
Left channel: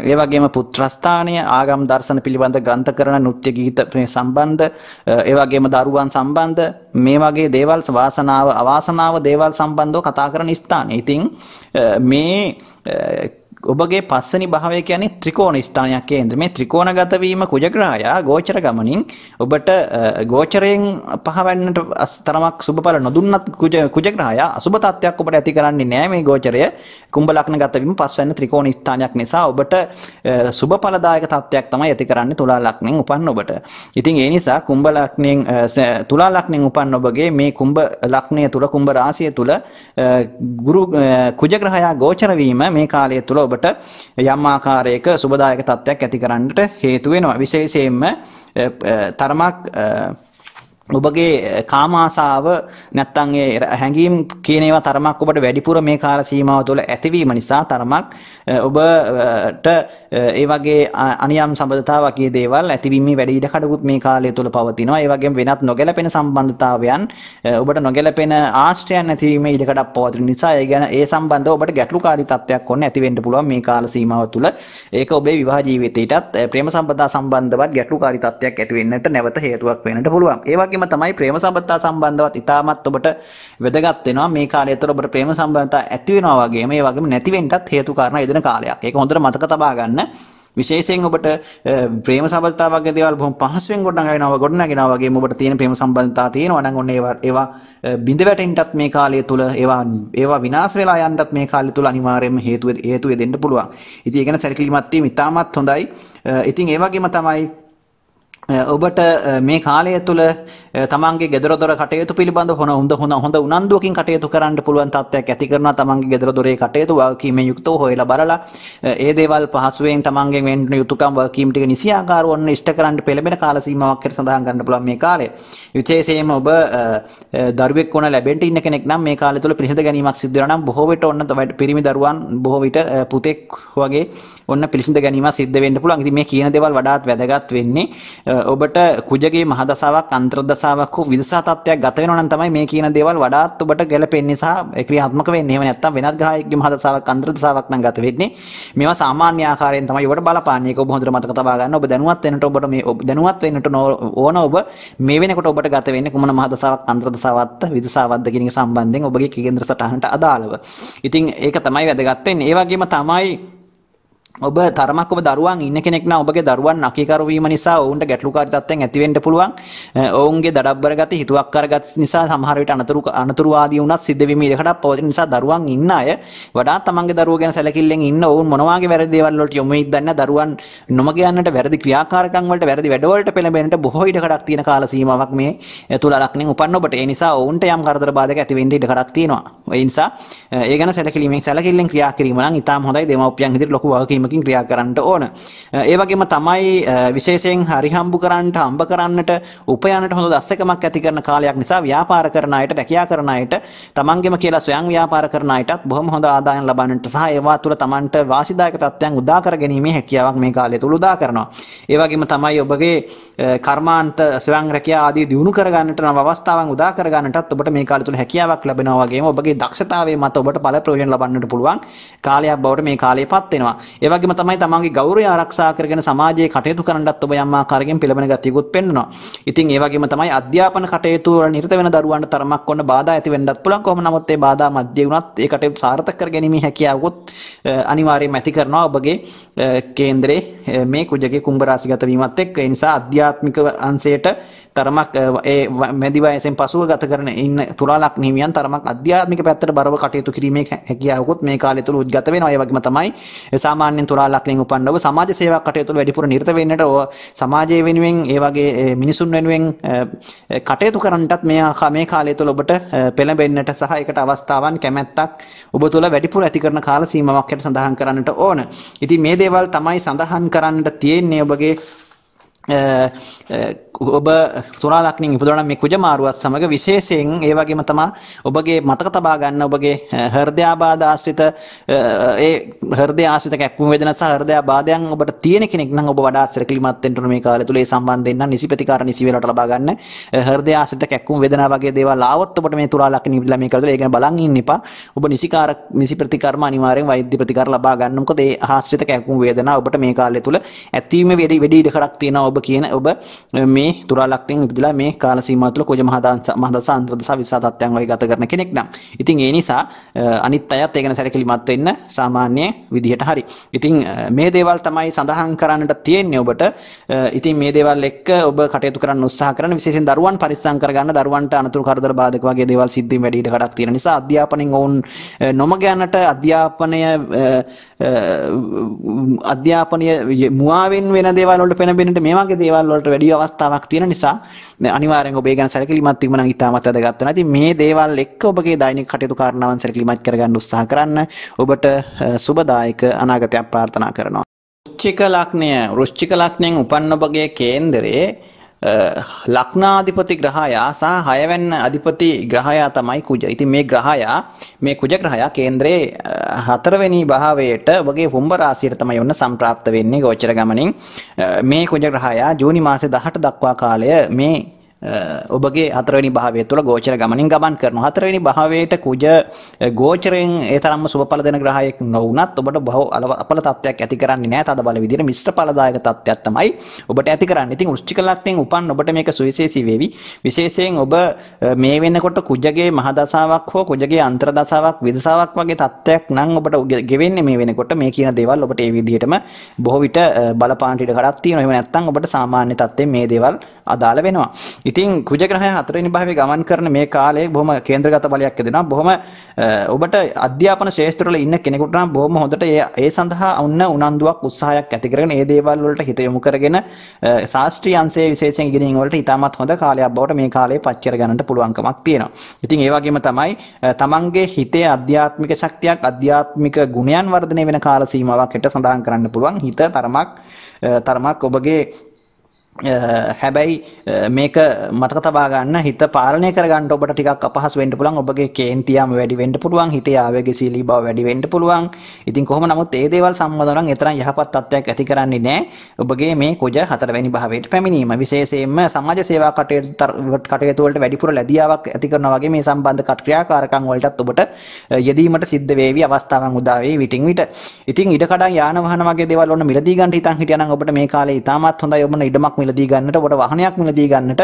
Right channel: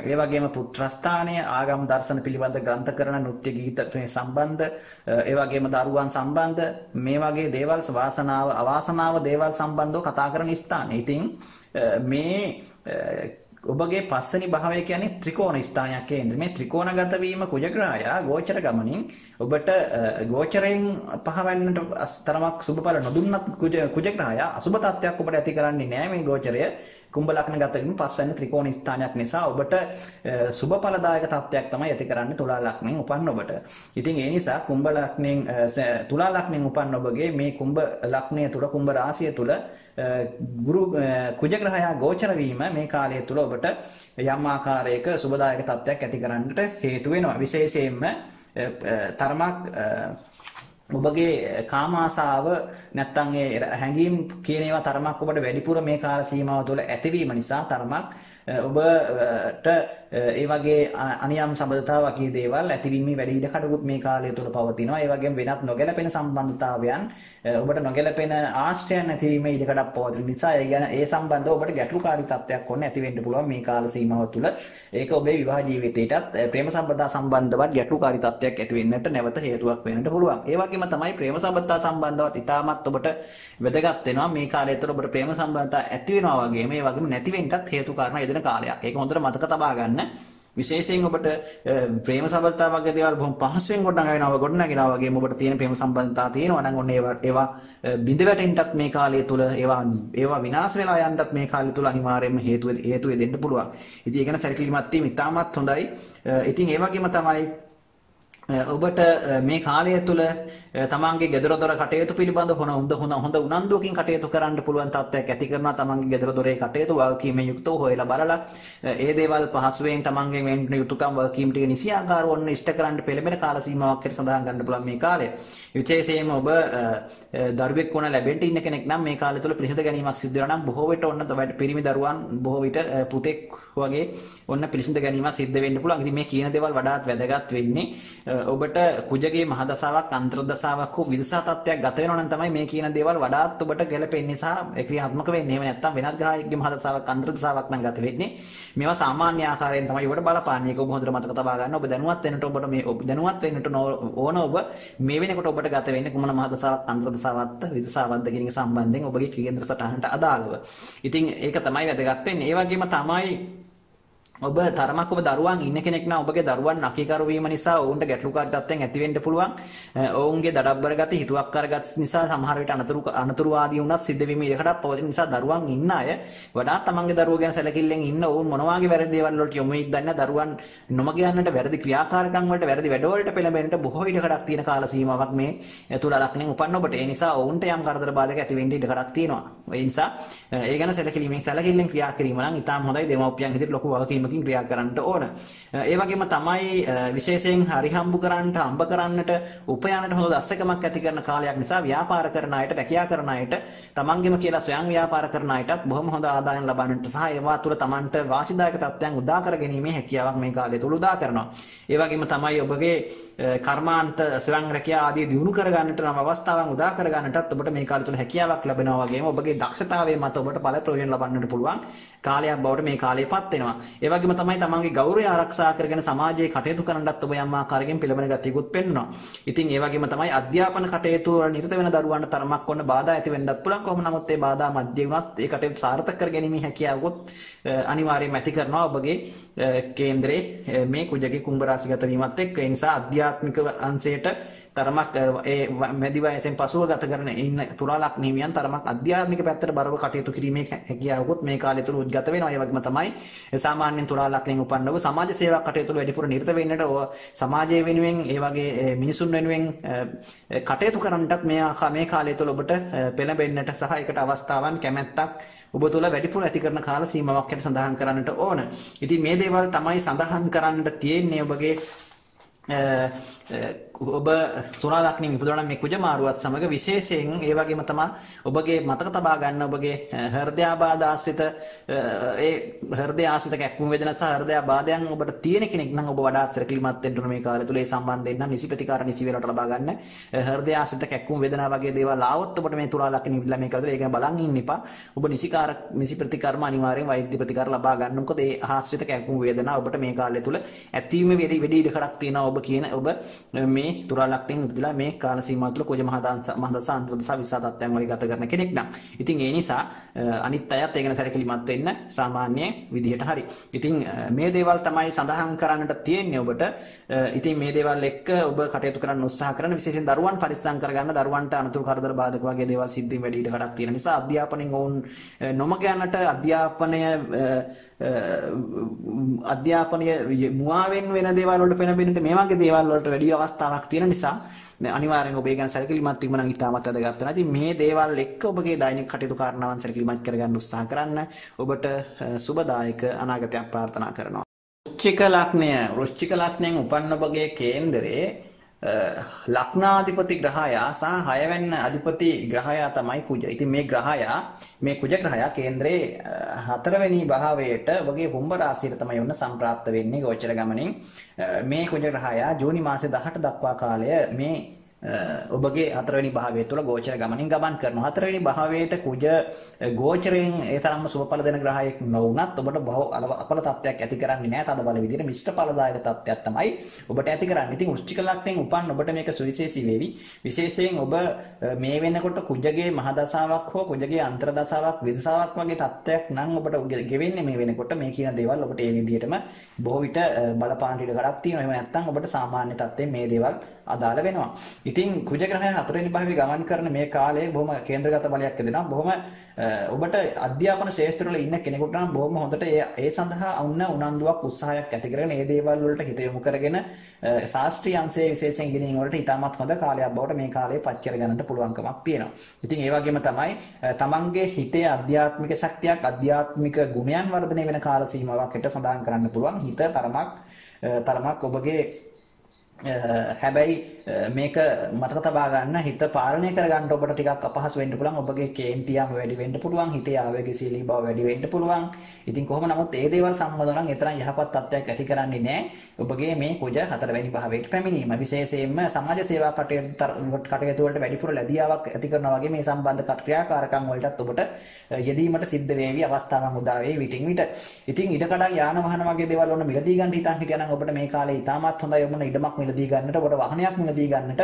ඒ වගේම පුත්‍ර ස්ථානය, ආගම් දර්ශන පිළිබඳ ග්‍රන්ථ කරන නෘත්‍ය ගීත සම්බන්ධ, ඒ වගේම දරුවන් සම්බන්ධ මේ වගේ දේවල් වාසනාව අවාසනාව දේවල් සම්බන්ධව කතා කරන ස්ථානය. ඉතින් මේ ඔබගේ 5 වෙනි භාවය කියන්නේ ත්‍රිකෝණ ස්ථානයක් කේන්ද්‍ර. මේ ත්‍රිකෝණගත වීම කුජ ග්‍රහයා ගෝචර ගමනින් ඔබට ගෝචරයෙන් පහවන්නට තරමක් සුබඵල නොදුන්නත් කුජ ග්‍රහයා අසුබ තත්ත්වයක් ඔබට ඇති කරන්නේ නැහැ. මේ ගෝචරය කුම්භ ලග්නගත වීම 5 වෙනි ත්‍රිකෝණ ස්ථානයක් නිසා ඔබට සුබඵලදායක තත්ත්වයක් තමයි ඇති කරන්නේ තුලා ලග්නෙන් උපන්න ඔබට. ඉතින් ඒ නිසා කුම්භ ලග්නෙන් තුලා ලග්නෙන් උපන්න ඔබගේ මේ කුම්භ ලග්නය තුල කුම්භ රාශිය තුල ගුරු කුජ ග්‍රහයා ගෝචර වීම මේ කාලය තුල ඔබට යම් ආකාරයක සුබදායක තත්ත්වයක් ඇති කරන්නට හේතු වෙනවා. විශේෂයෙන්ම තරමක් ඔබගේ කාම ආසාව නැත්තම් ඒ හැඟීම් කියන ඒවා තරමක් ඔබට වැඩිපුර මේ කාල සීමාව තුළ ඇතිවීම නිසා තරමක් ඔබට ඒ වගේ අනියම් සම්බන්ධතා වගේ දේවල් ඇතිවීමේ වැඩි ඉඩකඩකුත් මේ කාලය තුළ පවතිනවා. ඒ වගේම වෙනත් නොගැලපෙන සම්බන්ධතාවයන් ඔබට නොගැලපෙන ආශ්‍රයයන් ඇතිවීමේ ඉඩකඩක් පවතින නිසා ඒ ගැන ඒ සම්බන්ධව ඔබට ගැටලුකාරී තත්ත්වයක් ඔන්න ඇති වෙන්න පුළුවන් මේ කාල සීමාව තුළ. ඒක ඔබේ විවාහ ජීවිතයටත් ප්‍රේම සම්බන්ධතා සම්බන්ධවත් ගැටලුකාරී තත්ත්වයක් ඇති වෙන්නට නැවත හේතුවක් වෙන්නට පුළුවන්. ඒ වගේම තමයි ප්‍රේම සම්බන්ධතා සම්බන්ධවත් ඉතාමත් ඔබට වැදගත් වෙනවා. මේ කාලය තුළ ඔබට ප්‍රේම සම්බන්ධතා ඇති වෙනවා වගේම ඒ වගේම නැති වෙන්නත් හේතු කාරණා යෙදෙන කාලයක්. ඒක හොඳට මතක තබා ගන්න. විශේෂයෙන් ඔබට ප්‍රේම සම්බන්ධතා වගේ දේවල් බොහොම පහසුවෙන් ගොඩනගෙනවා වගේම ඔබට තියෙන ප්‍රේම සම්බන්ධතා තියෙනවා නම් ඔන්න ඒවා බිඳ වැටෙන්නත් මේ කාලය තුල ඒවා විනාශ වෙලා යන්නත් මේ කාලය තුල අනිවාර්යයෙන්ම හේතු දෙන්න පුළුවන්. ඉතින් ඒක ගැන සැලකිලිමත් වීම ඉතාමත් හොඳයි. ඉතින් ඒ වගේම තමයි ඔබට මේ කාලය තුළ තමන්ගේ ගෙදර දොර කටයුතු පිළිබඳ හොඳ උනන්දුවකින් කටයුතු කරන්න පුළුවන් තත්ත්වයක් ඇති කරනවා. තමන්ගේ ගෙදර දොරේ කටයුතු වගකීමෙන් යුක්තව හොයලා බලලා ඒ දේවල් පහසුවෙන් තමන්ගෙන් වෙන්න යුතුකම් වගකීම් ටික නිසියාකාරව ඔන්න ඉෂ්ට කරන්න පෙළඹෙන කාල සීමාවක් හැටියට සඳහන් කරන්න පුළුවන් මේ කාලය. විශේෂයෙන්ම ඔබ දරුවෙක් වුණ ලැබෙන්න ඉන්න කෙනෙක් නම් මේ කාලය තුළ පිළිසිඳ ගැනීමක් සිදු වෙනවා නම් බොහෝ විට ඔන්න පිරිමි දරුවන් බොහෝ විට පුතෙක් වගේ ඔන්න පිළිසිඳ ගැනීමක් සිද්ධ වෙන්න පුළුවන්. ඉතින් මේ කියන දේවල් වඩාත් වැදගත් වෙන්නේ ඔබට කුජගේ මහදසාවක් අන්තර්දසාවක් හෝ විදසා තත්ත්වයක් ගත වෙනවා නම් තමයි මේ කියන දේවල් වඩාත් ඔබට ගැලපෙන්නේ සහ ක්‍රියාත්මක වෙන්නේ. එහෙම නැත්නම් වෙනත් ග්‍රහයෙක්ගේ මහදසාවක් අන්තර්දසාවක් නම් ගත වෙන්නේ. මේවා සාමාන්‍ය ආකාරයෙන් තමයි ඔබට බලපාන්නේ. ඒක ඔබ හොඳට මතක තබා ගන්න. ඔබ දැනුවත් වෙන්නට ඔබට මේ දැනුවත් වෙන්නට ඕන ඔබ මේ වෙනකොට ඔබට ගත වෙන්නේ කුමන මහදසාවක් අන්තර්දසාවක්ද විදසාවක්ද කියන එක සම්බන්ධයෙන් ඔබගේ කේන්ද්‍ර සටහනට අදාළව. ඉතින් ඒක තමයි වැදගත් වෙන්නේ. ඒ වගේම තමයි ඔබ තරමක් ඔබ දරුවන් ඉන්න කෙනෙක් නම් ඔබගේ දරුවන් අකීකරු වීම නිසා ඔවුන්ට ගැටලුකාරී තත්ත්වයන් ඇති වෙන්න පුළුවන්. ඔවුන්ගේ දඩබ්බර ගති, හිතුවක්කාර ගති නිසා සමහර විට අනතුරුවාදී වුණත් සිද්ධ වීම ඉඩකඩක් පවතින නිසා දරුවන් ඉන්න අය වඩාත් තමන්ගේ දරුවෝ ගැන සැලකිල්ලෙන් ඉන්න ඔවුන් මොනවාගේ වැරදි දේවල් වලට යොමු වෙයිද දන්නේ දරුවන් නොමග යන්නට වැරදි ක්‍රියාකාරකම් වලට වැරදි වැඩවලට පෙළඹෙන්නට බොහෝ ඉඩකඩක් තියෙන කාල සීමාවක් මේ තුලා ලක්ෂණෙන් උපන්න ඔබට. ඒ නිසා ඔවුන්ට යම් කරදර බාධක ඇති වෙන්න ඉඩකඩක් තියෙනවා. ඒ නිසා ඒ ගැන සැලකිල්ලෙන් ක්‍රියා කිරීම නම් ඉතාම හොඳයි. දෙමව්පියන් ඉදිරියට ලොකු වගකීමකින් ක්‍රියා කරන්නට ඕන. ඒ වගේම තමයි විශේෂයෙන් හම්බ කරන්නට උපයන්නට හොඳ දස්සකමක් ඇති කරන කාලයක් නිසා ව්‍යාපාර කරන අයට, රැකියා කරන අයට, තමන්ගෙම කියලා ස්වයං ව්‍යාපාර කරන අයටත් බොහොම හොඳ ආදායම් ලබන්නට සහ ඒවා තුළ තමන්ට වාසිදායක තත්ත්වයන් උදා කර ගැනීමේ හැකියාවක් මේ කාලය තුල උදා කරනවා. ඒ වගේම තමයි ඔබගේ කර්මාන්ත ස්වයං රැකියා ආදී දියුණු කර ගන්නට නම් අවස්ථාවන් උදා කර ගන්නටත් ඔබට මේ කාලය තුල හැකියාවක් ලැබෙනවා. වගේම ඔබගේ දක්ෂතාවයේ මත ඔබට ඵල ප්‍රයෝජන ලබන්නට පුළුවන් කාලයක් බවට මේ කාලයපත් වෙනවා. ඒ වගේම තමයි තමන්ගේ ගෞරවය ආරක්ෂා කරගෙන සමාජයේ කටයුතු කරන්නත් ඔබ යම් ආකාරයකින් පෙළඹෙන ගතියකුත් පෙන්වනවා. ඉතින් ඒ වගේම තමයි අධ්‍යාපන කටයුතු වල නිරත වෙන දරුවන්ට තරමක් වන්න බාධා ඇති වෙන්නත් පුළුවන්. කොහොම නමුත් ඒ බාධා මැද්දේ වුණත් ඒ කටයුතු සාර්ථක කර ගැනීමේ හැකියාවකුත් අනිවාර්යයෙන්ම ඇති කරනවා ඔබගේ කේන්දරේ මේ කුජගේ කුම්භ රාශිගත වීමත් එක්ක. ඒ නිසා අධ්‍යාත්මික අංශයට තරමක් ඒ මැදි වයසෙන් පසුව ගත කරන ඉන්න තුලා ලග්න හිමියන් තරමක් අධ්‍යාත්මික පැත්තට බරව කටයුතු කිරීමේ හැකියාවකුත් මේ කාලය තුල උද්ගත වෙනවා. ඒ වගේම තමයි සාමාන්‍යයෙන් තුලා ලග්නෙන් උපන්න ඔබ සමාජ සේවා කටයුතු වල වැඩිපුර නිරත වෙන්නට සමාජයේ වෙනුවෙන් ඒ වගේ මිනිසුන් වෙනුවෙන් කටයුතු කරන්නටත් මේ කාලය තුල ඔබට පෙළඹෙන්නට සහ ඒකට අවස්ථාවන් කැමැත්තක් ඔබ තුල වැඩිපුර ඇති කරන කාල සීමාවක් හැට සඳහන් කරන්නට ඕන. ඉතින් මේ දේවල් තමයි සඳහන් කරන්න තියෙන්නේ ඔබගේ ඔබ තුලා ලක්ෂණින් ඉපදුණා නම් මේ කුජ මාරුවත් සමග විශේෂයෙන් ඒ වගේම තමයි ඔබගේ මතක තබා ගන්න ඔබගේ හෘදයාබාධ ආශ්‍රිත ඒ හෘදය ආශ්‍රිත කැක්කුම් වේදනා සහ හෘදයාබාධයන් ඔබට තියෙන කෙනෙක් නම් ඔබ වඩාත් සැලකිලිමත් වෙන්න ඕන මේ කාලය තුල. ඒ සම්බන්ධයෙන් නම් නිසි ප්‍රතිකාර නිසි වේලාවට ලබා ගන්න. හෘදය ආශ්‍රිත කැක්කුම් වේදනා වගේ දේවල් ආවොත් ඔබට මේ තුලා ලක්ෂණ ඉපදලා මේ කාලය තුල ඒ ගැන බලන් ඉන්න එපා. ඔබ නිසි ප්‍රතිකාරම අනිවාර්යෙන් වෛද්‍ය ප්‍රතිකාර ලබා ගන්න. මොකද ඒ ආශ්‍රිත කැක්කුම් වේදනා ඔබට මේ කාලය තුල ඇතිවීම වැඩි ඉඩකඩක් තියෙනවා. ඔබ කියන ඔබ මේ තුලා ලක්ෂණින් ඉපදලා මේ කාල සීමාව තුළ කුජ මහදස අන්තර්දස විසා තත්ත්වයන් වගේ ගත කරන කෙනෙක් නම් ඉතින් ඒ නිසා අනිත් අයත් ඒ ගැන සැලකිලිමත් වෙන්න සාමාන්‍ය විදිහට හරි. ඉතින් මේ දේවල් තමයි සඳහන් කරන්නට තියෙන්නේ ඔබට. ඉතින් මේ දේවල් එක්ක ඔබ කටයුතු කරන්න උත්සාහ කරන විශේෂයෙන් දරුවන් පරිස්සම් කරගන්න, දරුවන්ට අනතුරු කරදර බාධක වගේ දේවල් සිද්ධ වීම වැඩි ඉඩකඩක් තියෙන නිසා අධ්‍යාපනයෙන් ඔවුන් නොමග යන්නට අධ්‍යාපනය මුවාවෙන් වෙන දේවල් වලට පෙළඹෙන්නට මේ වගේ දේවල් වලට වැඩි අවස්ථාවක් තියෙන නිසා අනිවාර්යෙන් ඔබ ඒ ගැන සැලකිලිමත් වීම නම් ඉතාමත් වැදගත් වෙනවා. ඉතින් මේ දේවල් එක්ක ඔබගේ දෛනික කටයුතු කාරණාවන් සැලකිලිමත් කරගන්න උත්සාහ කරන්න. ඔබට සුබදායක අනාගතයක් ප්‍රාර්ථනා කරනවා. වෘශ්චික ලග්නයෙන් උපන්න ඔබගේ කේන්දරේ ලග්නාධිපති ග්‍රහයා සහ 6 වෙනි අධිපති ග්‍රහයා තමයි කුජ. ඉතින් මේ කුජ ග්‍රහයා කේන්දරේ 4 වෙනි භාවයට ඔබගේ කුම්භ රාශියට තමයි ඔන්න සම්ප්‍රාප්ත වෙන්නේ ගෝචර ගමනින්. මේ කුජ ග්‍රහයා ජූනි මාසේ 18 දක්වා කාලය මේ ඔබගේ 4 වෙනි භාවය තුළ ගෝචර ගමනින් ගමන් කරනවා. 4 වෙනි භාවයට කුජ ගෝචරයෙන් ඒ තරම්ම සුබඵල දෙන ග්‍රහයෙක් නොවුනත් ඔබට බහුව අපල තත්ත්වයක් ඇති කරන්නේ නැහැ. තද බල විදිහට මිශ්‍ර ඵලදායක තත්ත්වයක් තමයි ඔබට ඇති කරන්නේ. ඉතින් වෘශ්චික ලග්නයෙන් උපන් ඔබට මේක සුවිශේෂී වේවි. විශේෂයෙන් ඔබ මේ වෙනකොට කුජගේ මහදසාවක් හෝ කුජගේ අන්තර්දසාවක් විදසාවක් වගේ තත්ත්වයක් නම් ඔබට ගෙවෙන්නේ මේ වෙනකොට. මේ කියන දේවල් ඔබට ඒ විදිහටම බොහෝ විට බලපාන ඉඩ කඩක් තියෙනවා. එහෙම නැත්නම් ඔබට සාමාන්‍ය තත්ත්වයෙන් මේ දේවල් අදාළ වෙනවා. ඉතින් කුජ ග්‍රහය 4 වෙනි භාවයේ ගමන් කරන මේ කාලයේ බොහොම කේන්ද්‍රගත බලයක් දෙනවා. බොහොම ඔබට අධ්‍යාපන ශාස්ත්‍රවල ඉන්න කෙනෙකුට නම් බොහොම හොඳට ඒ සඳහා උනන්දුවක් උත්සාහයක් ඇති කරගෙන ඒ දේවල් වලට හිත යොමු කරගෙන ශාස්ත්‍රීය අංශයේ විශේෂයෙන් ඉගෙනීම් වලට ඉතාමත් හොඳ කාලයක් බවට මේ කාලේ පත් කර ගන්නට පුළුවන්කමක් තියෙනවා. ඉතින් ඒ වගේම තමයි තමන්ගේ හිතේ ආධ්‍යාත්මික ශක්තියක්, ආධ්‍යාත්මික ගුණයන් වර්ධනය වෙන කාල සීමාවක් හිට සඳහන් කරන්න පුළුවන්. හිත තරමක් ඔබගේ හැබැයි මේක මතක තබා ගන්න, හිත පාලනය කර ගන්න ඔබට ටිකක් අපහසු වෙන්න පුළුවන්. ඔබගේ කේන්තියම වැඩි වෙන්න පුළුවන්, හිතේ ආවේගශීලී බව වැඩි වෙන්න පුළුවන්. ඉතින් කොහොම නමුත් ඒ දේවල් සම්බන්ධව නම් එතරම් යහපත් තත්ත්වයක් ඇති කරන්නේ නැහැ ඔබගේ මේ කුජ 4 වෙනි භාවයට පැමිණීම. විශේෂයෙන්ම සමාජ සේවා කටයුතු වලට වැඩිපුර ලැබියාවක් ඇති කරනවා වගේ මේ සම්බන්ධ ක්‍රියාකාරකම් වලටත් ඔබට යෙදීමට සිද්ධ වේවි, අවස්ථාවන් උදා වේවි විටින් විට. ඉතින් ඉඩකඩම් යාන වාහන වගේ දේවල් වල මිලදී ගන්න හිතන් හිටියා නම් ඔබට මේ කාලේ ඉතාමත් හොඳයි. ඔබන ඉඩමක් මිලදී ගන්නට ඔබට වාහනයක් මිලදී ගන්නට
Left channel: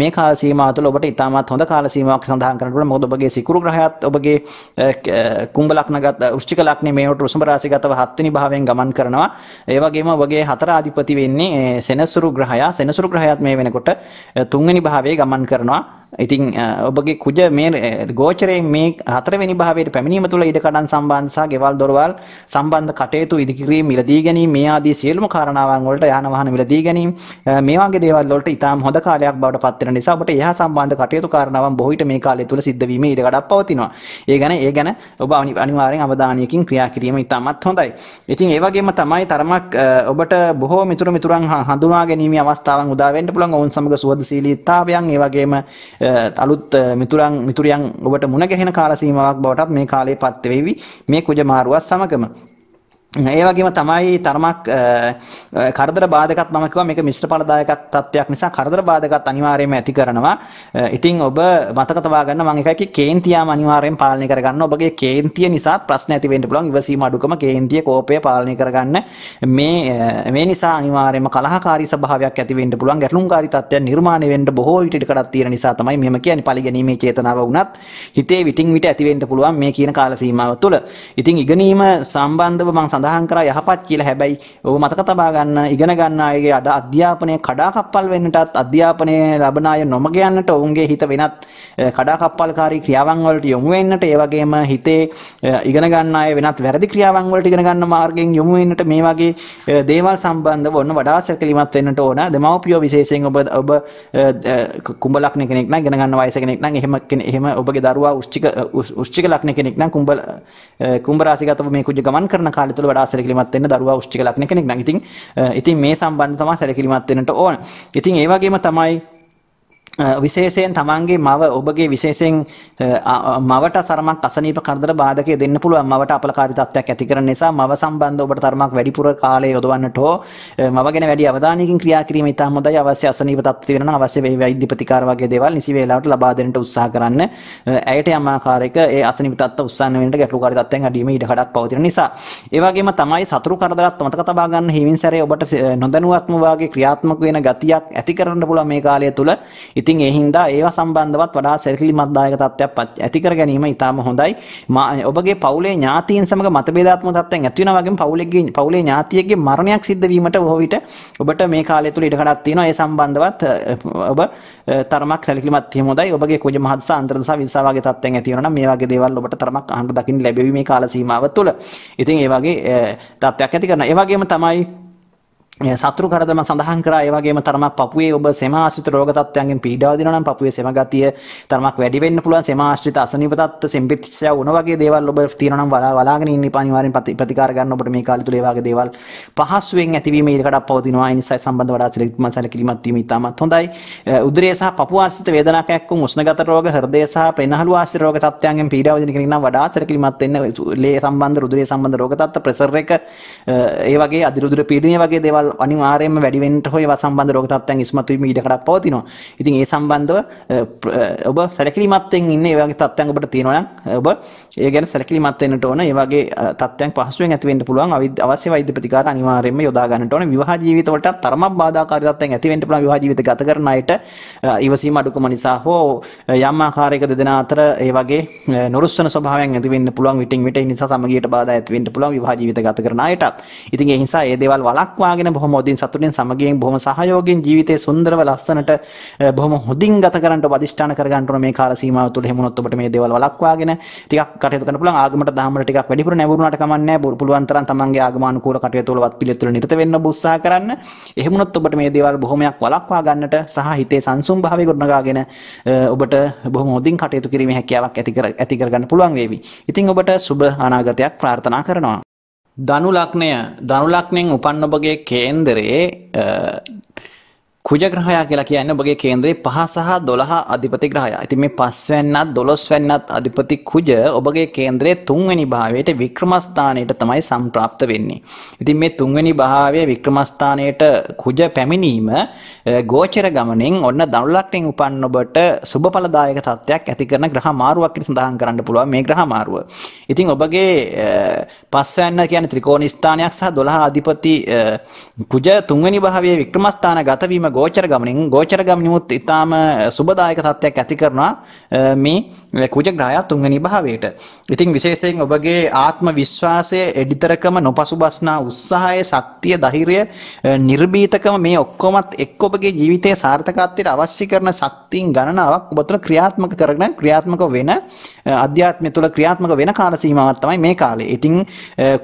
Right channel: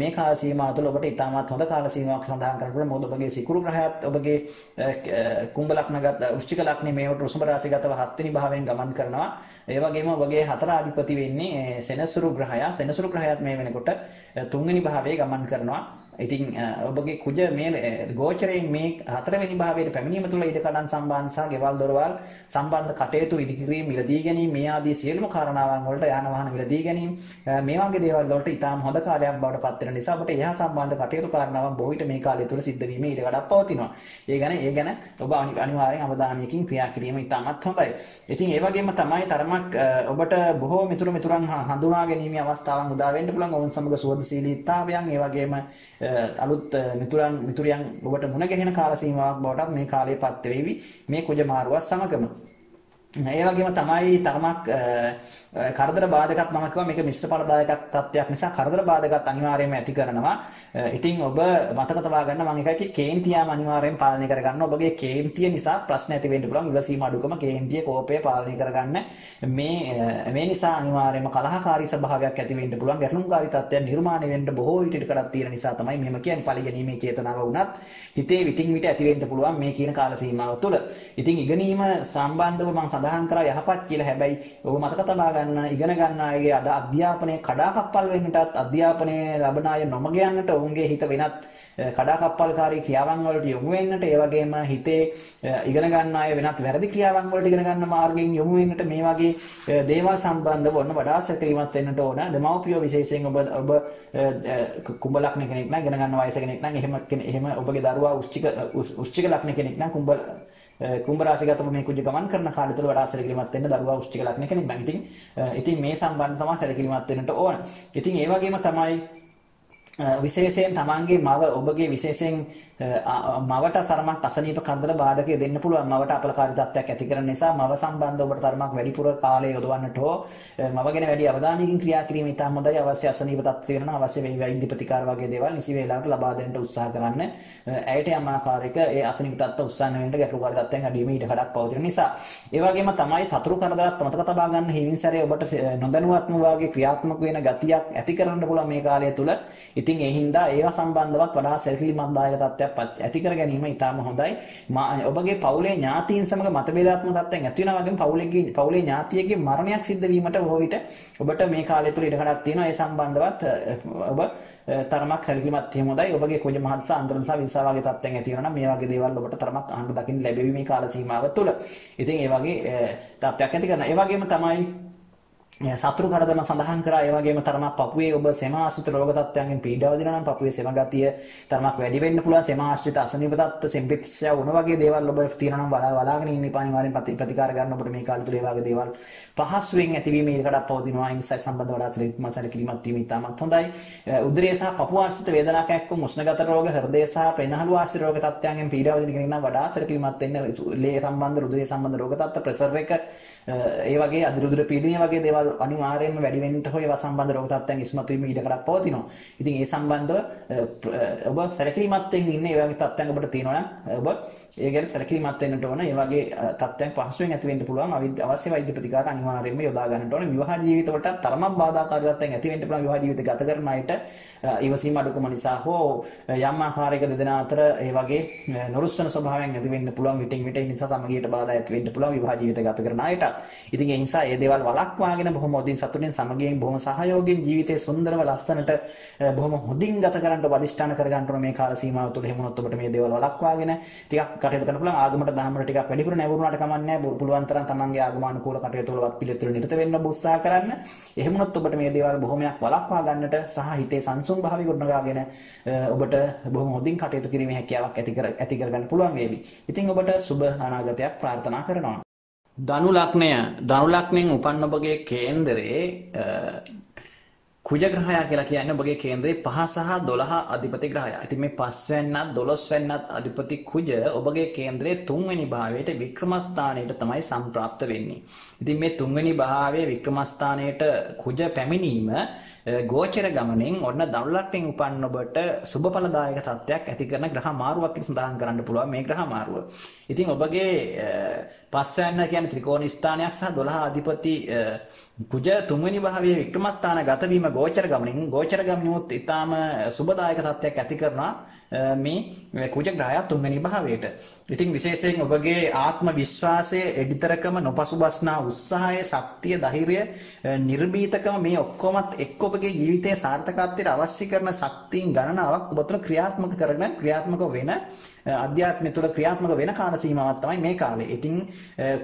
මේ කාල සීමාව තුළ ඔබට ඉතාමත් හොඳ කාල සීමාවක් සඳහන් කරන්න පුළුවන්. මොකද ඔබගේ සිකුරු ග්‍රහයත් ඔබගේ කුම්භ ලග්නගත වෘශ්චික ලග්නේ මේවට රුසුඹ රාශිගතව 7 වෙනි භාවයෙන් ගමන් කරනවා. ඒ වගේම ඔබගේ 4 අධිපති වෙන්නේ සෙනසුරු ග්‍රහයා. සෙනසුරු ග්‍රහයත් මේ වෙනකොට 3 වෙනි භාවයේ ගමන් කරනවා. ඉතින් ඔබගේ කුජ මේ ගෝචරයෙන් මේ 4 වෙනි භාවයට පැමිණීම තුළ ඉඩකඩම් සම්බන්ධ සහ ගෙවල් දොරවල් සම්බන්ධ කටයුතු ඉදිකිරීම මිලදී ගැනීම මේ ආදී සියලුම කාරණාවන් වලට යාන වාහන මිලදී ගැනීම මේ වගේ දේවල් වලට ඉතාම හොඳ කාලයක් බවට පත් වෙන නිසා ඔබට එහා සම්බන්ධ කටයුතු කාරණාවන් බොහෝ විට මේ කාලය තුළ සිද්ධ වීමේ ඉඩකඩක් පවතිනවා. ඒ ගැන ඔබ අනිවාර්යෙන් අවධානයකින් ක්‍රියා කිරීම ඉතාමත් හොඳයි. ඉතින් ඒ වගේම තමයි තරමක් ඔබට බොහෝ මිතුරන් හඳුනා ගැනීමේ අවස්ථාවන් උදා වෙන්න පුළුවන්. ඔවුන් සමග සුහදශීලීතාවයන් ඒ වගේම අලුත් මිතුරියන් ඔබට මුණ ගැහෙන කාල සීමාවක් බවටත් මේ කාලේ පත් වෙවි මේ කුජ මාරුවත් සමගම. ඒ වගේම තමයි තරමක් කරදර බාධකත් මම කිව්වා මේක මිශ්‍ර ඵලදායක තත්ත්වයක් නිසා කරදර බාධකත් අනිවාර්යයෙන්ම ඇති කරනවා. ඉතින් ඔබ මතක තබා ගන්න මම එකයි කේන්තියම අනිවාර්යෙන් පාලනය කරගන්න. ඔබගේ කේන්තිය නිසා ප්‍රශ්න ඇති වෙන්න පුළුවන්. ඉවසීම අඩුකම කේන්තිය කෝපය පාලනය කරගන්න. මේ නිසා අනිවාර්යයෙන්ම කලහකාරී ස්වභාවයක් ඇති වෙන්න පුළුවන්. ගැටලුම්කාරී තත්ත්වයන් නිර්මාණය වෙන්න බොහෝ විට ඉඩකඩක් තියෙන නිසා තමයි මෙහෙම කියන්නේ. පරිගැනීමේ චේතනාව වුණත් හිතේ විටින් විට ඇති වෙන්න පුළුවන් මේ කියන කාල සීමාව තුළ. ඉතින් ඉගෙනීම සම්බන්ධව මම සඳහන් කරා යහපත් කියලා. හැබැයි ඔබ මතක තබා ගන්න ඉගෙන ගන්න අයගේ අධ්‍යාපනයේ කඩාකප්පල් වෙන්නටත් අධ්‍යාපනයේ ලබන අය නොමග යන්නට ඔවුන්ගේ හිත වෙනත් කඩාකප්පල්කාරී ක්‍රියාවන් වලට යොමු වෙන්නට ඒ වගේම හිතේ ඉගෙන ගන්න අය වෙනත් වැරදි ක්‍රියාවන් වලට ඉගෙන ගන්න මාර්ගයෙන් යොමු වෙන්නට මේ වගේ දේවල් සම්බන්ධව ඔන්න වඩා සැලකිලිමත් වෙන්නට ඕන. දෙමව්පියෝ විශේෂයෙන් ඔබ කුම්භ ලග්න කෙනෙක් නම් ඉගෙන ගන්න වයස කෙනෙක් නම් එහෙම ඔබගේ දරුවා වෘශ්චික ලග්න කෙනෙක් නම් කුම්භ රාශිගතව මේ කුජ ගමන් කරන කාලය තුළ වඩා සැලකිලිමත් වෙන්න දරුවා වෘශ්චික ලග්න කෙනෙක් නම් ඉතින් මේ සම්බන්ධව තමයි සැලකිලිමත් වෙන්නට ඕන. ඉතින් ඒ වගේම තමයි විශේෂයෙන් තමන්ගේ මව ඔබගේ විශේෂයෙන් මවට තරමක් අසනීප කරදර බාධකයේ දෙන්න පුළුවන්. මවට අපලකාරී තත්ත්වයක් ඇති කරන නිසා මව සම්බන්ධව ඔබට තරමක් වැඩිපුර කාලය යොදවන්නට හෝ මව ගැන වැඩි අවධානයකින් ක්‍රියා කිරීම ඉතාම හොඳයි. අවශ්‍ය අසනීප තත්ත්ව වෙනවා අවශ්‍ය වෛද්‍ය ප්‍රතිකාර වගේ දේවල් නිසි වේලාවට ලබා දෙන්නට උත්සාහ කරන්න. ඇයට යම් ආකාරයක ඒ අසනීප තත්ත්ව උස්සන්න වෙනට ගැටලුකාරී තත්ත්වයන් අඩීමේ ඉඩකඩක් පවතින නිසා. ඒ වගේම තමයි සතුරු කරදරත් මතක තබා ගන්න හිමින් සැරේ ඔබට නොදැනුවත්ම වාගේ ක්‍රියාත්මක වෙන ගතියක් ඇති කරන්න පුළුවන් මේ කාලය තුල. ඉතින් ඒ හින්දා ඒවා සම්බන්ධවත් වඩා සැලකිලිමත්දායක තත්ත්වයක් ඇති කර ගැනීම ඉතාම හොඳයි. ඔබගේ පවුලේ ඥාතීන් සමග මතභේදාත්මක තත්ත්වයන් ඇති වෙනා වගේම පවුලේ ඥාතියෙක්ගේ මරණයක් සිද්ධ වීමට බොහෝ විට ඔබට මේ කාලය තුල ඉඩකඩක් තියෙනවා. ඒ සම්බන්ධවත් ඔබ තරමක් සැලකිලිමත් වීම හොඳයි. ඔබගේ කුජ මහත්ස අන්තරදස විසා වගේ තත්ත්වයන් ඇති වෙනවා නම් මේ වගේ දේවල් ඔබට තරමක් අහන්න දකින්න ලැබෙවි මේ කාල සීමාව තුළ. ඉතින් ඒ වගේ තත්ත්වයක් ඇති කරනවා. ඒ වගේම තමයි සතුරු කරදරම සඳහන් කරා. ඒ වගේම තරමක් පපුවේ ඔබ සෙම ආශ්‍රිත රෝග තත්ත්වයන්ගෙන් පීඩාව දිනවා නම් පපුවේ සෙම ගතිය තරමක් වැඩි වෙන්න පුළුවන්. සෙම ආශ්‍රිත අසනීප තත්ත්ව සෙම්පිත්‍යා වුණ වගේ දේවල් ඔබ තියෙනවා නම් වලාගෙන ඉන්න අනිවාර්යෙන් ප්‍රතිකාර ගන්න ඔබට මේ කාලය තුල ඒ වගේ දේවල් පහසුවෙන් ඇතිවීම ඉඩකඩක් පවතිනවා. ඒ නිසා සම්බන්ධ වඩා සැලකිලිමත් වීම ඉතාමත් හොඳයි. උදරය සහ පපුව ආශ්‍රිත වේදනාවක් එක්ක උෂ්ණගත රෝග හෘදය සහ ප්‍රෙනහළු ආශ්‍රිත රෝග තත්ත්වයන්ගෙන් පීඩාව විඳින කෙනෙක් නම් වඩා සැලකිලිමත් වෙන්න. ලේ සම්බන්ධ රුධිරය සම්බන්ධ රෝග තත්ත්ව ප්‍රෙෂර් එක ඒ වගේ අධිරුධිර පීඩනය වගේ දේවල් අනිවාර්යයෙන්ම වැඩි වෙන්න හෝ ඒවා සම්බන්ධ රෝග තත්ත්වයන් ඉස්මතු වීම ඉඩකඩක් පවතිනවා. ඉතින් ඒ සම්බන්ධව ඔබ සැලකිලිමත් වෙන්න ඉන්නේ ඒ වගේ තත්ත්වයන් ඔබට තියෙනවා නම් ඔබ ඒ ගැන සැලකිලිමත් වෙන්නට ඕන. ඒ වගේ තත්ත්වයන් පහසුවෙන් ඇති වෙන්න පුළුවන්. අවශ්‍ය වෛද්‍ය ප්‍රතිකාර අනිවාර්යයෙන්ම යොදා ගන්නට ඕන. විවාහ ජීවිත වලට තරමක් බාධාකාරී තත්ත්වයන් ඇති වෙන්න පුළුවන්. විවාහ ජීවිත ගත කරන අයට ඉවසීම අඩුකම නිසා හෝ යම් ආකාරයක දෙදෙනා අතර ඒ වගේ නොරුස්සන ස්වභාවයන් ඇති වෙන්න පුළුවන්. විටින් විට ඒ නිසා සමගියට බාධා ඇති වෙන්න පුළුවන් විවාහ ජීවිත ගත කරන අයටත්. ඉතින් ඒ නිසා මේ දේවල් වළක්වාගෙන බොහොම හොඳින් සතුටින් සමගියෙන් බොහොම සහයෝගයෙන් ජීවිතේ සුන්දරව ලස්සනට බොහොම හොඳින් ගත කරන්නට ඔබ අධිෂ්ඨාන කර ගන්න ඕන මේ කාල සීමාව තුළ. එහෙම වුණොත් ඔබට මේ දේවල් වළක්වාගෙන ටිකක් කටයුතු කරන්න පුළුවන්. ආගමට දහමට ටිකක් වැඩිපුර නැඹුරුනාට කමක් නැහැ. පුළුවන් තරම් තමන්ගේ ආගමානුකූල කටයුතු වලවත් පිළිතුරු නිරත වෙන්න ඔබ උත්සාහ කරන්න. එහෙම වුණොත් ඔබට මේ දේවල් බොහොමයක් වළක්වා ගන්නට සහ හිතේ සංසුන් භාවය ගොඩනගාගෙන ඔබට බොහොම හොඳින් කටයුතු කිරීමේ හැකියාවක් ඇති කර ගන්න පුළුවන් වේවි. ඉතින් ඔබට සුබ අනාගතයක් ප්‍රාර්ථනා කරනවා. ධනු ලග්නයෙන් උපන් ඔබගේ කේන්දරයේ කුජ ග්‍රහයා කියලා කියන්නේ ඔබගේ කේන්දරේ 5 සහ 12 අධිපති ග්‍රහයා. ඉතින් මේ 5 වෙනිත් 12 වෙනිත් අධිපති කුජ ඔබගේ කේන්දරයේ 3 වෙනි භාවයට වික්‍රම ස්ථානයට තමයි සම්ප්‍රාප්ත වෙන්නේ. ඉතින් මේ 3 වෙනි භාවයේ වික්‍රම ස්ථානයට කුජ පැමිණීම ගෝචර ගමනෙන් ඔන්න ධනු ලග්නයෙන් උපන් ඔබට සුබඵලදායක තත්ත්වයක් ඇති කරන ග්‍රහ මාරුවක් කියලා සඳහන් කරන්න පුළුවන් මේ ග්‍රහ මාරුව. ඉතින් ඔබගේ 5 වෙනිත් කියන්නේ ත්‍රිකෝණ ස්ථානයක් සහ 12 අධිපති කුජ 3 වෙනි භාවයේ වික්‍රම ස්ථාන ගත වීම ගෝචර ගමනිනුත් ඊටාම සුබදායක තත්ත්වයක් ඇති කරනවා මේ කුජ ග්‍රහය තුන්වෙනි භාවයට. ඉතින් විශේෂයෙන් ඔබගේ ආත්ම විශ්වාසය, එඩිතරකම, නොපසුබස්නා උත්සාහය, ශක්තිය, ධෛර්යය, නිර්භීතකම මේ ඔක්කොමත් එක්ක ඔබගේ ජීවිතයේ සාර්ථකත්වයට අවශ්‍ය කරන ශක්තියින් ගණනාවක් ඔබ තුළ ක්‍රියාත්මක කරගෙන ක්‍රියාත්මක වෙන අධ්‍යාත්මය තුළ ක්‍රියාත්මක වෙන කාල සීමාවක් තමයි මේ කාලේ. ඉතින්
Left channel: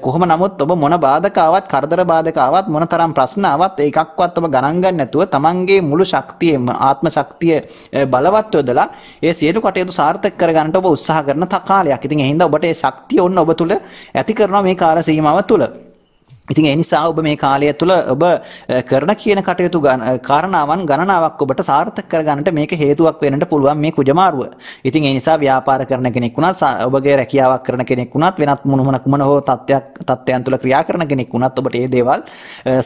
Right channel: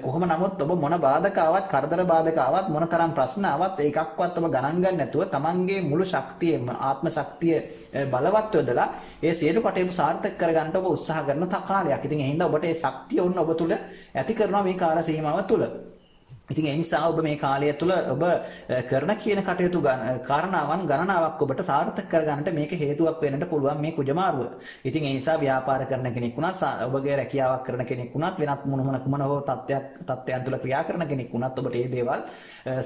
කොහොම නමුත් ඔබ මොන බාධක ආවත්, කරදර බාධක ආවත්, මොන තරම් ප්‍රශ්න ආවත් ඒකක්වත් ඔබ ගණන් ගන්න නැතුව තමන්ගේ මුළු ශක්තියම, ආත්ම ශක්තිය බලවත් යොදලා ඒ සියලු කටයුතු සාර්ථක කරගන්නට ඔබ උත්සාහ කරන කාලයක්. ඉතින් එහෙනම් ඔබට ඒ ශක්තිය ඔන්න ඔබ තුළ ඇති කරනවා මේ කාල සීමාව තුළ. ඉතින් ඒ නිසා ඔබ මේ කාලය තුළ ඔබ කරන කියන කටයුතු කාරණාවන් ගණනාවක් ඔබට සාර්ථක කරගන්නට මේක හේතුවක් වෙන්නට පුළුවන් මේ කුජමාරුව. ඉතින් ඒ නිසා ව්‍යාපාර කරන කෙනෙක් වුණත්, ඔබගේ රැකියාවක් කරන කෙනෙක් වුණත්, වෙනත් කුමන හෝ තත්ත්වයන් තුළ ක්‍රියා කරන කෙනෙක් වුණත් ඔබට මේ දේවල්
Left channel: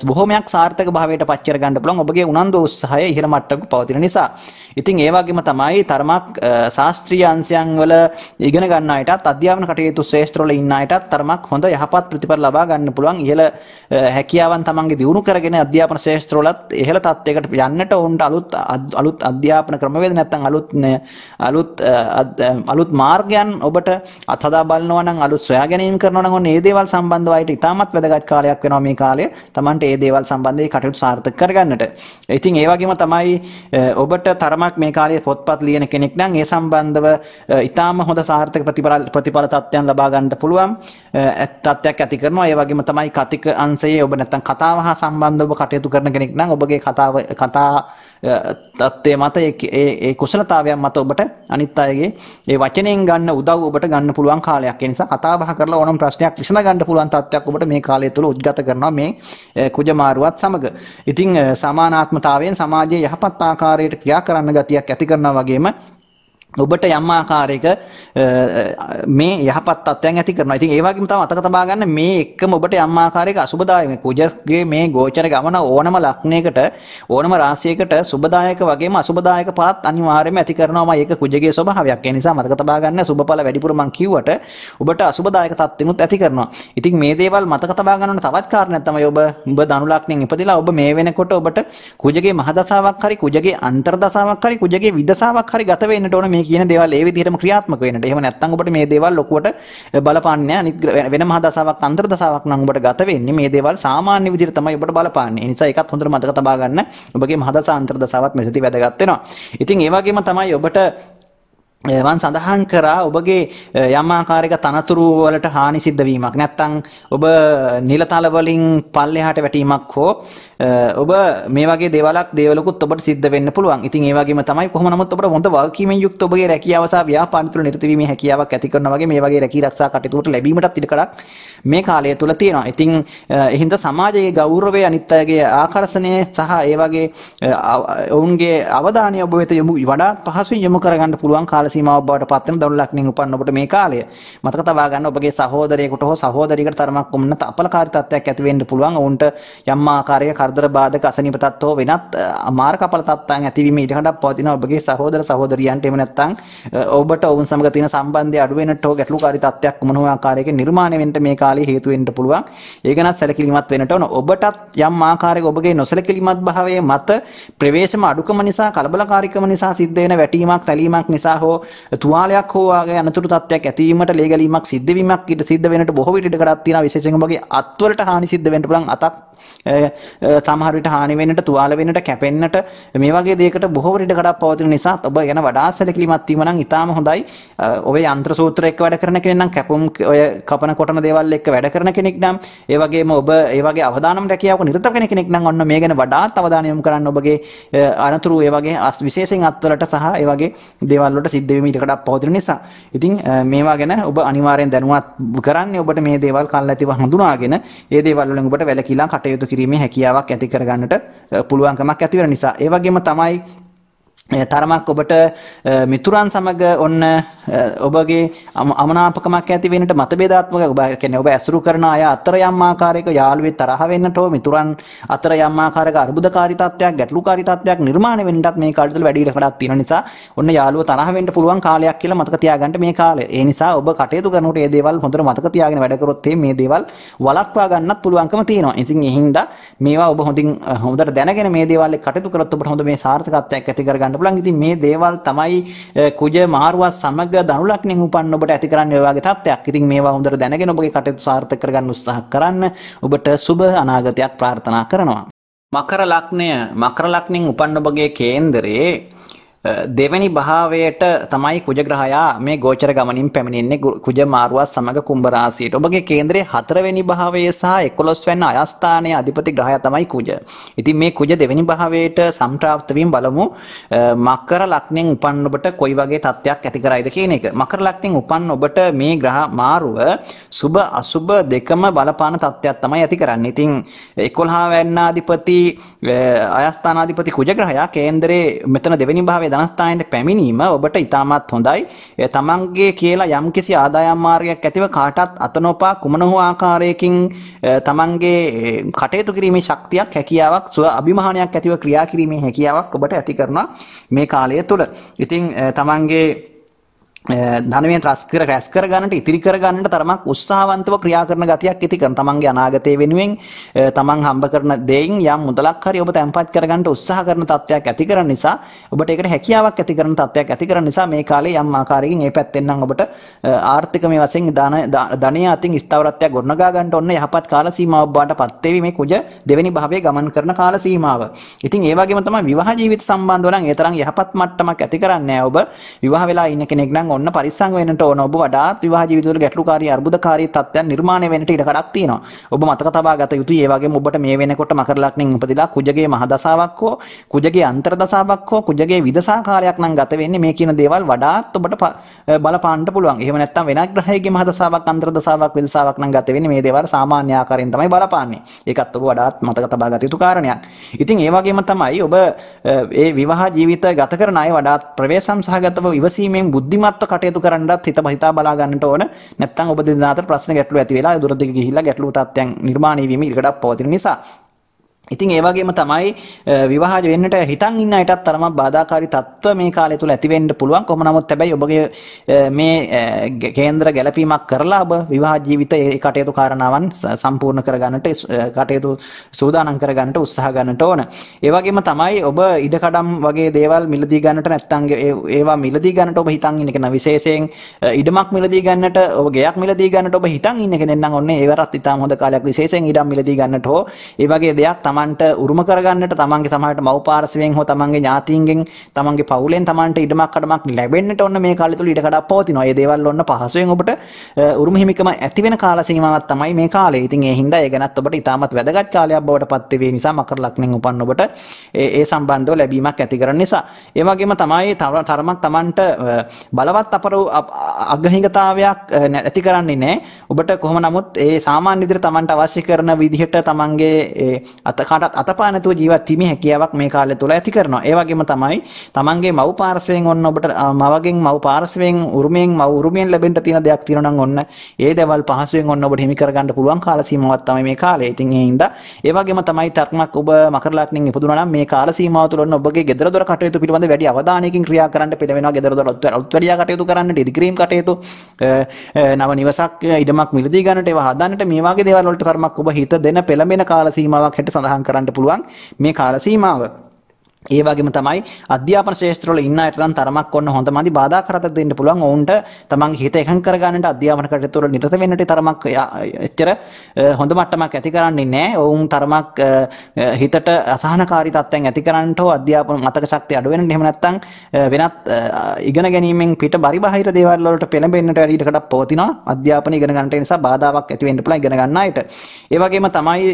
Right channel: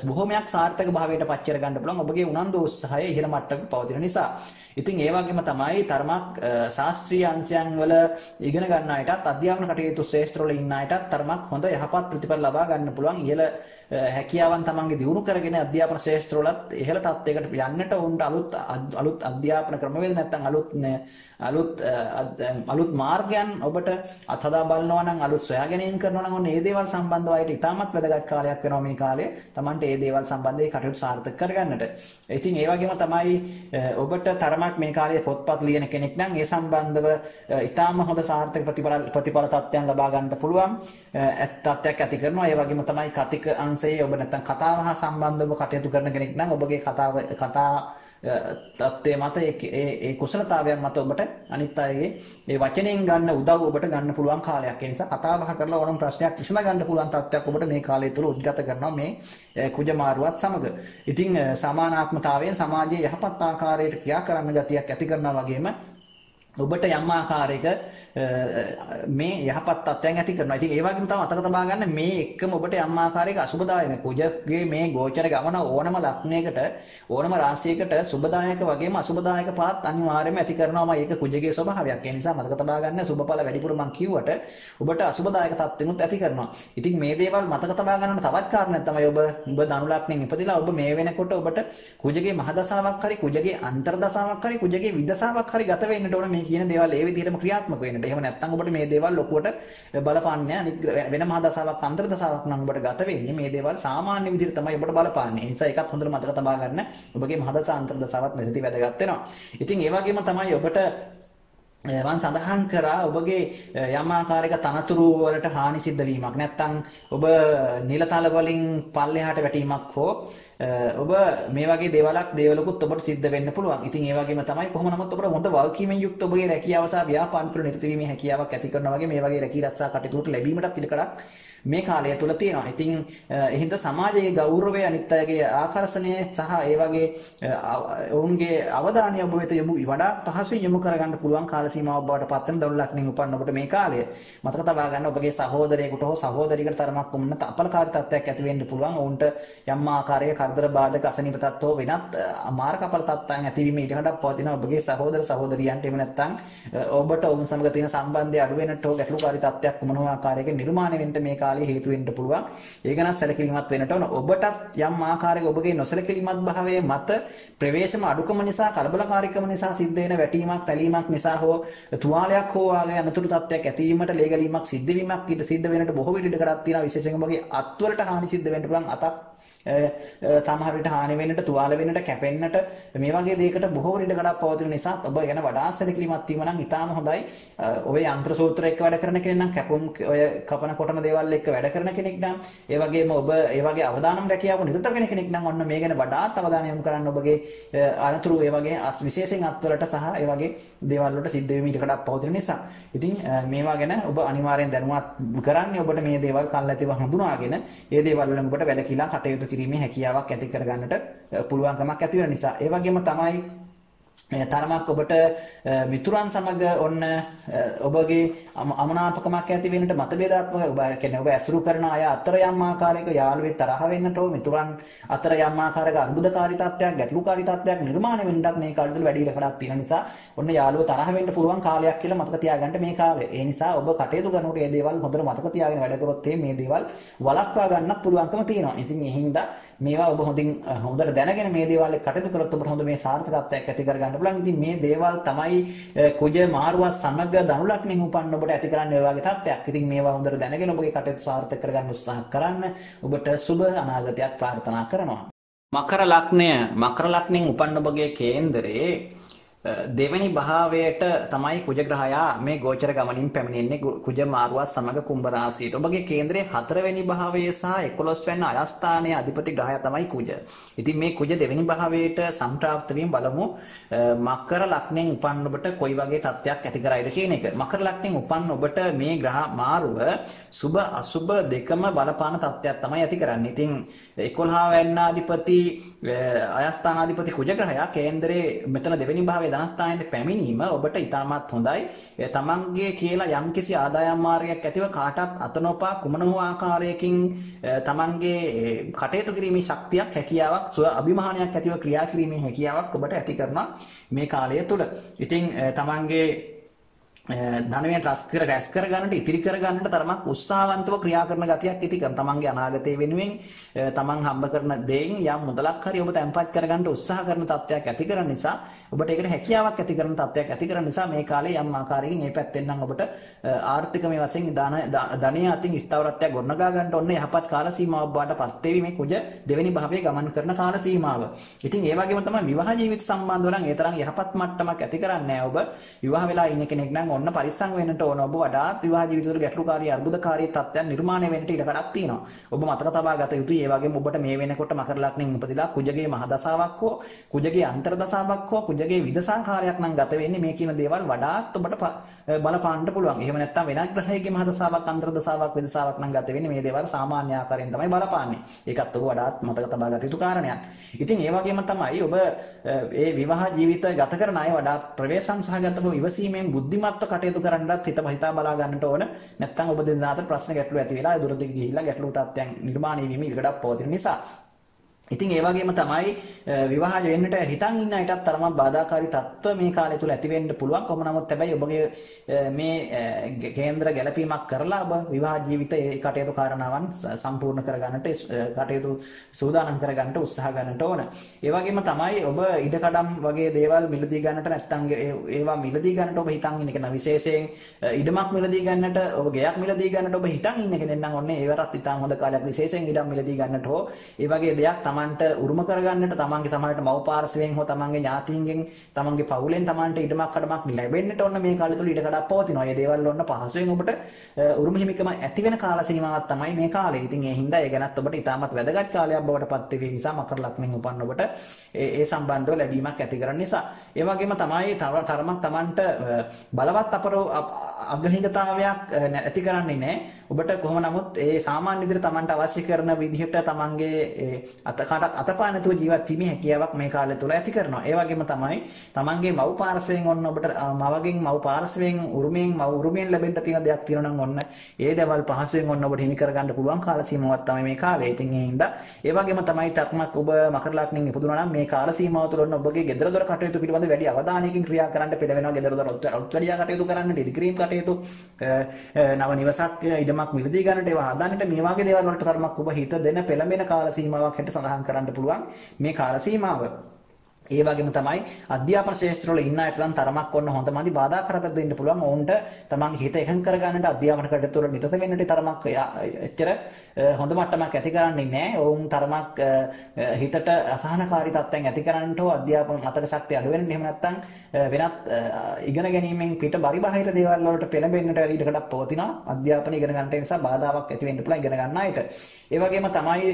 බොහොමයක් සාර්ථක භාවයට පත් කර ගන්න පුළුවන් ඔබගේ උනන්දු උත්සාහය ඉහළ මට්ටමක පවතින නිසා. ඉතින් ඒ වගේම තමයි තරමක් ශාස්ත්‍රීය අංශයන් වල ඉගෙන ගන්න අයටත්, අධ්‍යාපන කටයුතු ශ්‍රේෂ්ඨ වල ඉන්න අයටත් තරමක් හොඳ යහපත් ප්‍රතිඵල ලබා ගන්න පුළුවන්. ඉහළ හැකියාවන් තමන්ගේ දියුණු කරගෙන අධ්‍යාපන ශාස්ත්‍රවලත් ඉහළ තත්යකට යන්නට උන්ට අලුත් අධ්‍යාපන ක්‍රමවේද නැත්නම් අලුත් මාර්ගයන් ඔබට අත්හදා බලනවා නම්, අලුත් සොයා ගැනීම කරනවා නම් ඔන්න මේ දේවල් සම්බන්ධව අයට ඉතාමත් වැදගත් කාලයක් වෙනවා මේ කාලය. තමන්ට මේ දේවල් සම්බන්ධයෙන් කටයුතු සාර්ථක කරගන්නට. ඉතින් ඒ වගේම තමයි ඔබට තරමක් මේ කාලයේ පොත්පත් ලියන කෙනෙක් නම් ඒ සම්බන්ධව ඉතාම හොඳ සාර්ථක ප්‍රතිඵල තත්ත්වයන් ලබා ගන්නට පුළුවන් තත්ත්වයක් ඇති කරනවා. ඒ වගේම තමයි කතික අංශයේ ඔබ නැත්නම් කතාව හා සම්බන්ධව ඔබ කටයුතු කරන කෙනෙක් නම් ඔබගේ කතා තත්ත්වයේ මත ඒ කුසලතාවයන් මත ඔබට අනිත් අයගේ ඒ වචනෙන් ගන්න උදව් ඔබට ගන්න පුළුවන් කාලයක්. ඒ නිසා කතා බහ කරලා ඕනම ප්‍රශ්නයක් විසඳ ගන්න පුළුවන් තත්ත්වයක් ඔබට මේ කාලය තුළ උද්ගත කරනවා මේ කුජමාරුවත් සමග. ඉතින් සමානාත්මතාවයෙන් සමාජයේ යහපත් ආකාරයට ක්‍රියා කරන්න ගතියක් ඇති කරනවා වගේම ඔබට යම් ආකාරයක මේ යහපත් තත්ත්වයන් ඇති කරනවා. ඉතින් ඒ වගේම තමයි අතක තබා ගන්න මේ එක්කම ඔබට යම් ආකාරයක අසුබදායක කුජගේ මේ ගෝචර ගමන ඕනම ලක්ෂණයකට, ඕනම රාශියකට සුබදායක වගේම අසුබදායක පාත් අනිවාර්යයෙන්ම ඇති කරනවා. ඒක කුජගේ ස්වභාවයක්. ඒ නිසා මතක තබා ගන්න සුබඵල වැඩිපුර මං කිව්වට ඔබට අසුබදායක තත්ත්වෙනුත් ඇති කරනවා. ඉතින් මේ දේවල් මතක තබා ගන්න තවත් කාරණයක් තමයි ඔබ ධනු ලග්නෙන් ඉපදිලා ඔබ මේ වෙනකොට ඔබට කුජගේ මහදසාවක් හරි, කුජගේ අන්තර්දසාවක් හරි, කුජගේ විදසාවක් හරි ගත වෙන්නට ඕන මේ කියන දේවල් ඒ විදිහටම ක්‍රියාත්මක වෙන්නට. එහෙම නැත්නම් ඔබට මේ දේවල් ලොකුවට බලපාන්නේ නැහැ. වෙන මහදසාවක්, අන්තර්දසාවක් නම් ඔබට ගත වෙන්නේ. මේ දේවල් සාමාන්‍ය විදිහට තමයි ඔබට බලපාන්නේ. ඒ නිසා ඒකත් හොඳට මතක තබා ගන්න. ඔබගේ මහදසා අන්තර්දසාවත් මෙතනදී වැදගත් වෙනවා. ඉතින් ඒ වගේම තමයි ඔබට මම සඳහන් කරා ඔබගේ යම් ආකාරයක තනතුරු වලට හානි සිද්ධ වීමක් නැත්නම් ඔබ නිලතල වලින් පල්ලෙහාට වැටීමක් හෝ ඔබ මේ වගේ දේවලුකුත් ඔබට සිද්ධ වෙන්න පුළුවන්. ඉතින් ඒ වගේම තමයි කොහොම නමුත් ඔබට හොඳ වගකීමෙන් යුක්ත ඔබගේ රැකියාව සහ ව්‍යාපාර තුළ නිරත වීමේ හැකියාවක් ඇති කරනවා වගේ මේ වගේ රැකී ආරක්ෂා කටයුතු ලැබීමටත් ඉඩකඩක් මේ කාලය තුළ තියෙනවා. ඉතින් එහින්ද සමාජයේ ගෞරවය, අනිත් අයගේ ආකර්ෂණය සහ ඒ වගේ ඔවුන්ගේ අවධානය ඔබ වෙත වඩාත් පහසුවෙන් යොමු කරගන්න පුළුවන් කාල සීමාවක් බවට පත් වෙන ධනු ලග්නෙන් උපන්න ඔබට මේ කාලය. මතක තබා ගන්න ඔබගේ සහෝදරයෙකුට හෝ සහෝදරියකට තරමක් උන්නත අපලකාරී තත්ත්වයක් ඇති වෙන්න පුළුවන්. ඔවුන්ට යම් ආකාරයක කරදර බාධක අසනීප තත්ත්ව හෝ වෙනත් මාර්ගඵල තත්ත්වයන් ඇතිවීම ඉඩකඩක් පවතින ඔබගේ සහෝදර සහෝදරියන්ට. එහෙම නැත්නම් ඔබට ඔවුන් සමග තියෙන සම්බන්ධය අඩු වෙන්නට හෝ ගැටලුකාරී තත්ත්වයක් මොන හෝ ආකාරයක නිර්මාණය වෙන්න මේ කාලේ හේතු වෙන්න පුළුවන්. ඒක නම් සැලකිලිමත් වෙන්නට ඕන. ඔබටත් යම් ආකාරයක ඔබගේ නොසැලකිලිමත් භාවයේ මත ප්‍රවේශම අඩුකම නිසා, කලබලකාරීකම නිසා සිද්ධ වෙන වැටීමක්, තැලීමක් නිසා හෝ තුවාලයක් හෝ වගේ අනතුරු තත්ත්වයක් ඇතිවීමට, ලේගැලීමක් සිද්ධ වීමක් සිද්ධ වෙන්නට බොහෝ විට ඉඩකඩක් තියෙනවා. විශේෂයෙන් ඔබගේ අත්වලට හානි සිද්ධ වෙන්න පුළුවන්. අතක් සමහර විට හානි වෙන්නට, තුවාල වෙන්නට, කැපෙන්නට මේ වගේ දෙයකට බොහෝ විට ඉඩකඩක් පවතින නිසා ඔබ ගැන වඩා සැලකිලිමත් වීම නම් ඉතාම හොඳයි. ඔබ යන්ත්‍ර සූත්‍ර එක්ක වැඩ කරන කෙනෙක් නම්, කැපුම් ඔය කපන කොටන දේවල් එක්ක වැඩ කරන කෙනෙක් නම්, ඒ වගේම ඔබ ඒ වගේ අවදානම් රැකියාවක නිරත වෙන කෙනෙක් නම් ඔන්න මේ ගැන වඩාත් අවධානය යොමු කරන්න. ඔබගේ අනතුරු ඒ වගේ විශේෂයෙන් අත්වලට සහ ඒ වගේ දේවල් වලට සිද්ධ වෙමි ඉඩකඩක් පවතින නිසා. ඉතින් මේවා ගැන ඔබ අනිවාර්යෙන් දැනුවත් කරන්නේ. ඔබට මේ දේවල් කල්ැතිව හඳුනාගෙන ඒ දේවල් වලින් ඔබට වැළකීලා කටයුතු කිරීමේ හැකියාවක් ඇති කරගන්නට පුළුවන්කමක් ඇති වෙන නිසා. ඒ වගේම තමයි තරමක් ඔබට මිතුරන් සමග ඔන්න ඔබගේ අමනාපකමක් ඇති වෙන්නට මතභේදාත්මක ඔබ කියන්නේ ඔබ ඇසුරු කරන අය අතර යම් ආකාරයක යාළුවෙක් තරහ වෙන්නට හෝ මිතුරන් අතර යම් ආකාරයක අර්බුදකාරී තත්ත්වයක් ගැටලුකාරී තත්ත්වයක් නිර්මාණය වෙන්නටත් මේ කාලය තුළ වැඩි ඉඩකඩක් තියෙන නිසා ඔන්න යාළුවෝ තරහ වෙන්න පුළුවන් කාලයක් කියලා මතක තියාගන්න මේ කාලය. ඒ නිසා ඔබ කටයුතු කරනකොට මේ දේවල් හොඳට මතක තියාගෙන වැඩ කරොත් මේ දේවල් වළක්වා ගන්නත් පුළුවන්කම තියෙනවා. ඉතින් ඒ හින්දා මේවා ඔබ හොඳට දැනගෙන මේ දේවල් එක්ක කටයුතු කරොත් ඔබට හොඳ මේ සාර්ථකත්වයක් ඇති කරගන්න පුළුවන්. ඉතින් මේ දේවල් තමයි කුජ මාරුවත් සමග ධනු ලග්නෙන් උපන්න ඔබට ඇති කරන්න ඔය වගේ තත්ත්වයක්. ඉතින් මේවා හොඳට දැනගෙන ඔබගේ කටයුතු සාර්ථක කරගන්න උත්සාහ කරන්න. ඔබට සුබ අනාගතයක් ප්‍රාර්ථනා කරනවා. මකර ලග්නෙන් උපන්න ඔබගේ කේන්දරේ දෙවැනි භාවයට තමයි කුජ ග්‍රහයා මේ ගෝචර ගමනින් පැමිණෙන්නේ කුජ මාරුවත් සමග කුම්භ රාශියට. ඔබගේ කේන්දරයේ 4 වෙනි භාවයේ සහ 11 වෙනි අයස්ථානයේ අධිපති ග්‍රහයා තමයි කුජ. ඉතින් මේ කුජ දෙවැනි භාවයට සම්ප්‍රාප්ත වීම බලමු මකර ලග්නෙන් උපන් ඔබට කොයි වගේ තත්ත්වයක් ඇති කරයිද කියන එක. මකර ලග්නෙන් උපන් ඔබට මේ ග්‍රහ මාරුව සුබ අසුබ දෙකම බලපාන තත්ත්වයක් තමයි ඇති කරන්නේ. ඉතින් 11 වෙනි අධිපති අයස්ථානාධිපති කුජ ග්‍රහයා කේන්දරයේ මෙතන දෙවැනි භාවයේ ධනස්ථානයට පැමිණීම ඔබට ඉතාමත් හොඳයි. තමන්ගේ කියලා යම්කිසි ආදායම් මාර්ගයක් ඇතිව කාටත් අත නොපා කුමන හෝ ආකාරයකින් තමන්ගේ කටයුතු කිරීමේ ශක්තියක් හැකියාවක් ස්ව අභිමානයක් ඇතිව ක්‍රියා කිරීමේ හැකියාවක් ඔබට ඇති කරනවා මේ කාලය තුළ. ඉතින් තමන්ගේ ධනයෙන් රැස් කර ගන්නට ඉතිරි කර ගන්නට තරමක් උත්සාහවන්තව ක්‍රියා කරන ගතියක් ඇති කරන තමන්ගේ අනාගතය වෙනුවෙන් තමන් හම්බ කරන දෙයින් යම් මුදලක් හරි ඔබ තැන්පත් කර ගන්නට උත්සාහ කරන තත්ත්වයක් ඇති කරන නිසා ඔබට ඒකට හැකියාවක් ඇති කරන තත්ත්වයක් ඇති කරන නිසා මේ කාලේ යම් ආකාරයකින් මේ පැත්තෙන් නම් ඔබට ආර්ථික මේ වශයෙන් ධනය අතින් ස්ථාවරත්වයක් ගොඩනගා ගන්නට ඔන්න යහපත් කාල සීමාවක් බාටපත් වෙවි මේ කුජ දෙවෙනි භාවයේ ගමන් කරන කාල සීමාව. ඉතින් ඒ වගේම තමයි විවාහ ජීවිත සම්බන්ධව නම් ඒ තරම් යහපත් මට්ටමක් ඇති කරන්නේ නැහැ. ඔබ විවාහ වෙලා ඉන්න කෙනෙක් නම් ඔන්න පරිස්සම් වෙන්නට ඕන. ඔබ වඩාත් විවාහ ජීවිතවල ගැටලුකාරී අර්බුදකාරී තත්ත්වයන් නිර්මාණය වෙන්නට ඉඩ කඩක් තියෙනවා. ඔබ මතක තබා ගත යුතුයි. ඒ වගේම ඔබට මේ වෙනකොට මකර ලග්නෙන් උපදිලා කුජගේ මහ දසාවක් හෝ කුජගේ අන්තර දසාවක් හෝ කුජගේ විදසා කාලයක් නම් ගත වෙන්නේ මේ කියන දේවල් වඩාත් ඔබට බලපාන්න පුළුවන්. එහෙම නැත්නම් වෙනත් ග්‍රහයේගේ මහ දසාවක් අන්තර දසාවක් විදසාවක් නම් ගත වෙන්නේ මේ දේවල් සාමාන්‍ය ආකාරයෙන් තමයි බලපාන්නේ. ඒකත් ඔබ වඩාත් මතක තබා ගත යුතු කාරණයක්. ඉතින් ඒ වගේම තමයි ඔබ ඒ විවාහ ජීවිත ගත කරන අය වඩාත් ප්‍රවේශම් සහගතව ඉවසීමෙන් බුද්ධිමත්ව කටයුතු කරන්නත් හිතා බලා ගන්නට ඕන. නැත්නම් ඔබ දෙදෙනා අතර ප්‍රශ්න ගැටලු ඇති වෙලා දුරදිග ගිහිල්ලා ගැටලු තත්ත්වයන් නිර්මාණය වීම ඉඩකඩක් පවතින නිසා. ඉතින් ඒ වගේම තමයි විවාහ වෙන්නට හිතන් ඉන්න අයටත් තරමක් බාධාකාරී තත්ත්ව මේ කාලය තුල ඇති වෙන්න පුළුවන්. කොහොම නමුත් හැබැයි ඔබගේ මේ කේන්ද්‍ර ගැලපීමක් කරලා ඔබ විවාහ ජීවිතයේ කටයුතු කාරණාවන් සම්පූර්ණ කරගන්නට කටයුතු සූදානම් කරගන්නට උත්සාහ ගන්නට ඕන. ඒ වගේම තමයි ඔබ ඉඩකඩම් වගේ දේවල් මිලදී ගන්නට නැත්නම් ඒවා මිලදී ගන්නට ඔබ හිතන් ඉන්න කෙනා විශේෂයෙන් ඉඩමක් මිලදී ගන්නට ඔබ ගෙයක් මිලදී ගන්නට ඔබ හිතන් ඉන්න කෙනෙක් නම් ඔන්න ඒවරත් ඉතාම හොඳ කාලයක් විශේෂයෙන් ඉඩම් මිලදී ගන්නට හෝ ඒ වගේ දෙයක් තමන්ට උරුම කරගන්නට තමන්ගේ සමහරට මව් පාර්ශවයෙන් හෝ තමන්ගේ ඥාතීන්ගෙන් තමන්ගේ පවුලෙන් තමන්ට ඉඩමක් කඩමක් ලැබෙන්නට ඔන්න මේ කාලය තුල ඉඩ කඩක් පවතිනවා. ඒ දේවල් ඔන්න පහසුවෙන් ඔබට උරුම හිමිකම ඇති වෙන කාල සීමාවක් තමයි මේ කාලය. ඉතින් ඒ හින්දා ඒ ගැනත් ඔබට ඉතාමත් වැදගත් කාලයක් බවට පත් වෙවි නිසා මකර ලග්නෙන් උපන්න ඔබට ඒ සම්බන්ධව ලැබීමක් ඇති කරන නිසා. ඒ වගේම තමයි තරමක් තමන්ට බලවත් අගහිඟතාවයක් ඇති කරන්නේ නැහැ. ඔබට කොහොම නමුත් ඒ සාමාන්‍ය විදිහට තමන්ට අවශ්‍ය කරන විදිහට තමන්ගේ කාටත් අතපා නැතුව ජීවත් වීමේ හැකියාවක් මේ කාලය තුල ඇති කරනවා. ඒ වගේම තමයි තමන්ගේ මව් පාර්ශවයෙන් ඔන්න ඔබට මවගෙන් මව් පාර්ශවයෙන් උරුමයෙන් ලැබෙන්න තියෙන දෙයක් තියෙනවා නම් ඔන්න ඒ දේවල් පහසුවෙන් ඔන්න ඔබට හිමි කරගන්න පුළුවන් කාල සීමාවක් තමයි මේ කාලය. ඉතින් ඒ හින්දා ඒ වගේම තමයි තරමක් ඔබ මකර ලග්නෙන් ඉපදුනා නම් මේ කාල සීමාව තුළ ඔන්න ඔබගේ ගෙදර දොර කටයුතු පිළිබඳ වැඩි අවධානයකින් ක්‍රියා කරන්න පෙළවෙනවා. ගෙදර දොර අලුත් වැඩියා කටයුතු කරන්නට ඉදිකිරීම කටයුතු නව නිවසක් ඉඩමක් මිලදී ගන්නට ඒවා හදන්නට මේ වගේ දේවල් වලට තරමක් ඔබ හිත දෙන පෙළඹෙන කාල සීමාවක් හැට සඳහන් කරන්න පුළුවන් මේ කාල සීමාව. ඒ වගේම තමයි අධ්‍යාපන ශාස්ත්‍රවල ඉන්න අයට නම් තරමක් ඔන්න හොඳමදි බාධා කරත දෙන්න පුළුවන්. ඔවුන්ට තමන්ගේ හිත එකඟ කරගන්නට අධ්‍යාපන කටයුතු වල නිරත වෙන්නට තරමක් එච්චර හොඳ මට්ටමක් ඇති කරන්නේ නැහැ. ඔවුන් තරමක් හිතට අසහනකාරී තත්ත්වයන් ඇති කරන්නට හෝ අධ්‍යාපන මතක ශක්තිය අඩු වෙනට එහෙම නැත්නම් වෙනත් ඉගෙන ගැනීමෙන් පිට පරිබාහිර දේවල් වලට පෙළඹෙන්නට වැඩි ඉඩකඩක් පවතිනවා. අධ්‍යාපන ඉගෙන ගන්නට නිසා බාධාවක් ඇති වෙන්න පුළුවන් ඉගෙන ගන්න අයට. ඒ වගේම තමයි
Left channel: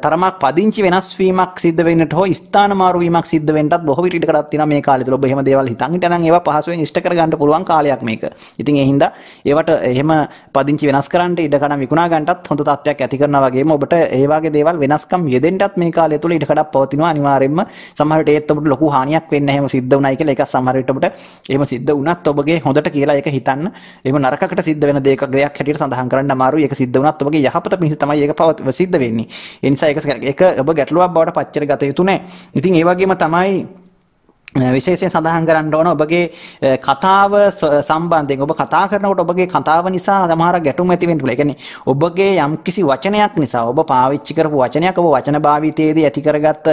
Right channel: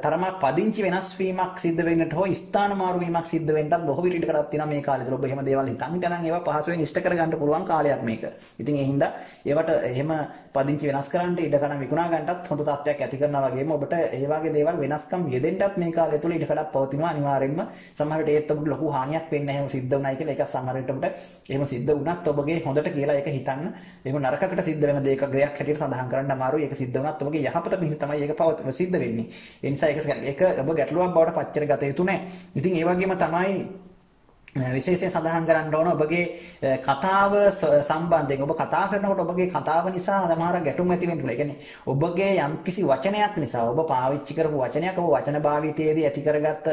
තරමක් පදිංචි වෙනස් වීමක් සිද්ධ වෙන්නට හෝ ස්ථාන මාරු වීමක් සිද්ධ වෙන්නත් බොහෝ විට ඉඩකඩක් තියෙනවා මේ කාලය තුල. ඔබ එහෙම දේවල් හිතන් හිටනම් ඒවා පහසුවෙන් ඉෂ්ට කරගන්න පුළුවන් කාලයක් මේක. ඉතින් ඒ හින්දා ඒවට එහෙම පදිංචි වෙනස් කරන්න ඉඩකඩම් විකුණා ගන්නටත් හොඳ තත්ත්වයක් ඇති කරනවා වගේම ඔබට ඒ වගේ දේවල් වෙනස්කම් යෙදෙන්නත් මේ කාලය තුල ඉඩකඩක් පවතිනවා අනිවාර්යයෙන්ම. සමහර විට ඒත් ඔබට ලොකු හානියක් වෙන්නේ එහෙම සිද්ධ වුණයි කියලා. ඒක සමහර විට ඔබට එහෙම සිද්ධ වුණත් ඔබගේ හොඳට කියලා ඒක හිතන්න. එහෙම නරකකට සිද්ධ වෙන දෙයක් හැටියට සඳහන් කරන්න අමාරුයි. ඒක සිද්ධ වුණත් ඔබගේ යහපත පිණිස තමයි ඒක සිද්ධ වෙන්නේ. ඒ නිසා ඒක ඔබ ගැටලුවක් බවට පච්චර ගත යුතු නැහැ. ඉතින් ඒ වගේම තමයි විශේෂයෙන් සඳහන් කරන්න ඕන ඔබගේ කතාව සම්බන්ධයෙන් ඔබ කතා කරනකොට ඔබගේ කතාව නිසා සමහර ගැටුම් ඇති වෙන්න පුළුවන්. ඒ කියන්නේ ඔබගේ යම්කිසි වචනයක් නිසා ඔබ පාවිච්චි කරපු වචනයක් ඔබ වචන භාවිතයේදී ඇති කරගත්ත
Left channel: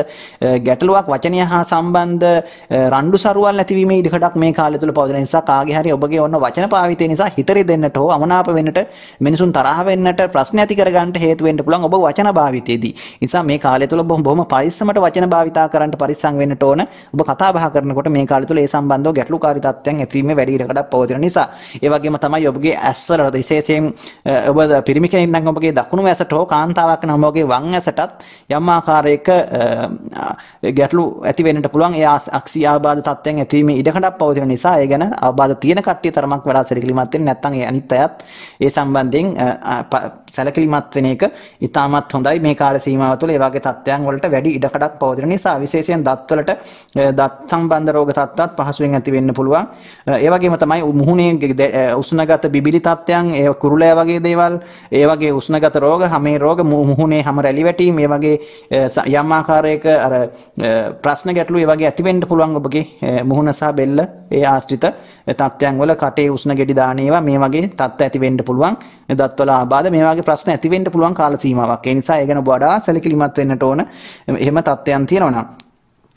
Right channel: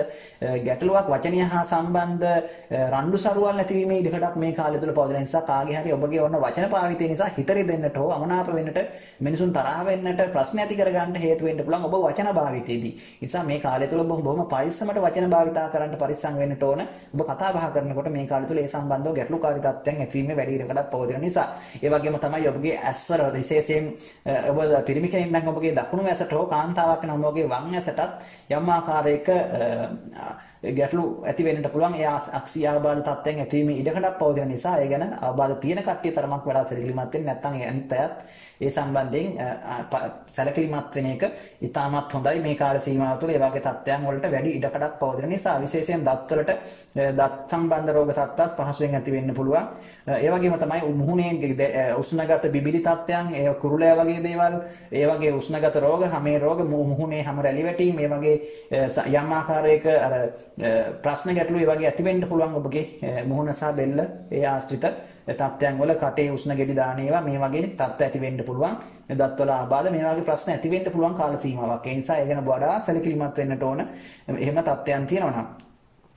ගැටලුවක් වචනය හා සම්බන්ධ රණ්ඩු සරුවල් ඇතිවීමේ ඉඩකඩක් මේ කාලය තුල පවතින නිසා කාගේ හරි ඔබගේ ඔන්න වචන භාවිතය නිසා හිතරි දෙන්නට හෝ අමනාප වෙන්නට මිනිසුන් තරහ වෙන්නට ප්‍රශ්න ඇති කරගන්නට හේතු වෙන්න පුළුවන් ඔබ වචන භාවිතයේදී. නිසා මේ කාලය තුල බොහොම පරිස්සමට වචන භාවිතා කරන්න පරිස්සම් වෙන්නට ඕන. ඔබ කතා බහ කරනකොට මේ කාලය තුල ඒ සම්බන්ධව ගැටලුකාරී තත්ත්වයන් ඇතිවීමේ වැඩි ඉඩකඩක් පවතින නිසා. ඒ වගේම තමයි ඔබගේ ඇස්වල විශේෂයෙන් ඔබ පිරිමි කෙනෙක් නම් ඔබගේ දකුණු ඇසට හෝ කාන්තාවක් නම් ඔබගේ වම් ඇසටත් යම් ආකාරයක ගැටලු ඇති වෙන්නට පුළුවන්. ඒ අක්ෂි ආබාධ තත්ත්වයන් ඇතිවීමේ ඉඩකඩක් පවතින නිසා ඒ ගැන ආබාධ තියෙන කට්ටිය තරමක් වඩා සැලකිලිමත් වෙන්න නැත්නම් ඒ අනිත් අයත් ඒ සම්බන්ධයෙන් සැලකිලිමත් වෙන එක ඉතාමත් හොඳයි. මේ කාල සීමාව තුළ ඒ වගේ තත්ත්වයන් වලට වැඩි ඉඩකඩක් පවතින නිසා විශේෂයෙන් දත්වලට දත් සම්බන්ධ රෝග තත්ත්වත් පහසුවෙන් ඇති වෙන්න පුළුවන්. ඒ වගේම තමයි මුහුණේ උෂ්ණගත බිබිලි තත්ත්වයන්, ඒ කුරුලෑ වගේ දේවල්, ඒ වගේ උෂ්ණගත රෝග, හැමේ රෝග, මුහුණේ හැම රැලි වැටීම්, ඒ වගේ යම් ආකාරයක අර ප්‍රශ්න ගැටලු ඒ වගේ ඇති වෙන්න පුළුවන් ඔබගේ මුහුණ සහ බෙල්ල ඒ ආශ්‍රිත තත්ත්වයන් වල කටේ උෂ්ණ ගෙඩි දාන ඒවා මේ වගේ තත්ත්ව ඇති වෙන්න පුළුවන්. දත්වල ආබාධ මේ වගේ ප්‍රශ්න ඇති වෙන්න පුළුවන් කාල සීමාවක්. ඒ නිසා ඒ ගැන වඩා සැලකිලිමත් වෙන්නට ඕන. එහෙම තත්ත්වයන් තියෙනවා නම්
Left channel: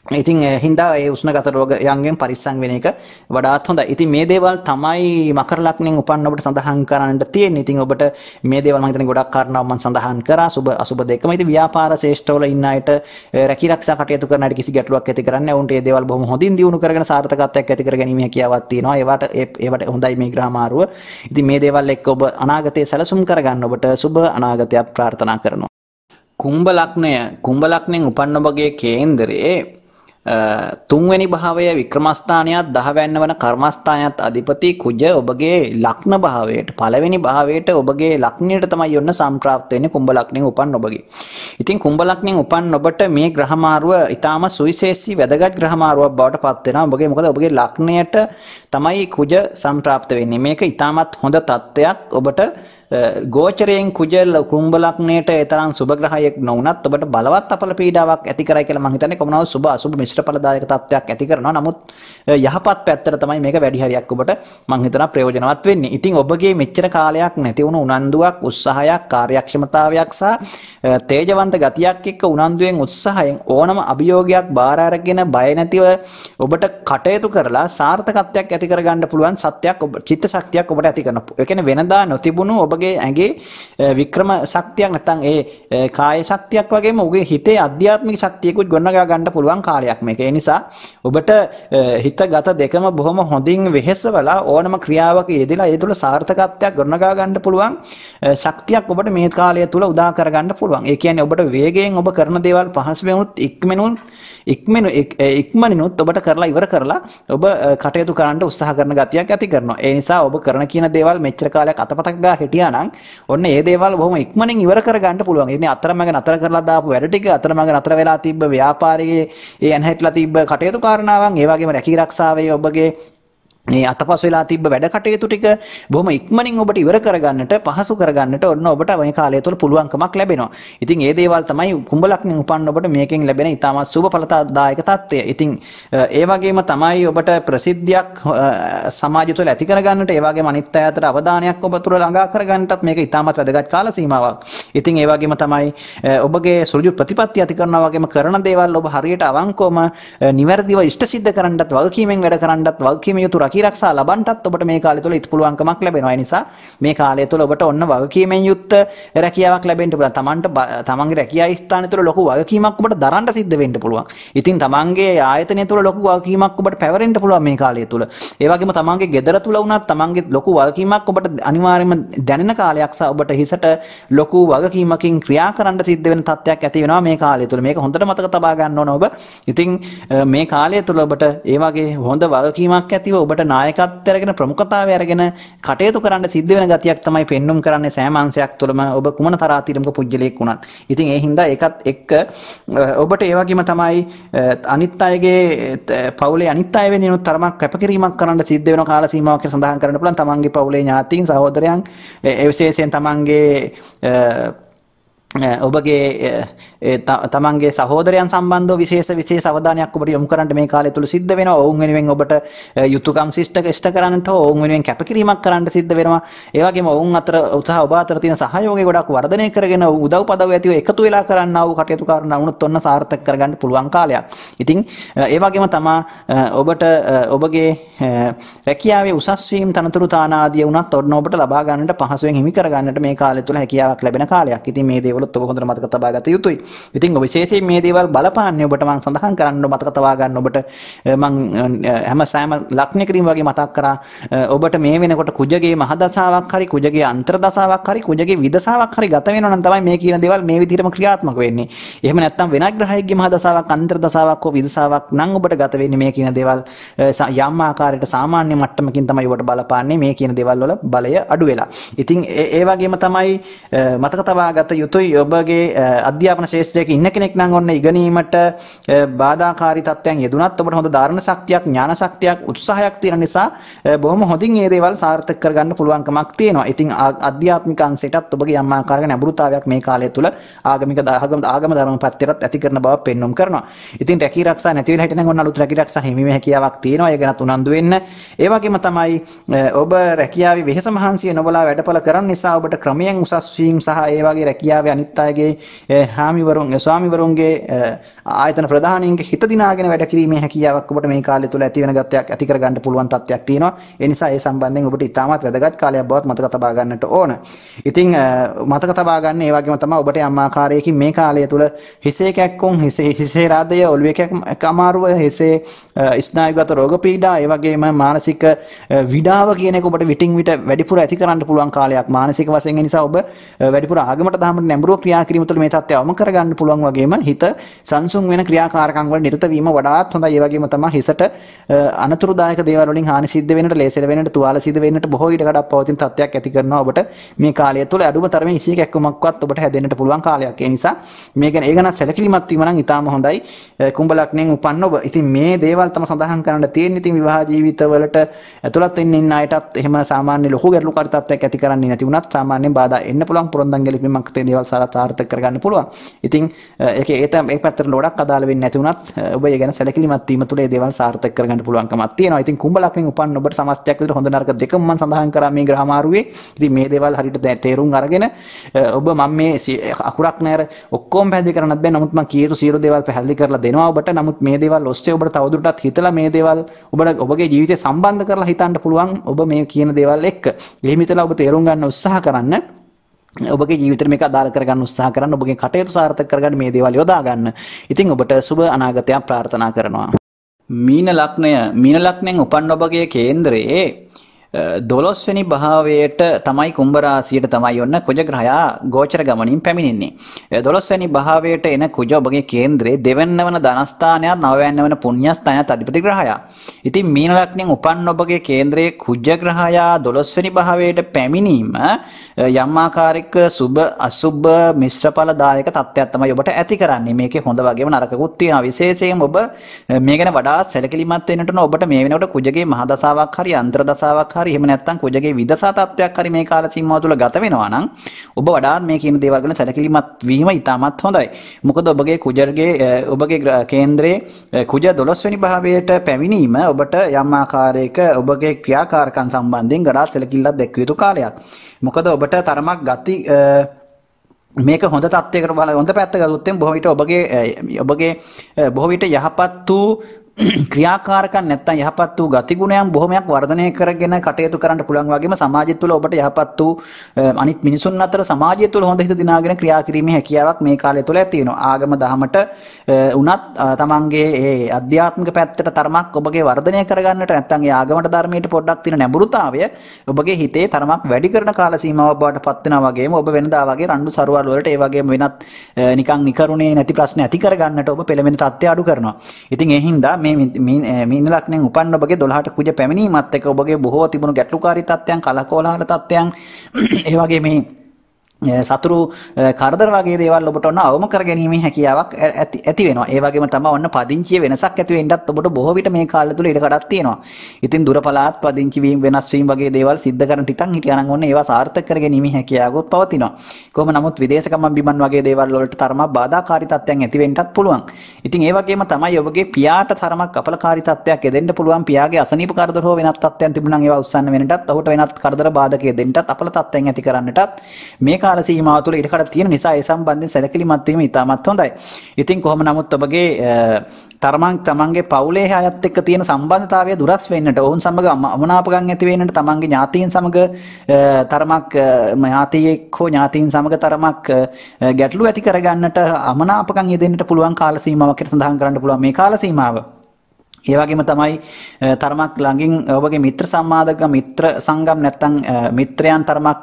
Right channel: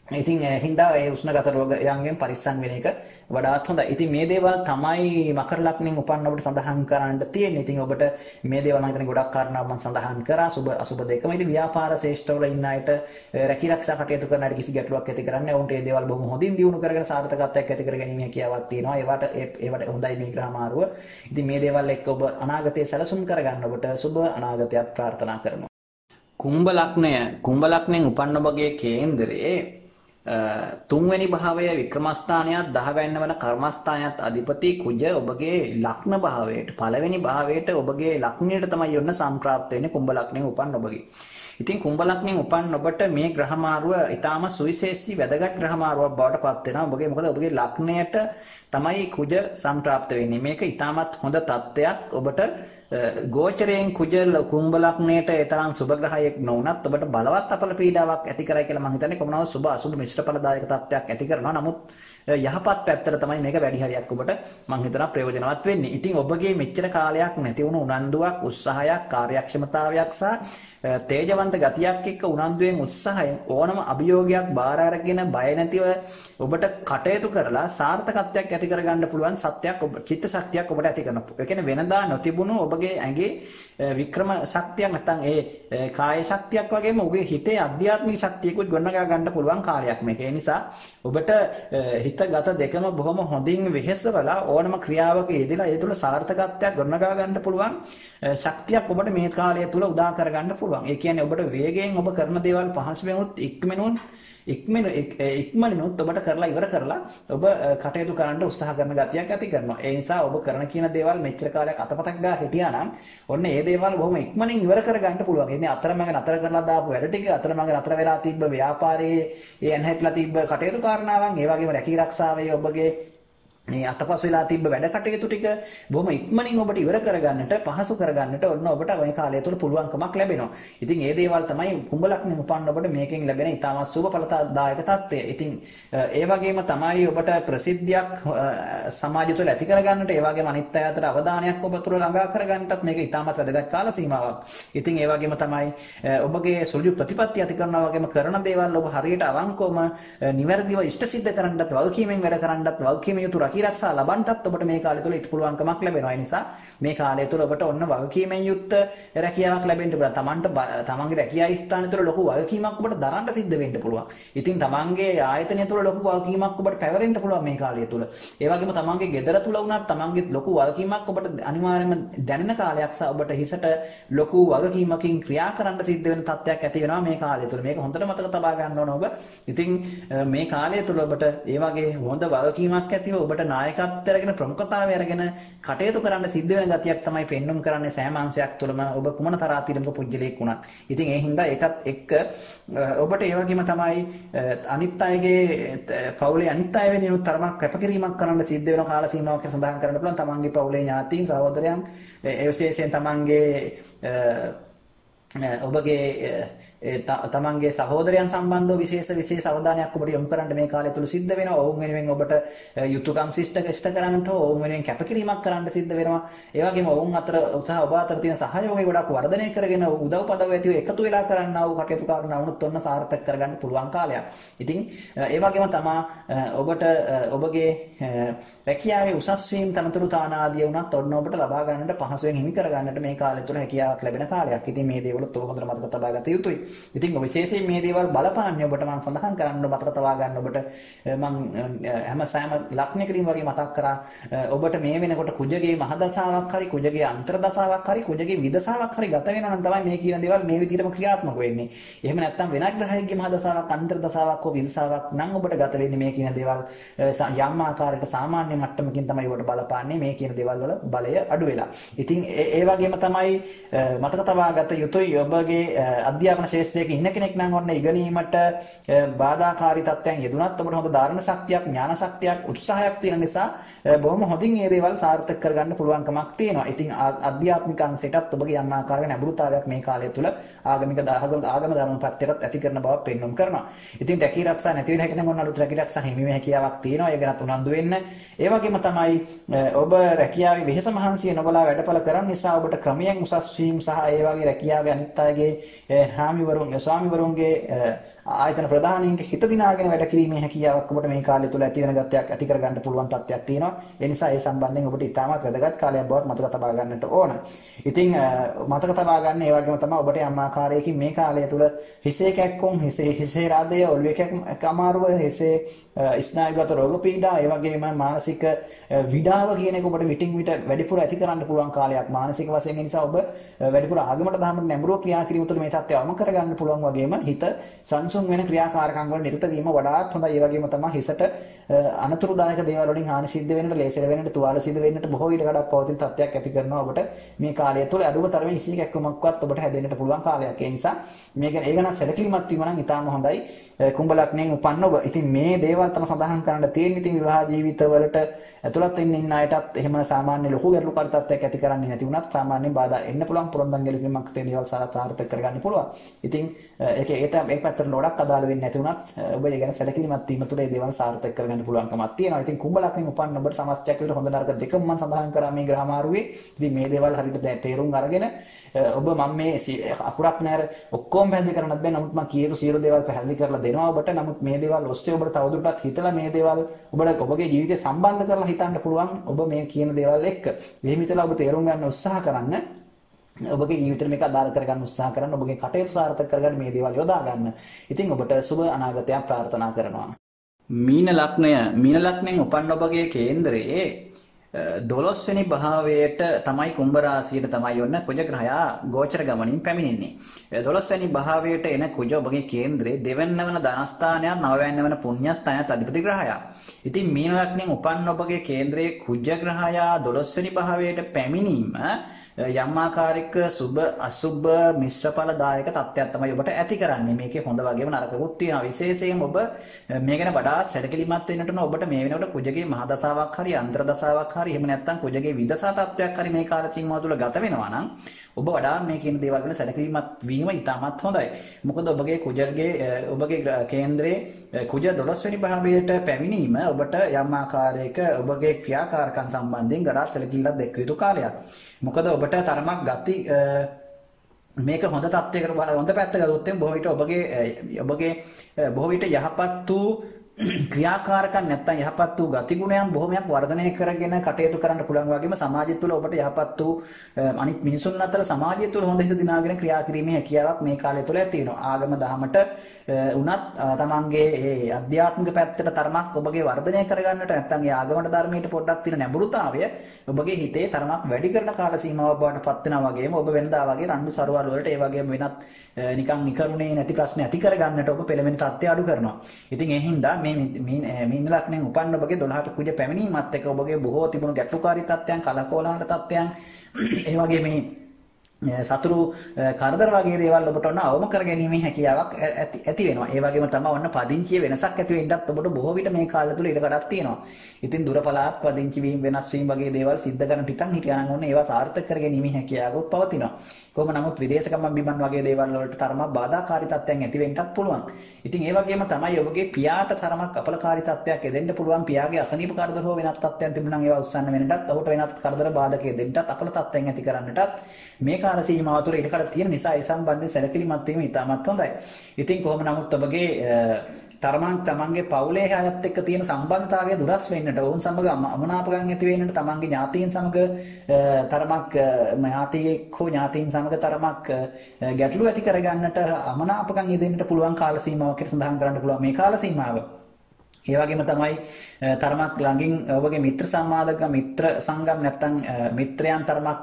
ඉතින් හින්දා ඒ උෂ්ණගත රෝගයන්ගෙන් පරිස්සම් වෙන එක වඩාත් හොඳයි. ඉතින් මේ දේවල් තමයි මකර ලග්නෙන් උපන්න ඔබට සඳහන් කරන්න තියෙන්නේ. ඉතින් ඔබට මේ දේවල් මම හිතන්නේ ගොඩක් කාරණා මම සඳහන් කරා සුබ අසුබ දෙකම. ඉතින් ව්‍යාපාර ශේෂ්ඨවල ඉන්න අයට රැකී ආරක්ෂා කටයුතු කරන අයට කිසි ගැටලුවක් ඇති කරන්නේ නැහැ. උන්ට මේ දේවල් බොහොම හොඳින් දියුණු කරගෙන සාර්ථකත්වයක් ඇති කර ගැනීම හැකියාවක් තියෙනවා. ඒවට හොඳයි මේ ග්‍රහ මාරුව. ඉතින් මේ දේවල් එක්ක ඔබ අනාගතයේ සැලසුම් කරගන්න ඔබට සුබ අනාගතයක් ප්‍රාර්ථනා කරනවා. කුම්භ ලග්නෙන් උපන්න ඔබගේ කේන්දරයේ තුන්වෙනි භාවය වික්‍රමස්ථානයත් 10 වැන්න වන කර්මස්ථානයත් අධිපති කුජ ඔබගේ ලග්න භාවයට පළවෙනි භාවයට ඔබගේ ලග්නයට තමයි යොන්න සම්ප්‍රාප්ත වෙන්නේ කුම්භ ලග්නෙන් උපන් ඔබගේ. ඉතින් කුම්භ ලග්නෙන් උපන් ඔබට මේ ග්‍රහ මාරුව ඊටාම සුවිශේෂී වැදගත් ග්‍රහ මාරුවක් බවට පත් වෙනවා. ඔබගේ මොකද ඔබගේ ලග්නයට තමයි කුජ සම්ප්‍රාප්ත වෙන්නේ. මේක ඊටාමත් හොඳ තත්ත්වයක්. ඔබට ගෝචරයෙන් කුජ කුම්භ ලග්නයට ඒ තරම් සුබ ග්‍රහයක් නොවුනත් ඔබට බලවත් අපල පීඩාවක් ඇති කරයි කියලා මම හිතන්නේ. කොමුණාව සුබ අසුබ මිශ්‍ර ඵලදායක තත්ත්වයක් ඇති කරනවා. නමුත් යහපත් පැත්තට තමයි මේක වැඩි හරියක් ඔබට මම හිතනවා ප්‍රයෝජනවත් වෙන්නේ. ඉතින් ඔබගේ මෙච්චර කාලයක් නැති වුණු උනන්දුවක්, උත්සාහයක්, කාර්යක්ෂමතාවයක් සහ තේජවන්ත ගතියක් එක්ක උනන්දුවෙන් උත්සාහයෙන් ඕනම අභියෝගයක් බාර අරගෙන බය නැතිව ඔබට කටයුතු කරලා සාර්ථකත්වයක් ඇති කරගන්න පුළුවන් සත්‍යයක් චිත්ත ශක්තියක් ඔබට ඇති කරනවා. ඒ කියන්නේ වෙනදා නොතිබුණු ඔබගේ ඇඟේ වික්‍රම ශක්තියක් නැත්නම් ඒ කාය ශක්තියක් වගේම ඔබගේ හිතේ අධ්‍යාත්මික ශක්තියකුත් ගොඩනගා ගන්න පුළුවන් කාලයක් මේක. ඒ නිසා ඔබට හිත ගත දෙකම බොහොම හොඳින් වෙහෙසවලා ඕනම ක්‍රියාවක යෙදලා ඒ තුළ සාර්ථකත්වයක් ගොඩනගා ගන්න පුළුවන් ශක්තියක් ඔබට මේ කාලය තුළ උදා කර ගන්න පුළුවන්. ඒ කියන්නේ ඔබට වේගයෙන් ඔබ කරන දේවල් පහසුවෙන්ුත් ඉක්මනිනුත් ඔබට කරලා ඉවර කරලා ඔබ කටයුතු කරන්න උත්සාහ කරන ගතියක් ඇති කරනවා. ඒ නිසා ඔබ කරන කියන දේවල් මෙච්චර කාලයක් අතපතක් ගා හිටියා නම් ඔන්න ඒ දේවල් බොහොම ඉක්මනින් ඉවර කර ගන්න පුළුවන්. ඒ කියන්නේ අතරමඟ නතර කරලා දාපු වැඩ ටික අතරමඟ නතර වෙලා තිබ්බ ව්‍යාපාරයේ ඒ ඇන්හැట్లా තිබ්බ කටයුතු කාරණාවන් ඒ වගේම රැකී ආරක්ෂාවේ ඔබගේ මේ අතපස් වෙලා තිබ්බ වැඩ කටයුතු ටික බොහොම ඉක්මනින් ඔබට ඉවර කරගන්නට පහසු කරගන්නට ඔන්න ඔබට මේ කාලය තුළ පුළුවන්කමක් ලැබෙනවා. ඉතින් මේ දේවල් තමයි කුම්භ ලග්නෙන් උපන්න ඔබට මේකෙන් ලැබෙන ඉතාමත් සුබ ඵලදායක තත්ත්වය. ඉතින් ඒ වගේම තමයි ඔබට ප්‍රසිද්ධියක් සමාජය තුළ ඇති කරගන්නට ඒ වගේම අනිත් අය අතර අවධානයක් ඔබ තුළ ළඟා කරගන්නටත් මේක ඉතාමත් වැදගත් කාල සීමාවක්. ඉතින් ඒ වගේම තමයි ඔබගේ සෘජු ප්‍රතිපත්ති ඇති කරනවා වගේම කරන දේවල් ඔබ හරියට අවංකවම නිවැරදිව ඉෂ්ට සිද්ධ කරන්නත් වගකීමෙන් වැඩ කරන්නත් වගකීම යුතු රැකී රැකියාරක්ෂා ලබන්නත් ඔබට මේ කාලය තුළ පුළුවන්කමක් ලැබෙනවා. ඒ නිසා මේ කාලය තුළ ඔබට ඔන්න වගකීමෙන් යුක්ත රැකියාවක් ලැබෙන්න පුළුවන්. තමන්ගේ රැකියා ස්ථානය තුළ ලොකු වගකීමක් ඔබට දරන්න සිද්ධ වෙන්න පුළුවන්. ඉතින් තමන්ගේ ආයතනය තුළ ලොකු වගකීමක් ඔබට පැවරෙන්න පුළුවන් මේ කාලය තුළ. ඒ වගේම තමන්ගේ ගෙදර තුළ වුණත් තමන්ගේ ලොකු වගකීමක් ඔබට අනිවාර්යයෙන්ම දැනෙන කාලයක් සහ ඔබට හිසට ලොකු වගකීමකින් ක්‍රියා කරන්න සිද්ධ වෙන තත්ත්වයක් ඇති වෙනවා මේ කාලය තුළ. මේක හොඳට මතක තබා ගන්න ඕන ඔබ. ඉතින් මේ කාලය තුළ ඔබට ඒ වගේ හොඳ වගකීමක් ඇතිව ඔබට නායකත්වය අරගෙන ප්‍රමුඛතාවය අරගෙන කටයුතු කරන්න සිද්ධ වෙන ගතියක් තමයි පෙන්눔 කරන්නේ සෑම අංශයක් තුළම ඔබ කුමන තරාතිරමක පුජ්‍යලයක් වුණත්. ඉතින් ඒ හින්දා ඒකත් එක්ක ඔබට ඒ වගේම තමයි අනිත් අයගේ පවුලේ අනිත් අය වෙනුවෙන් තරමක් කැපකිරීමක් කරන්න සිද්ධ වෙන කාල සීමාවක් කියලා සඳහන් කරන්න පුළුවන්. තමන්ගේ පවුලේ ඥාතීන් සහෝදරයන් ඒ විශේෂයෙන් තමන්ගේ ඔබගේ තමන්ගේ සහෝදරයන් සම්බන්ධව විශේෂ අවධානයක් ඔබට යොමු කරන්න මේ කාලය තුල සිද්ධ වෙනවා. ඔවුන් වෙනුවෙන් ඔබට යුතුයකම් ඉෂ්ට කරන්නට ඔවුන් වෙනුවෙන් කැපකිරීමක් කරන්න සිද්ධ වෙනවා. ඒ වගේම ඔවුන් අතර ඔබ අතර තියෙන සහයෝගය ගොඩක් වර්ධනය කරගෙන උදව් පදව් ඇතිව එකතු වෙලා කරන්නා වූ කටයුතු කරන වුණත් ඔන්න සාර්ථක කරගන්න පුළුවන් කාලයක්. ඉතින් ඒ වගේම තමා ඔබට ඔබගේ රැකියාවේ උසස් වීම තනතුරු තාන ආදී වුණත් ඔන්න ඔබට ලබා ගන්නට පහසුවෙන් හිමි කර ගන්නට මේ කාලය තුල හැකියාවක් ලැබෙන කාලයක්. ඉතින් මේ දේවලුත් ඔබ හොඳට මතක තබා ගත යුතුයි. ඉතින් ඔබ විශේෂයෙන් මේ දේවල් බලපාන්නේ ඔබට මම සඳහන් කරන්න මතක තබා ගන්න ඔබට මම හැම ලක්ෂණයකදීම වගේ මතක් කරා ඔබට මේ වෙනකොට කුජගේ මහදසාවක් හරි කුජගේ අන්තර්දසාවක් හරි කුජගේ විදසාවක් හරි ගත වෙනවා නම් තමයි මේ කියන දේවල් මේ විදිහටම ක්‍රියාත්මක වෙන්නේ. එහෙම නැත්නම් වෙනත් ග්‍රහයෙක්ගේ මහදසාවක් අන්තර්දසාවක් හෝ විදසාවක් නම් ඔබට ගත වෙන්නේ මේ කියන දේවල් යම් ආකාරයකට සාමාන්‍ය මට්ටමකින් තමයි ඔබට බලපාන්නේ මේ කියන දේවල් වල බලය අඩු වෙලා. ඉතින් ඒ වගේම තමයි මතක තබා ගත යුතුයි ඔබගේ අධ්‍යාපන ශාස්ත්‍රයක ඉන්න කෙනෙක් නම් ඔන්න ඉගෙනීමට බාධාකාරී තත්ත්වයන් යෙදුනත් ඔබට හොඳ ධාරණ ශක්තියක් ඥාන ශක්තියක් උත්සාහයක් තියෙන නිසා බොහොම හොඳින් මේ දේවල් සාර්ථක කරගන්න පුළුවන්කමක් තියෙනවා. ඉතින් ආධ්‍යාත්මික අංශයටත් ඔබගේ යම් ආකාරයක නැඹුරුතාවයක් මේ කාලය තුල ආගම ධර්ම පැත්තටත් ඇති කරන බව පෙන්වුම් කරනවා. ඉතින් රැකී ආරක්ෂා නැති වෙලා හිටිනම් ඔන්න අලුත් රැකී ආරක්ෂා හිමීමේ හැකියාවක් තියෙනවා. ඒ ගැනත් උනන්දු වෙන්න. ඒ වගේම තමයි ඔබ රැකියාවේ වෙහෙස මහන්සිය නොබලා වැඩපළ කරන නිසා ඔබට ක්‍රමයෙන් උසස් වීම සහ ඒ වගේ රැකියාවේ අනිත් අයගේ ස්වාමිවරුන්ගේ ආයතන ප්‍රධානීන්ගේ හිත දිනාගෙන වැඩ කිරීමේ හැකියාවක් ඔබට මේ කාලය තුල ඇති වෙන ගතියක් ඇති කර ගන්න පුළුවන් තත්ත්වයක් තියෙනවා. ඒ නිසා ඒ සම්බන්ධයෙන් ඔබට ඉතාමත් වැදගත් කාලයක් බවත් මතක තබා ගන්නට ඕන. ඉතින් මතක තබා ගන්න ඒ වගේම තමයි ඔබට යම් ආකාරයකින් මේ කාලය තුල හිසේ කැක්කුම් හිසේ රාදය ඔළුවේ කැක්ක අමාරුව හිසේ ස්නායුගත රෝග පීඩා ඒ වගේම මානසික විඩාව කියන එක ඔබට විටින් විට වැඩිපුර ඇති කරන්න පුළුවන් කාලයක් මානසික වශයෙන්. ඒ නිසා ඔබ වැඩිපුර ආගමට දහමට නැඹුරුව ක්‍රියා කිරීම තුළ මේ තත්ත්වය අවම කරගන්න පුළුවන් වගේම හිත සංසුන් වෙන ක්‍රියාකාරකම් වල නිරත වීම වඩාත් හොඳයි. ඒ වගේම තමයි හිසට අනතුරුදායක දේවල් වලින් හානි සිද්ධ වෙන්නට, ලේසර වෙන්නට, තුවාල සිද්ධ වෙන්නට බොහෝ ඊට කඩක් පවතින තත්ත්වයක් ඇති කරනවා ඔබට මේ කාලය තුළ අඩුම තරමේ ඉසි කැක්කමක්වත් ඔබට හැදෙන්නට පුළුවන් කාලයක්. ඒ නිසා මේ ගැන ඒ ගැන සැලකිලිමත් වීම නම් ඉතාම හොඳයි. කුම්භ ලග්නයෙන් උපන්න ඔබ. ඉතින් මේ දේවල් තම සඳහන් කරන්න තියෙන. ඉතින් විවාහ ජීවිතවලට ඇතුළත් වෙන්න ඉන්න අයටත් එහෙම සාමාන්‍ය ලොකු ගැටලුකාරී තත්ත්වයක් ඇති කරන්නේ නැති වුණත් සාමාන්‍යයෙන් බාධා එන්න පුළුවන්. පුරන්දන් ගැලපීමක් තේ දේවල් සාර්ථක කරගන්න පුළුවන්. ඉතින් ඒ පැත්තට ලොඩක් අදාළ වෙන්නේ නැති වුණත් ඔබ ඒ ගැන සැලකිලිමත් වීම තුළ ඒ දේවල් සාර්ථක කරගන්න පුළුවන්කමක් තියෙනවා. ඉතින් කුම්භ ලග්නෙන් උපන්න ඔබට සමස්තයක් විතර හොඳ නරක දෙකම මම සඳහන් කරා මේ ග්‍රහ මාරුවේ. ඉතින් මේ දේවල් හරියට තේරුම් අරගෙන ඔබ මම මේ අකුරක් නැර ඔක්කොම පැහැදිලි කරන්නත් බෑ. නමුත් මම කීරු සියලු දේවල් පැහැදිලි කරලා දෙනවා ඔබට. නමුත් මේ දේවල් ඔස්සේ ඔබට තවදුරටත් හිතලා මේ දේවල් ඔබගේ ජීවිතේ සම්බන්ධ කරලා හිතන්න පුළුවන් ඔබ මේ කියන දේවල් එක්ක. එහෙම හිතලා ඔබ තේරුම් ගන්න උත්සාහ කරන්න. ඔබගේ ජීවිතේ මේක අදාළ කරගන්න උත්සාහ කරන්න. ඔබගේ කටයුතු සාර්ථක කරගන්න මේ දේවල් යොදා ගන්න. ඉතින් ඔබට සුබ අනාගතයක් ප්‍රාර්ථනා කරනවා. මීන ලග්නයෙන් උපන් ඔබගේ කේන්ද්‍රයේ 12 වෙනි භාවයට තමයි කුම්භ රාශියට තමයි ඔන්න කුජ ග්‍රහයා ගෝචර ගමනින් පැමිණෙන්නේ. 12 වෙනි භාවයට එන කුජ ඔබගේ කේන්ද්‍රයේ දෙවැන්න වන ධනස්ථානයත් නවවැන්න වන පුණ්‍යස්ථානයත් අධිපති ග්‍රහයා. ඉතින් මීන ලග්නයෙන් උපන් ඔබගේ කේන්ද්‍රයේ කුජ ග්‍රහයා 12 වෙනි භාවයට පැමිණීම යම් ආකාරයක සුබ අසුබ මිශ්‍රඵල දායක තත්ත්වයක් තමයි ඔබට ඇති කරන්නේ. මේකේ හොඳ වගේම නරකකුත් තියෙනවා. විශේෂයෙන් ඔබ මේ ගැන වඩා සැලකිලිමත් වෙන්නට ඕන. ඔබට මේ වෙනකොට කුජගේ මහදසාවක් හරි අන්තර්දසාවක් හරි එහෙම නැත්නම් කුජගේ විදසා තත්ත්වයක් හරි මේ කාල සීමාව තුළ ගත වෙනවා නම් ඔබ වඩාත් මේ කියන දේවල් ගැන සැලකිලිමත් වීම ඉතාමත් හොඳයි. මොකද ඔබගේ කේන්ද්‍රයේ කුජ 12 වෙනි භාවයට පැමිණීම ඔබට යම් ආකාරයක ඔබගේ ක්‍රියාකාරකම් සම්බන්ධයෙන් ගඩා සැලකිල්ලක් දැක්විය යුතු කාලයක්. මොකද ඔබට තරමක් ගති මේක හොඳ තත්ත්වයකට බලලා හොඳ පැත්ත ගත්තොත් බොහෝ විට ඔබගේ බොහෝ විට යහපත් වූ ක්‍රියාකාරකම් නැත්තම් යහපත් වූ ගතිගුණයන් බොහොමයක් වර්ධනය කරගෙන කටයුතු කරන්න පුළුවන් වගේම සමාජය තුළ ඔබට යහපත් වූ අනිත් මිනිසුන් අතර සමාජය තුළ හොඳ හිත දිනාගෙන ක්‍රියා කිරීමේ හැකියාවක් මේ කාලය තුළ ඇති වෙනවා. ආගම දහමට උනත් තමන්ගේ ඒ අධ්‍යාත්මික පැත්තට තරමක් ඔබගේ වර්ධනය කරගන්නට නැත්තම් ඒ ආගමට ධර්මයට පොඩ්ඩක් තියෙන නැඹුරුතාවය ඔබගේ හිතේ තරමක් වැඩි කරන කාල සීමාවක් බවට පත් වෙනවා වගේම ඔබ වෙනදා වගේ රණ්ඩු සරුවල් වලට ඒ වගේම වෙනත් නිකන් නිකරුණේ නැති ප්‍රශ්න ඇති කරගන්නට ඔබ පෙළඹෙන තත්ත්වය අඩු කරනවා. ඉතින් ඒ හින්දා මීන ලග්නෙන් උපන්න ඔබගේ 12ට කුජ පැමිණීමත් එක්ක ඔබගේ බොහෝ තිබුණු ගැටලුකාරී තත්ත්වයන් කලකෝලහල තත්ත්වයන් ඒ වගේ මේ සතුරු කරදර වගේ දේවල් ඔබට ඔන්න අවම කර ගැනීමේ හැකියාවක් ඇති වෙනවා. ඒ වගේම තමයි ඔන්න පදිංචිය වෙනසක් ඇති වෙන්නත් ඔබට බොහෝ විට මේ කාලය තුල ඉඩ කඩක් තියෙනවා. ඉතින් දුර පළාත් පදිංචි වීම වෙනස් වීම වගේ දේවල් සිද්ධ කරන ටිකක් හිටියානම් ඔන්න ඒවා සාර්ථක කර ගැනීමේ හැකියාවකුත් පවතිනවා. කොහොම නමුත් විදේශ ගමන් බිමන් වගේ දේවල් වලට තරමක් බාධාකාරී තත්ත්වයන් ඇති වෙන්නත් පුළුවන්. ඉතින් ඒ වගේම තමයි ඔබගේ පියාට තරමක් අපලකාරී තත්ත්වයක් එදෙන්න පුළුවන්. පියාගේ අසනීප කරදර හෝ වෙනත් තත්ත්වයන් තිබුණා නම් ඒවා උස්සන්න වෙනටත් ඔහුට වෙනත් කරදර බාධක දෙන්නටත් අපල තත්ත්වයන් ඇති කරන්නටත් මේ කාල සීමාව තුළ ඉඩකඩ තියෙන නිසා ඒ සම්බන්ධයෙන් සැලකිලිමත් වීම ඉතාමත් හොඳයි. ඉතින් කොහොම නමුත් ඔබගේ තමන්ගේ පවුලේ අයත් එක්ක තියෙන සම්බන්ධතාවය දුරස් වෙන්නට, ඔවුන් සමග අමනාපකම් ඇති වෙන්නට, තමන්ගේ ඥාතීන් සමග තරමක් ඥාතියෙක් හෝ ඥාතීන් සමග තරමක් ගැටලු ඇති කරගන්නට අමනාපකම් යෙදෙන්නට පුළුවන් කාල සීමාවක් කියලා සඳහන් කරන්න පුළුවන් මේ කාල සීමාව. ඒ වගේම තමයි තරමක් ළඟින් ඔබගේ මිත්‍ර සම්මාදක මිත්‍ර සංගම් නැත්තම් මිත්‍රයන් තරමක්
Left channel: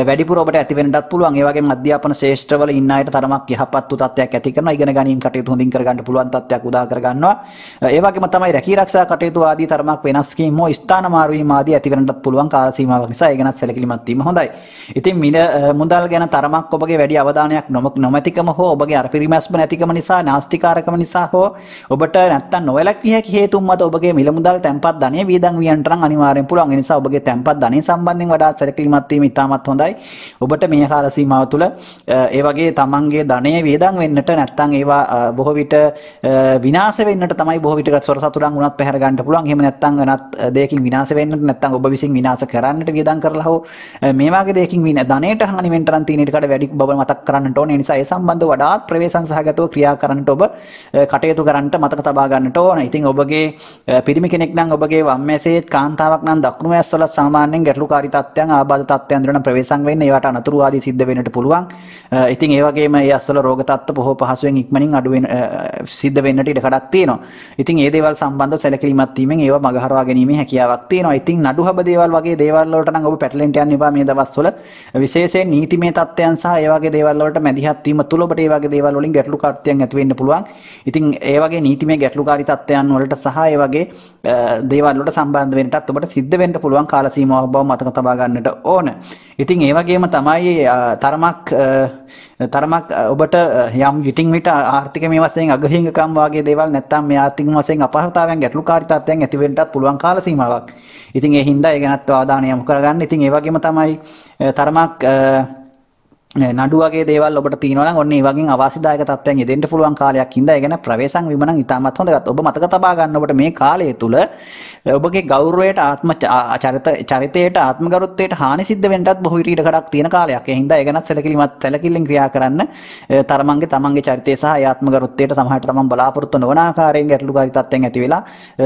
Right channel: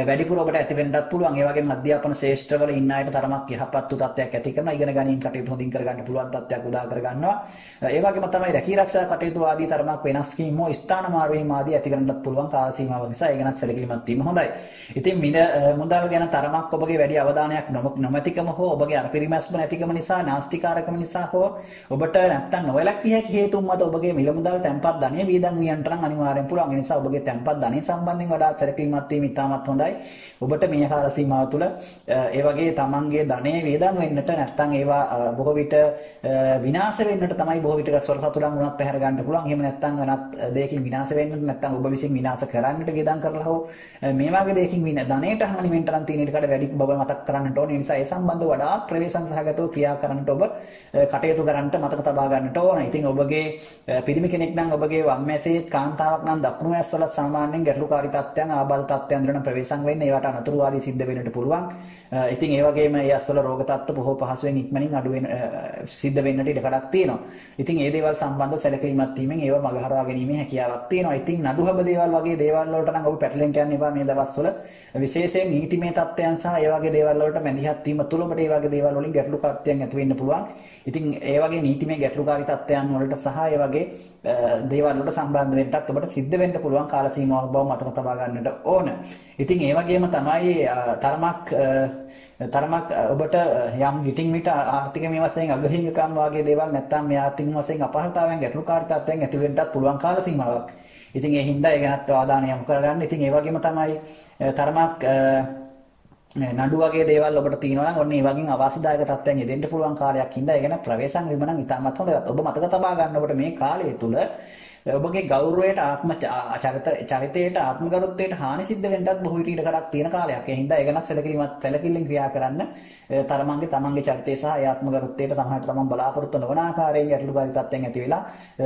වැඩිපුර ඔබට ඇති වෙන්නත් පුළුවන්. ඒ වගේම අධ්‍යාපන ශාස්ත්‍රවල ඉන්න අයට තරමක් යහපත් වූ තත්ත්වයක් ඇති කරනවා. ඉගෙන ගැනීම කටයුතු හොඳින් කරගන්න පුළුවන් තත්ත්වයක් උදා කර ගන්නවා. ඒ වගේම තමයි රැකී ආරක්ෂා කටයුතු ආදී තරමක් වෙනස් වීම හෝ ස්ථාන මාරු වීම ආදී ඇති වෙන්නත් පුළුවන් කාල සීමාවක් නිසා ඒ ගැනත් සැලකිලිමත් වීම හොඳයි. ඉතින් මුදල් ගැන තරමක් ඔබගේ වැඩි අවධානයක් නොමැතිකම හෝ ඔබගේ අර පිරිමැස්ම නැතිකම නිසා නාස්තිකාරකම නිසා හෝ ඔබට නැත්තම් නොවැළක්විය හැකි හේතුන් මත ඔබගේ මිල මුදල් තැන්පත් ධනය වියදම් වියන්ට නම් අනිවාර්යෙන් පුළුවන්. ඒ නිසා ඔබගේ තැන්පත් ධනය සම්බන්ධයෙන් වඩාත් සැලකිලිමත් වීම ඉතාමත් හොඳයි. ඔබට මේ කාල සීමාව තුළ ඒ වගේ තමන්ගේ ධනය වියදම් වෙන්නට නැත්නම් ඒවා බොහෝ විට විනාශ වෙන්නට තමයි බොහෝ විට ස්වර සතුරන් උනත් පැහැර ගන්න පුළුවන්. එහෙම නැත්නම් වෙනත් දෙයකින් විනාශ වෙන්නට නැත්නම් ඔබ විසින් විනාශ කරන්නට වියදම් කරලා හෝ මේ වගේ දෙයකින් ධනයට හානි වෙන්න තරම් තියෙන ඊට වැඩි බව මතක් කරන්නට ඕනේ. ඒ නිසා ඒ සම්බන්ධව වඩාත් ප්‍රවේශම් සහගතව ක්‍රියා කරන්නට ඔබ කටයුතු කරන්නට මතක තබා ගන්නට ඕන. ඉතින් ඔබගේ පිරිමි කෙනෙක් නම් ඔබගේ වම් මැසේ කාන්තාවක් නම් දකුණු මැස් වල සාමාන්‍යයෙන් ගැටලුකාරී තත්ත්වයන් ආබාධ තත්ත්වයන් දුරන ප්‍රවේශම් වෙන්න ඒවට අනතුරු ආදී සිද්ධ වෙන්නට පුළුවන්. ඉතින් ඒ වගේම ඒ අස්වල රෝග තත්ත්ව බොහෝ පහසුවෙන් ඉක්මනින් අඩු වෙන සිද්ධ වෙන්නට ඉඩ කඩක් තියෙනවා. ඉතින් මේ දේවල් සම්බන්ධව සැලකිලිමත් වීමෙන් ඒවා මගහරවා ගැනීමේ හැකියාවක් තියෙනවා. ඉතින් නඩුහබ දේවල් වගේ දේවල් වලට නම් ඔබ පැටලෙන්න යන්න එපා මේ දවස්වල. විශේෂයෙන් නීතිමය තත්ත්වයන් සහ ඒ වගේ දේවල් වලට මැදිහත් වීම තුළ ඔබට ඒ වගේ දේවල් වලින් ගැටලුකාරීත්වයන් ඇති වෙන්න පුළුවන්. ඉතින් ඒ වගේ නීතිමය ගැටලුකාරී තත්ත්වයන් වලට සහ ඒ වගේ දේවල් වලට සම්බන්ධ වෙන්නටත් ඔබට සිද්ධ වෙන්න පුළුවන් කාල සීමාවක් බව මතක තබා ගන්නට ඕන. ඉතින් ඒ වගේම තමයි තරමක් ඔබට යම් විටින් විට ආර්ථික මේ වශයෙන් අගහිඟකම් වගේ දේවල් නැත්නම් මේ ආර්ථික වශයෙන් අපහසුතාවයන් ගැටලුකාරී තත්ත්වයන් ඇති වෙන්නටත් පුළුවන් කාල සීමාවක්. ඉතින් ඒ හින්දා ඒ ගැනත් අවධානය යොමු කරගන්න. ඉතින් ඒ වගේම තමයි තරමක් නඩු වගේ දේවල් ඔබට තියෙනවා නම් ඔන්න ඒ වගේ අවාසිදායක තත්ත්වයන් යෙදෙන්න පුළුවන් කාලයක් හින්දා ඒ ගැන ප්‍රවේශම් වීම නම් ඉතාමත් හොඳයි. ඔබ මතක තබා ගන්න ඔබට මේ කාලය තුල ඔබගේ ගෞරවයට චරිතයට ආත්මගරුත්වයට හානි සිද්ධ වෙන්නටත් බොහෝ විට කඩක් තියෙන කාලයක්. ඒ හින්දා ඒ ගැනත් සැලකිල්ලෙන් ක්‍රියා කරන්න තමන්ගේ චරිතය සහ ආත්මගරුත්වයට සමහරට තමන් බලාපොරොත්තු නොවන ආකාරයෙන් ගැටලුකාරී තත්ත්වයන් ඇති වෙලා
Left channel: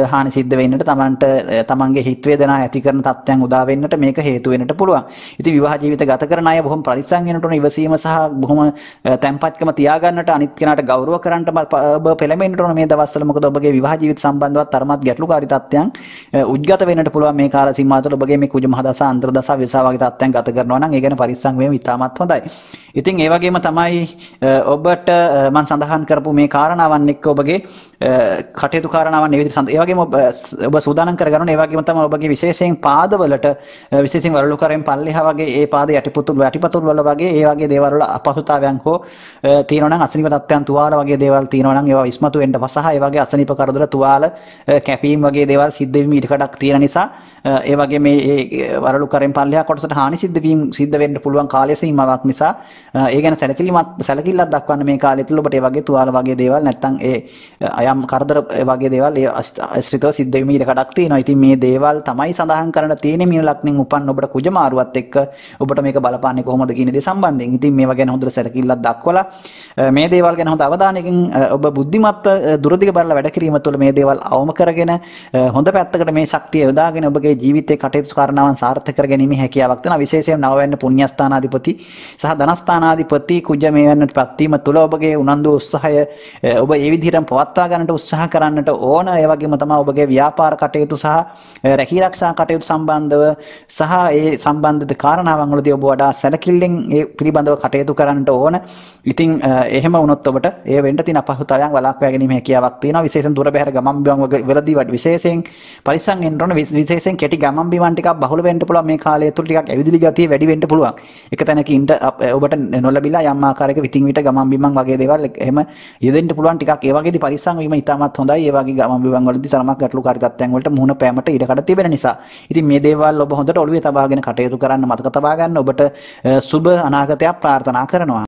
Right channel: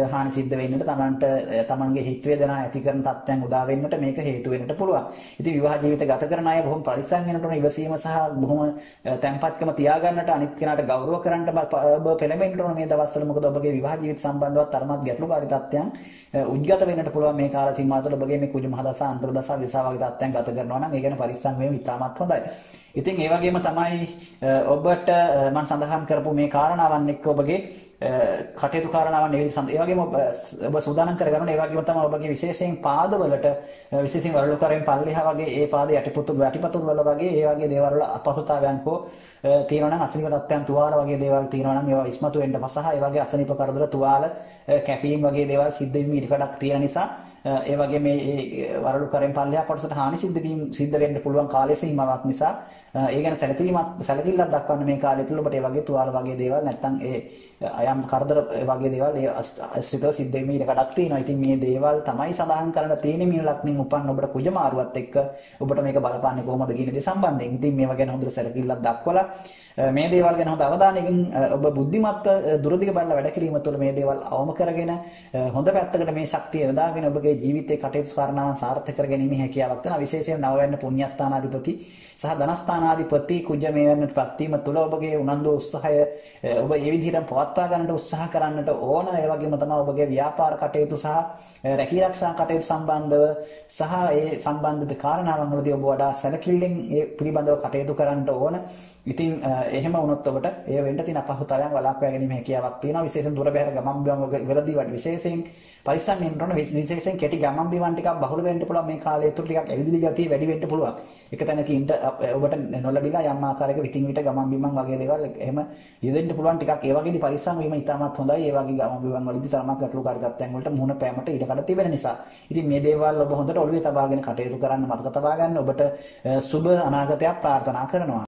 හානි සිද්ධ වෙන්නට තමන්ගේ හිත වේදනා ඇති කරන තත්ත්වයන් උදා වෙන්නට මේක හේතු වෙන්නට පුළුවන්. ඉතින් විවාහ ජීවිත ගත කරන අය බොහොම පරිස්සම් වෙන්නට ඕන. ඉවසීම සහ බොහොම තැම්පත්කම තියාගන්නට අනිත් කෙනාට ගෞරව කරන්නට ඔබ පෙළඹෙන්න ඕන මේ දවස්වල. මොකද ඔබගේ විවාහ ජීවිත සම්බන්ධව තරමත් ගැටලුකාරී තත්ත්වයන් උද්ගත වෙන්නට පුළුවන් මේ කාල සීමාව තුළ. ඔබගේ මේ කුජ මහදස අන්තර්දස විසා වගේ තත්ත්වයන් ගත කරනවා නම් ඒ ගැන පරිස්සම් වීම ඉතාමත් හොඳයි. ඉතින් ඒ වගේම තමයි ඔබට මම සඳහන් කරපු මේ කාරණාවන් එක්ක ඔබගේ කටයුතු කාරණාවන් ඒ විදිහට ඒ වගේම ඔබ සූදානම් කරගන්න. ඒ වගේම තමයි ඔබගේ විශේෂයෙන් පාදවලට විශේෂයෙන් වරලුකරෙන් පල්ලෙහා වගේ ඒ පාද යටිපතුල් වල වගේ ඒ වගේ දේවල් වල අපහසුතාවයන් හෝ තියෙනවා නම් අසනීප තත්ත්වයන් තුවාල වගේ දේවල් තියෙනවා නම් ඒවා ඉස්මතු වෙන්න පසහ ඒ වගේ අසනීප කරදර තුවාල කැපීම් වගේ දේවල් සිද්ධ වීම ඊට කඩක් තියෙන නිසා ඒ වගේ මේ වරලු කරෙන් පල්ලෙහා කොටසට හානි සිද්ධ වෙන්න පුළුවන් කාලය සීමාවක් නිසා ඒ ගැන සැලකිල්ලක් දක්වන්න මේ කාලය තුළ ඔබට ඒ වගේ තුවාල වගේ දේවල් නැත්තම් ඒ යම් කරදර වගේ දේවල් ඒ ආශ්‍රිතව සිද්ධ වෙමි ඉඩකඩක් තියෙනවා. ඉතින් මේ දේවල් තමයි සඳහන් කරන්න තියෙන්නේ මීන ලග්නෙන් උපන් ඔබට කුජ මාරුවත් එක්ක ඔබට මේක බලපාන්නේ කොහොමද කියන දේ සම්බන්ධයෙන්. ඉතින් මේවා ගැන හොඳට සැලකිල්ලක් දක්වලා මේ දේවල් ගැන හොඳ අවධානයකින් ඔබ බුද්ධිමත්ව දුරදිග බලලා වැඩ කිරීම තුළ මේ දේවල් අවම කරගෙන හොඳ පැත්තකට මේ ශක්තිය යොදාගෙන ඔබගේ ජීවිතයේ කටයුතු කාරණාවන් සාර්ථක කර ගැනීම හැකියාවක් තියෙනවා. විශේෂයෙන් නවවැන්න පුණ්‍යස්ථානාධිපති සහ ධනස්ථානාධිපති කුජ මේ වෙන්නට පත්වීම තුළ ඔබගේ උනන්දු උත්සාහය ඔබ ඒ විදිහටම පවත්වා ගන්නට උත්සාහ කරන්නට ඕන. ඒ වගේම තමයි ඔබගේ ව්‍යාපාර කටයුතු සහ රැකී ආරක්ෂා කටයුතු සම්බන්ධව සහ ඒ සම්බන්ධිත කාරණාවන් වලදී ඔබ වඩා සැලකිල්ලෙන් ඒ පිළිබඳව කටයුතු කරන්නට ඕන. ඉතින් එහෙම වුණොත් ඔබට ඒ වෙන්න තියෙන අපහසුතාවයන් වළක්වා ගැනීම හැකියාවක් තියෙනවා. විශේෂයෙන් දුර බැහැර ගමන් බිමන් වලදී විශේෂයෙන් පරිස්සම් වෙන්න ඕන. විශේෂයෙන් කෙටි ගමන් බිමන් ටිකක් බහුල වෙන්න පුළුවන්. මේ කාලය තුළ ටිකක් ඇවිදිලි ගතිය වැඩි වෙන්න පුළුවන්. එක තැනක ඉන්න ඔබට නොලැබිලා යම් ආකාරයක විටින් විට ගමන් බිමන් වගේ දේවල් එහෙම යෙදෙන්න පුළුවන්. ටිකක් ඒ වගේදී පරිස්සම් වීම ඉතාමත් හොඳයි. ඒ වගේ ගමන් බිමන් වලදී තරමක් ගැටලුකාරී තත්ත්වයන් වලට මුහුණ පෑමට ඉඩකඩ තිබෙන නිසා. ඉතින් මේ දේවල් ඔබ හොඳට ඔළුවේ තබාගෙන කටයුතු කරන්න මතක තබා ගන්න. ඔබට සුබ අනාගතයක් ප්‍රාර්ථනා කරනවා.